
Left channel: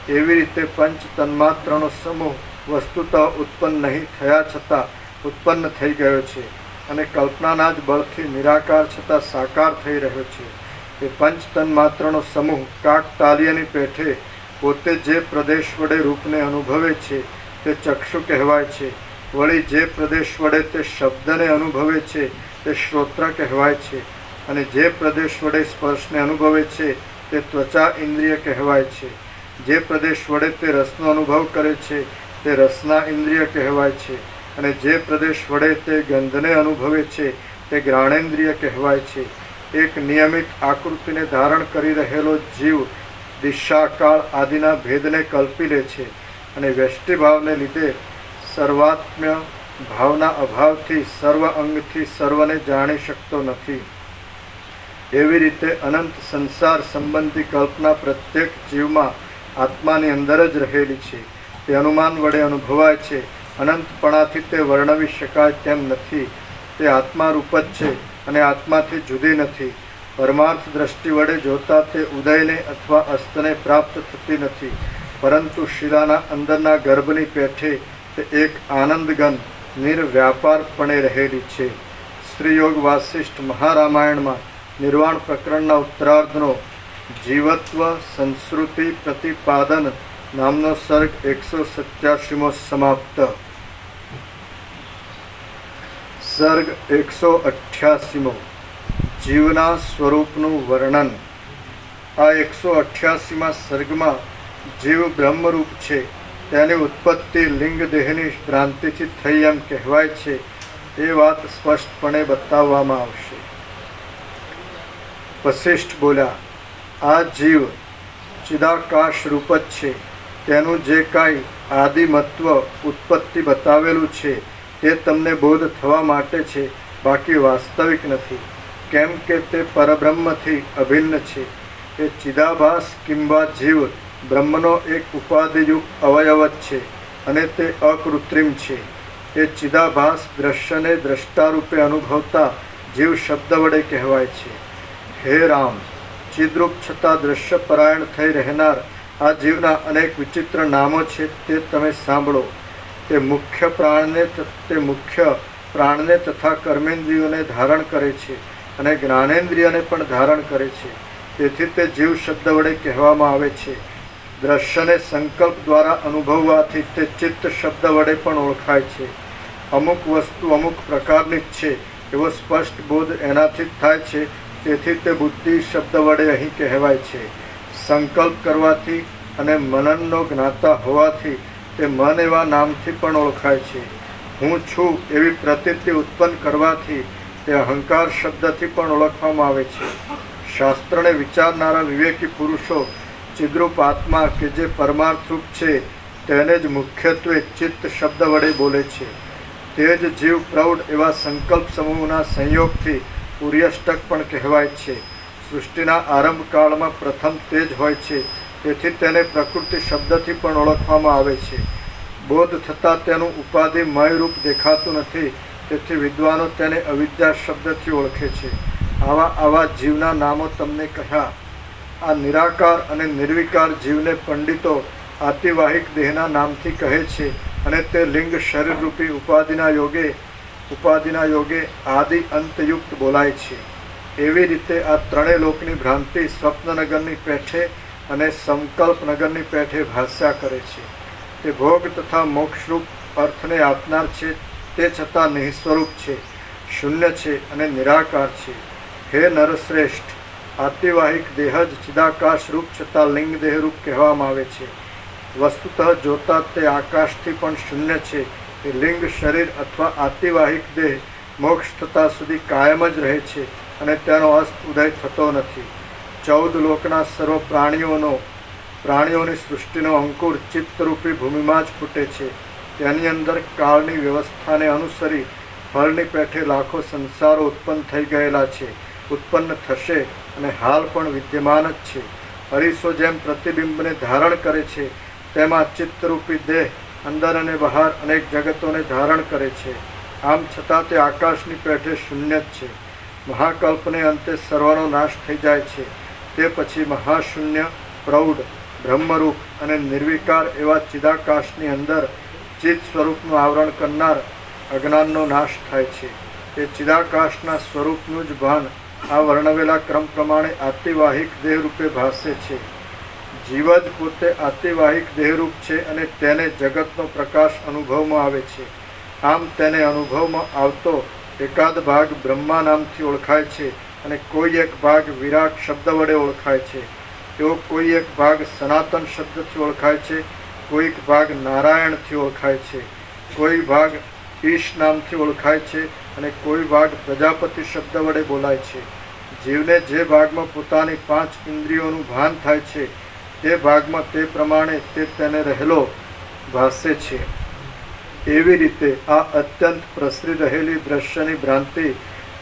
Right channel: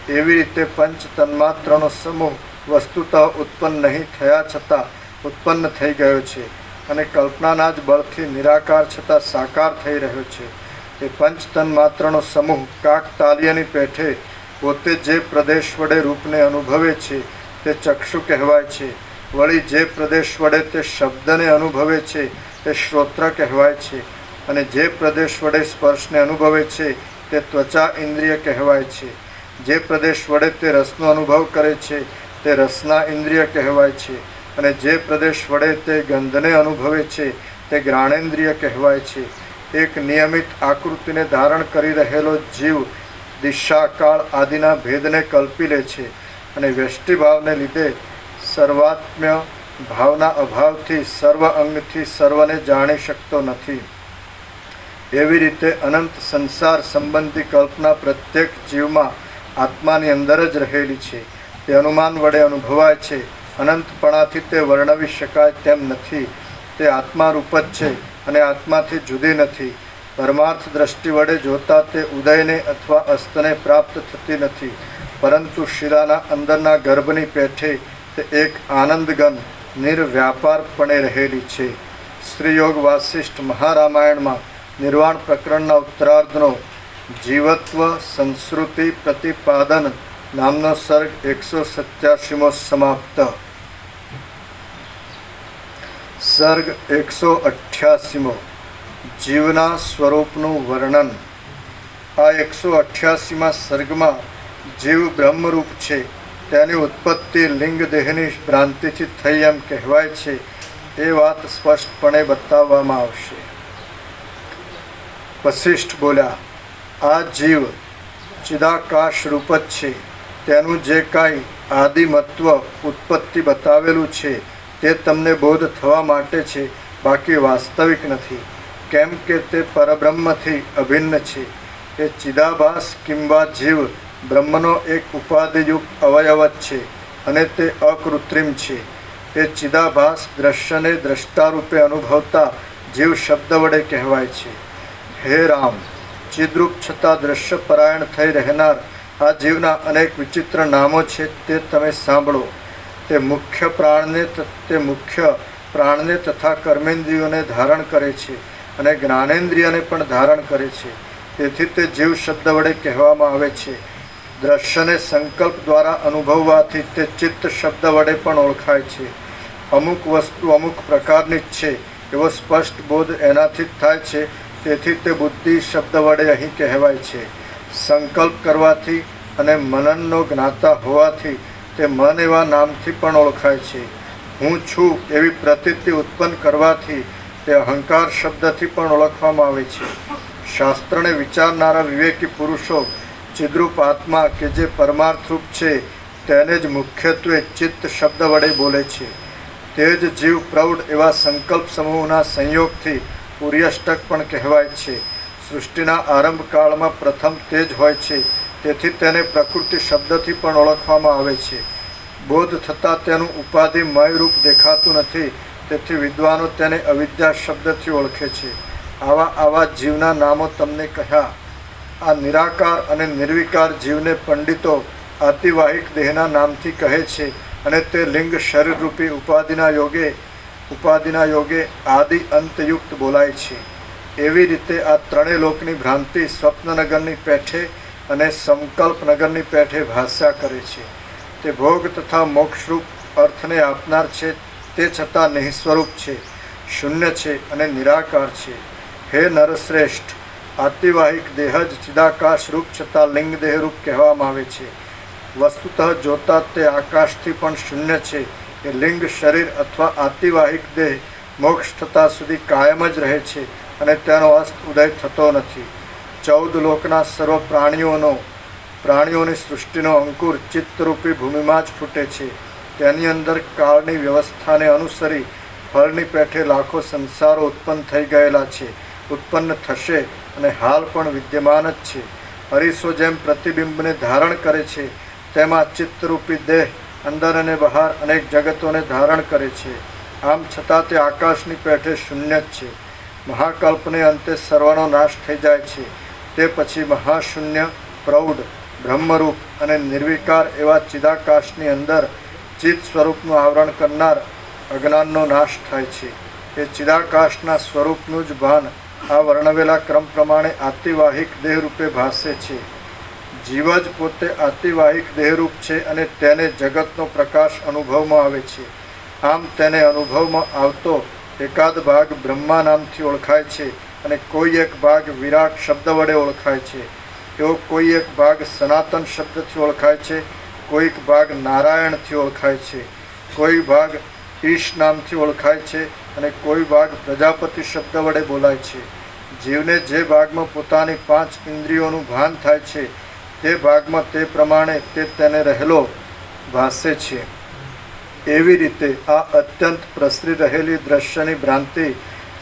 એવી રીતે પંચ તન્માત્રનો સમૂહ વસ્તુતઃ ઉત્પન્ન નહીં થયા છતાં ઉત્પન્ન થઈ ગયો છે અને કલ્પનાના જ બળથી નિરાકાર છતાં સાકાર થઈ રહ્યો છે. એ પંચ તન્માત્રનો સમૂહ કાક તાલિયાની પેઠે પોતે જે પ્રદેશ વડે રૂપને અનુભવે છે, તે ચક્ષુ કહેવાય છે. વળી જે પ્રદેશ વડે તે શબ્દને અનુભવે છે, તે શ્રોત્ર કહેવાય છે. અને જે પ્રદેશ વડે સ્પર્શને અનુભવે છે, તે ત્વચા ઇન્દ્રિય કહેવાય છે. જે પ્રદેશ વડે તે રસનો અનુભવ કરે છે, તે રસના ઇન્દ્રિય કહેવાય છે. અને જે પ્રદેશ વડે તે ગંધને અનુભવે છે, તે જ્ઞાનેન્દ્રિય કહેવાય છે. એક નિયમિત આકૃતિને ધારણ કરી રહેલો જીવ દિશાકાળ આદિના ભેદને કલ્પી લે છે અને વ્યષ્ટિભાવને લીધે સર્વાત્મ્ય ભાવના અભાવથી સર્વ અંગથી સર્વને જાણી શકતો નથી. એવી રીતે અનંત સંસાર સંબંધી કલ્પના પ્રત્યેક જીવમાં આત્માની અંદર જ રહેલી છે. તે અનુમાન વડે અનુભવાય છે. અનંતપણાથી તે વર્ણવી શકાય તેમ નથી. તે આત્મારૂપ જ છે અને આત્માથી જુદી નથી. પરમાર્થ દ્રષ્ટિ વડે જોતા તે ઉદયને અથવા અસ્તને પ્રાપ્ત થતી નથી, પરંતુ શિલાના અંદરના ગર્ભની પેઠે તે એક આનંદગન નિર્વ્યાપારપણે રહેલી છે. શ્રીયોગ વાસિષ્ઠ મહારામાયણમાં નિર્વાણ પ્રકરણના ઉત્તરાર્ધનો જીવત્વ સંસ્કૃતિ પ્રતિપાદન નામનો સર્ગ 187મો સમાપ્ત. સર્ગ 188મો જીવના સ્વરૂપનું વર્ણન. આ 188મા સર્ગમાં જીવ બ્રહ્મરૂપ છે. તેની ઉત્પત્તિ લિંગ દેહની ભ્રાંતિથી થઈ એમ કહેવાય છે. એ વાત સ્પષ્ટપણે બતાવવામાં આવશે. વશિષ્ઠ બોલ્યા, આ જીવ ચિદાકાશ રૂપ જ છે. તેનું જે કાંઈ આદિમત્વ ઉત્પત્તિ બતાવેલું છે તે તમને બોધ થવા માટે છે, બાકી વાસ્તવિક નથી. કેમ કે તે પરબ્રહ્મથી અભિન્ન છે. એ ચિદાભાસ કિંવા જીવ બ્રહ્મનો એક ઉપાધિયુક્ત અવયવ જ છે અને તે અકૃત્રિમ છે. એ ચિદાભાસ દ્રશ્યને દ્રષ્ટારૂપે અનુભવતા જીવ શબ્દ વડે કહેવાય છે. હે રામ, ચિદ્રૂપ છતાં દ્રશ્યપરાયણ થઈ રહેનાર આ જીવના અનેક વિચિત્ર નામો છે, તે તમે સાંભળો. તે મુખ્ય પ્રાણને તથા કર્મેન્દ્રિયોને ધારણ કરે છે અને જ્ઞાનેન્દ્રિયને પણ ધારણ કરે છે. તેથી તે જીવ શબ્દ વડે કહેવામાં આવે છે. દ્રશ્યને સંકલ્પ દ્વારા અનુભવવાથી તે ચિત્ત શબ્દ વડે પણ ઓળખાય છે. અમુક વસ્તુ અમુક પ્રકારની જ છે એવો સ્પષ્ટ બોધ એનાથી જ થાય છે. તેથી તે બુદ્ધિ શબ્દ વડે અહીં કહેવાય છે. સંકલ્પ કરવાથી અને મનનનો જ્ઞાતા હોવાથી તે મન એવા નામથી પણ ઓળખાય છે. હું છું એવી પ્રતીતિ ઉત્પન્ન કરવાથી તે અહંકાર શબ્દથી પણ ઓળખવામાં આવે છે. શાસ્ત્રને વિચારનારા વિવેકી પુરુષો ચિદ્રૂપ આત્મા કે જે પરમાર્થરૂપ છે તેને જ મુખ્યત્વે ચિત્ત શબ્દ વડે બોલે છે. તે જ જીવ પ્રૌઢ એવા સંકલ્પ સમૂહના સંયોગથી ઉર્યષ્ટક પણ કહેવાય છે. સૃષ્ટિના આરંભકાળમાં પ્રથમ તે જ હોય છે. તેથી તેને પ્રકૃતિ શબ્દથી પણ ઓળખવામાં આવે છે. બોધ થતાં તેનું ઉપાધિમય રૂપ દેખાતું નથી, તેથી વિદ્વાનો તેને અવિદ્યા શબ્દથી ઓળખે છે. આવા જીવના નામો તમને કહ્યા. આ નિરાકાર અને નિર્વિકાર જીવને પંડિતો આતિવાહિક દેહના નામથી કહે છે અને તે લિંગ શરીરરૂપી ઉપાધિના યોગે આદિ અંતયુક્ત બોલાય છે. એવી રીતે આ ત્રણેય લોકની ભ્રાંતિ સ્વપ્નનગરની પેઠે અને સંકલ્પનગરની પેઠે ભાષ્યા કરે છે. તે ભોગ તથા મોક્ષરૂપ અર્થને આપનાર છે, તે છતાં નિઃસ્વરૂપ છે, શૂન્ય છે અને નિરાકાર છે. હે નરશ્રેષ્ઠ, આતિવાહિક દેહ જ ચિદાકાશ રૂપ છતાં લિંગ દેહરૂપ કહેવામાં આવે છે. વસ્તુતઃ જોતા તે આકાશથી પણ શૂન્ય છે. એ લિંગ શરીર અથવા આતિવાહિક દેહ મોક્ષ થતાં સુધી કાયમ જ રહે છે અને તેનો અસ્ત ઉદય થતો નથી. 14 લોકના સર્વ પ્રાણીઓની સૃષ્ટિનો અંકુર ચિત્તરૂપી ભૂમિમાં જ ફૂટે છે. તેની અંદર કાળની વ્યવસ્થાને અનુસરી ફળની પેઠે લાખો સંસારો ઉત્પન્ન થઈ ગયેલા છે, ઉત્પન્ન થશે અને હાલ પણ વિદ્યમાન જ છે. અરીસો જેમ પ્રતિબિંબને ધારણ કરે છે, તેમાં ચિત્તરૂપી દેહ અંદર અને બહાર અનેક જગતોને ધારણ કરે છે. આમ છતાં તે આકાશની પેઠે શૂન્ય જ છે. મહાકલ્પને અંતે સર્વનો નાશ થઈ જાય છે. તે પછી મહાશૂન્ય, પ્રૌઢ, બ્રહ્મરૂપ અને નિર્વિકાર એવા ચિદાકાશની અંદર ચિત્ત સ્વરૂપનું આવરણ કરનાર અજ્ઞાનનો નાશ થાય છે. એ ચિદાકાશના સ્વરૂપનું જ ભાન આ વર્ણવેલા ક્રમ પ્રમાણે આતિવાહિક દેહરૂપે ભાસે છે. જીવ જ પોતે આતિવાહિક દેહરૂપ છે અને તેને જગતનો પ્રકાશ અનુભવમાં આવે છે. આમ તેને અનુભવમાં આવતો એકાદ ભાગ બ્રહ્મા નામથી ઓળખાય છે અને કોઈ એક ભાગ વિરાટ શબ્દ વડે ઓળખાય છે. એવો કોઈ એક ભાગ સનાતન શબ્દથી ઓળખાય છે, કોઈક ભાગ નારાયણથી ઓળખાય છે, કોઈ ભાગ ઈશ નામથી ઓળખાય છે અને કોઈ ભાગ પ્રજાપતિ શબ્દ વડે બોલાય છે. જીવને જે ભાગમાં પોતાની 5 ઇન્દ્રિયોનું ભાન થાય છે તે ભાગમાં તે પ્રમાણે તે તેને રહેલો ભાસે છે. એવી રીતે આ અત્યંત પ્રસરી રહેલી દ્રશ્યની ભ્રાંતિ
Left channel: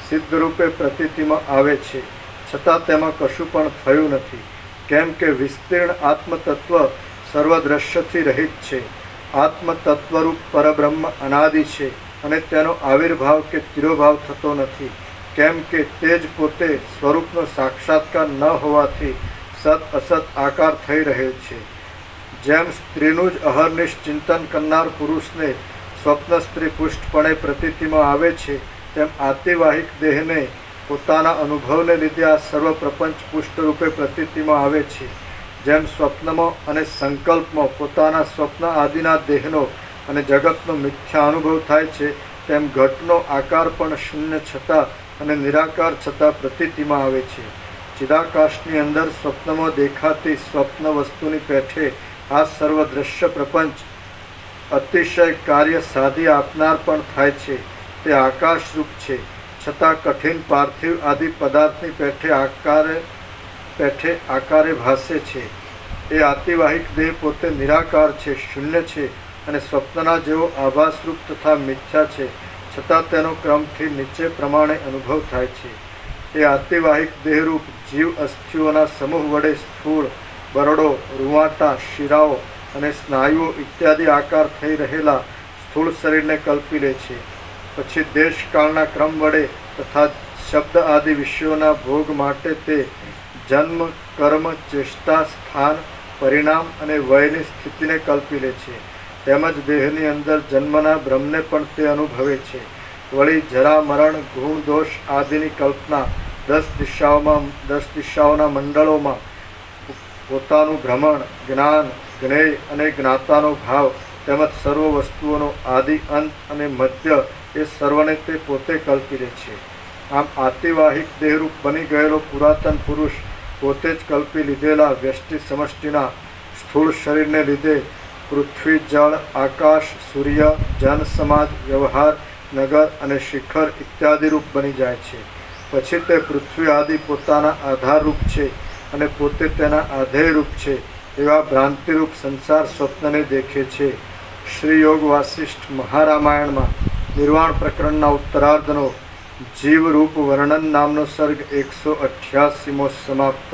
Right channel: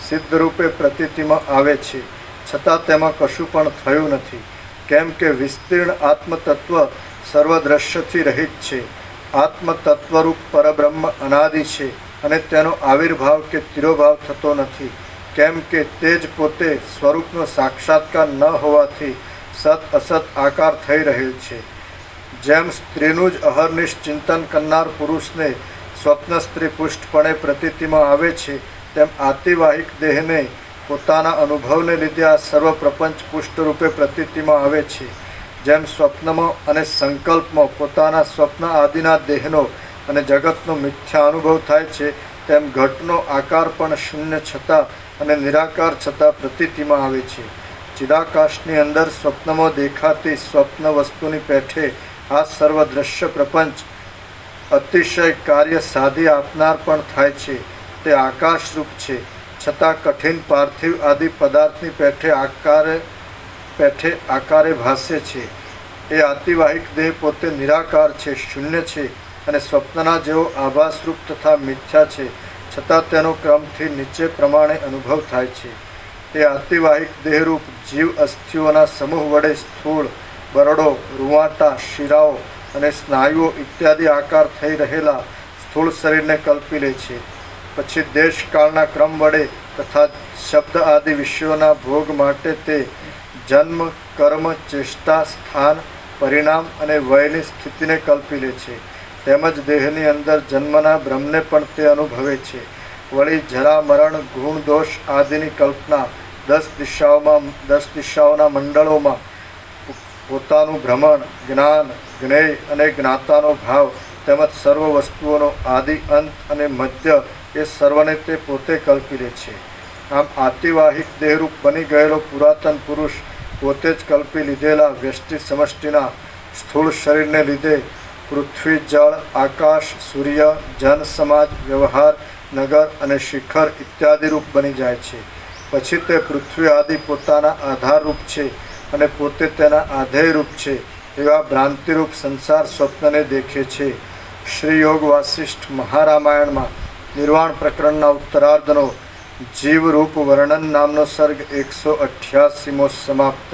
સિદ્ધરૂપે પ્રતીતિમાં આવે છે, છતાં તેમાં કશું પણ થયું નથી. કેમ કે વિસ્તીર્ણ આત્મતત્વ સર્વ દ્રશ્યથી રહિત છે. આત્મતત્વરૂપ પરબ્રહ્મ અનાદિ છે અને તેનો આવિર્ભાવ કે તિરોભાવ થતો નથી. કેમ કે તે જ પોતે સ્વરૂપનો સાક્ષાત્કાર ન હોવાથી સત અસત આકાર થઈ રહેલ છે. જેમ સ્ત્રીનું જ અહર્નિશ ચિંતન કરનાર પુરુષને સ્વપ્ન સ્ત્રી પુષ્ટપણે પ્રતીતિમાં આવે છે, તેમ આતિવાહિક દેહને પોતાના અનુભવને લીધે આ સર્વ પ્રપંચ પુષ્ટરૂપે પ્રતીતિમાં આવે છે. જેમ સ્વપ્નમાં અને સંકલ્પમાં પોતાના સ્વપ્ન આદિના દેહનો અને જગતનો મિથ્યા અનુભવ થાય છે, તેમ ઘટનો આકાર પણ શૂન્ય છતાં અને નિરાકાર છતાં પ્રતીતિમાં આવે છે. ચિદાકાશની અંદર સ્વપ્નમાં દેખાતી સ્વપ્ન વસ્તુની પેઠે આ સર્વ દ્રશ્ય પ્રપંચ અતિશય કાર્ય સાધી આપનાર પણ થાય છે. તે આકાશરૂપ છે, છતાં કઠિન પાર્થિવ આદિ પદાર્થની પેઠે આકારે ભાસે છે. એ આતિવાહિક દેહ પોતે નિરાકાર છે, શૂન્ય છે અને સ્વપ્નના જેવો આભાસરૂપ તથા મિથ્યા છે, છતાં તેનો ક્રમથી નીચે પ્રમાણે અનુભવ થાય છે. એ આતિવાહિક દેહરૂપ જીવ અસ્થિઓના સમૂહ વડે સ્થૂળ, બરડો, રૂંવાટા, શિરાઓ અને સ્નાયુઓ ઇત્યાદિ આકાર થઈ રહેલા સ્થૂળ શરીરને કલ્પી લે છે. પછી દેશકાળના ક્રમ વડે તથા શબ્દ આદિ વિષયોના ભોગ માટે તે જન્મ, કર્મ, ચેષ્ટા, સ્થાન, પરિણામ અને વયની સ્થિતિને કલ્પી લે છે. તેમજ દેહની અંદર જન્મના ભ્રમને પણ તે અનુભવે છે. વળી જરા, મરણ, ગુણ, દોષ આદિની કલ્પના 10 દિશાઓના મંડળોમાં પોતાનું ભ્રમણ, જ્ઞાન, જ્ઞેય અને જ્ઞાતાનો ભાવ તેમજ સર્વ વસ્તુઓનો આદિ, અંત અને મધ્ય એ સર્વને તે પોતે કલ્પી લે છે. આમ આતિવાહિક દેહરૂપ બની ગયેલો પુરાતન પુરુષ પોતે જ કલ્પી લીધેલા વ્યષ્ટિ સમષ્ટિના સ્થૂળ શરીરને લીધે પૃથ્વી, જળ, આકાશ, સૂર્ય, જન, સમાજ, વ્યવહાર, નગર અને શિખર ઇત્યાદિ રૂપ બની જાય છે. પછી તે પૃથ્વી આદિ પોતાના આધારરૂપ છે અને પોતે તેના આધેય રૂપ છે એવા ભ્રાંતિરૂપ સંસાર સ્વપ્નને દેખે છે. શ્રી યોગ વાસિષ્ઠ મહારામાયણમાં નિર્વાણ પ્રકરણના ઉત્તરાર્ધનો જીવરૂપ વર્ણન નામનો સર્ગ 188મો સમાપ્ત.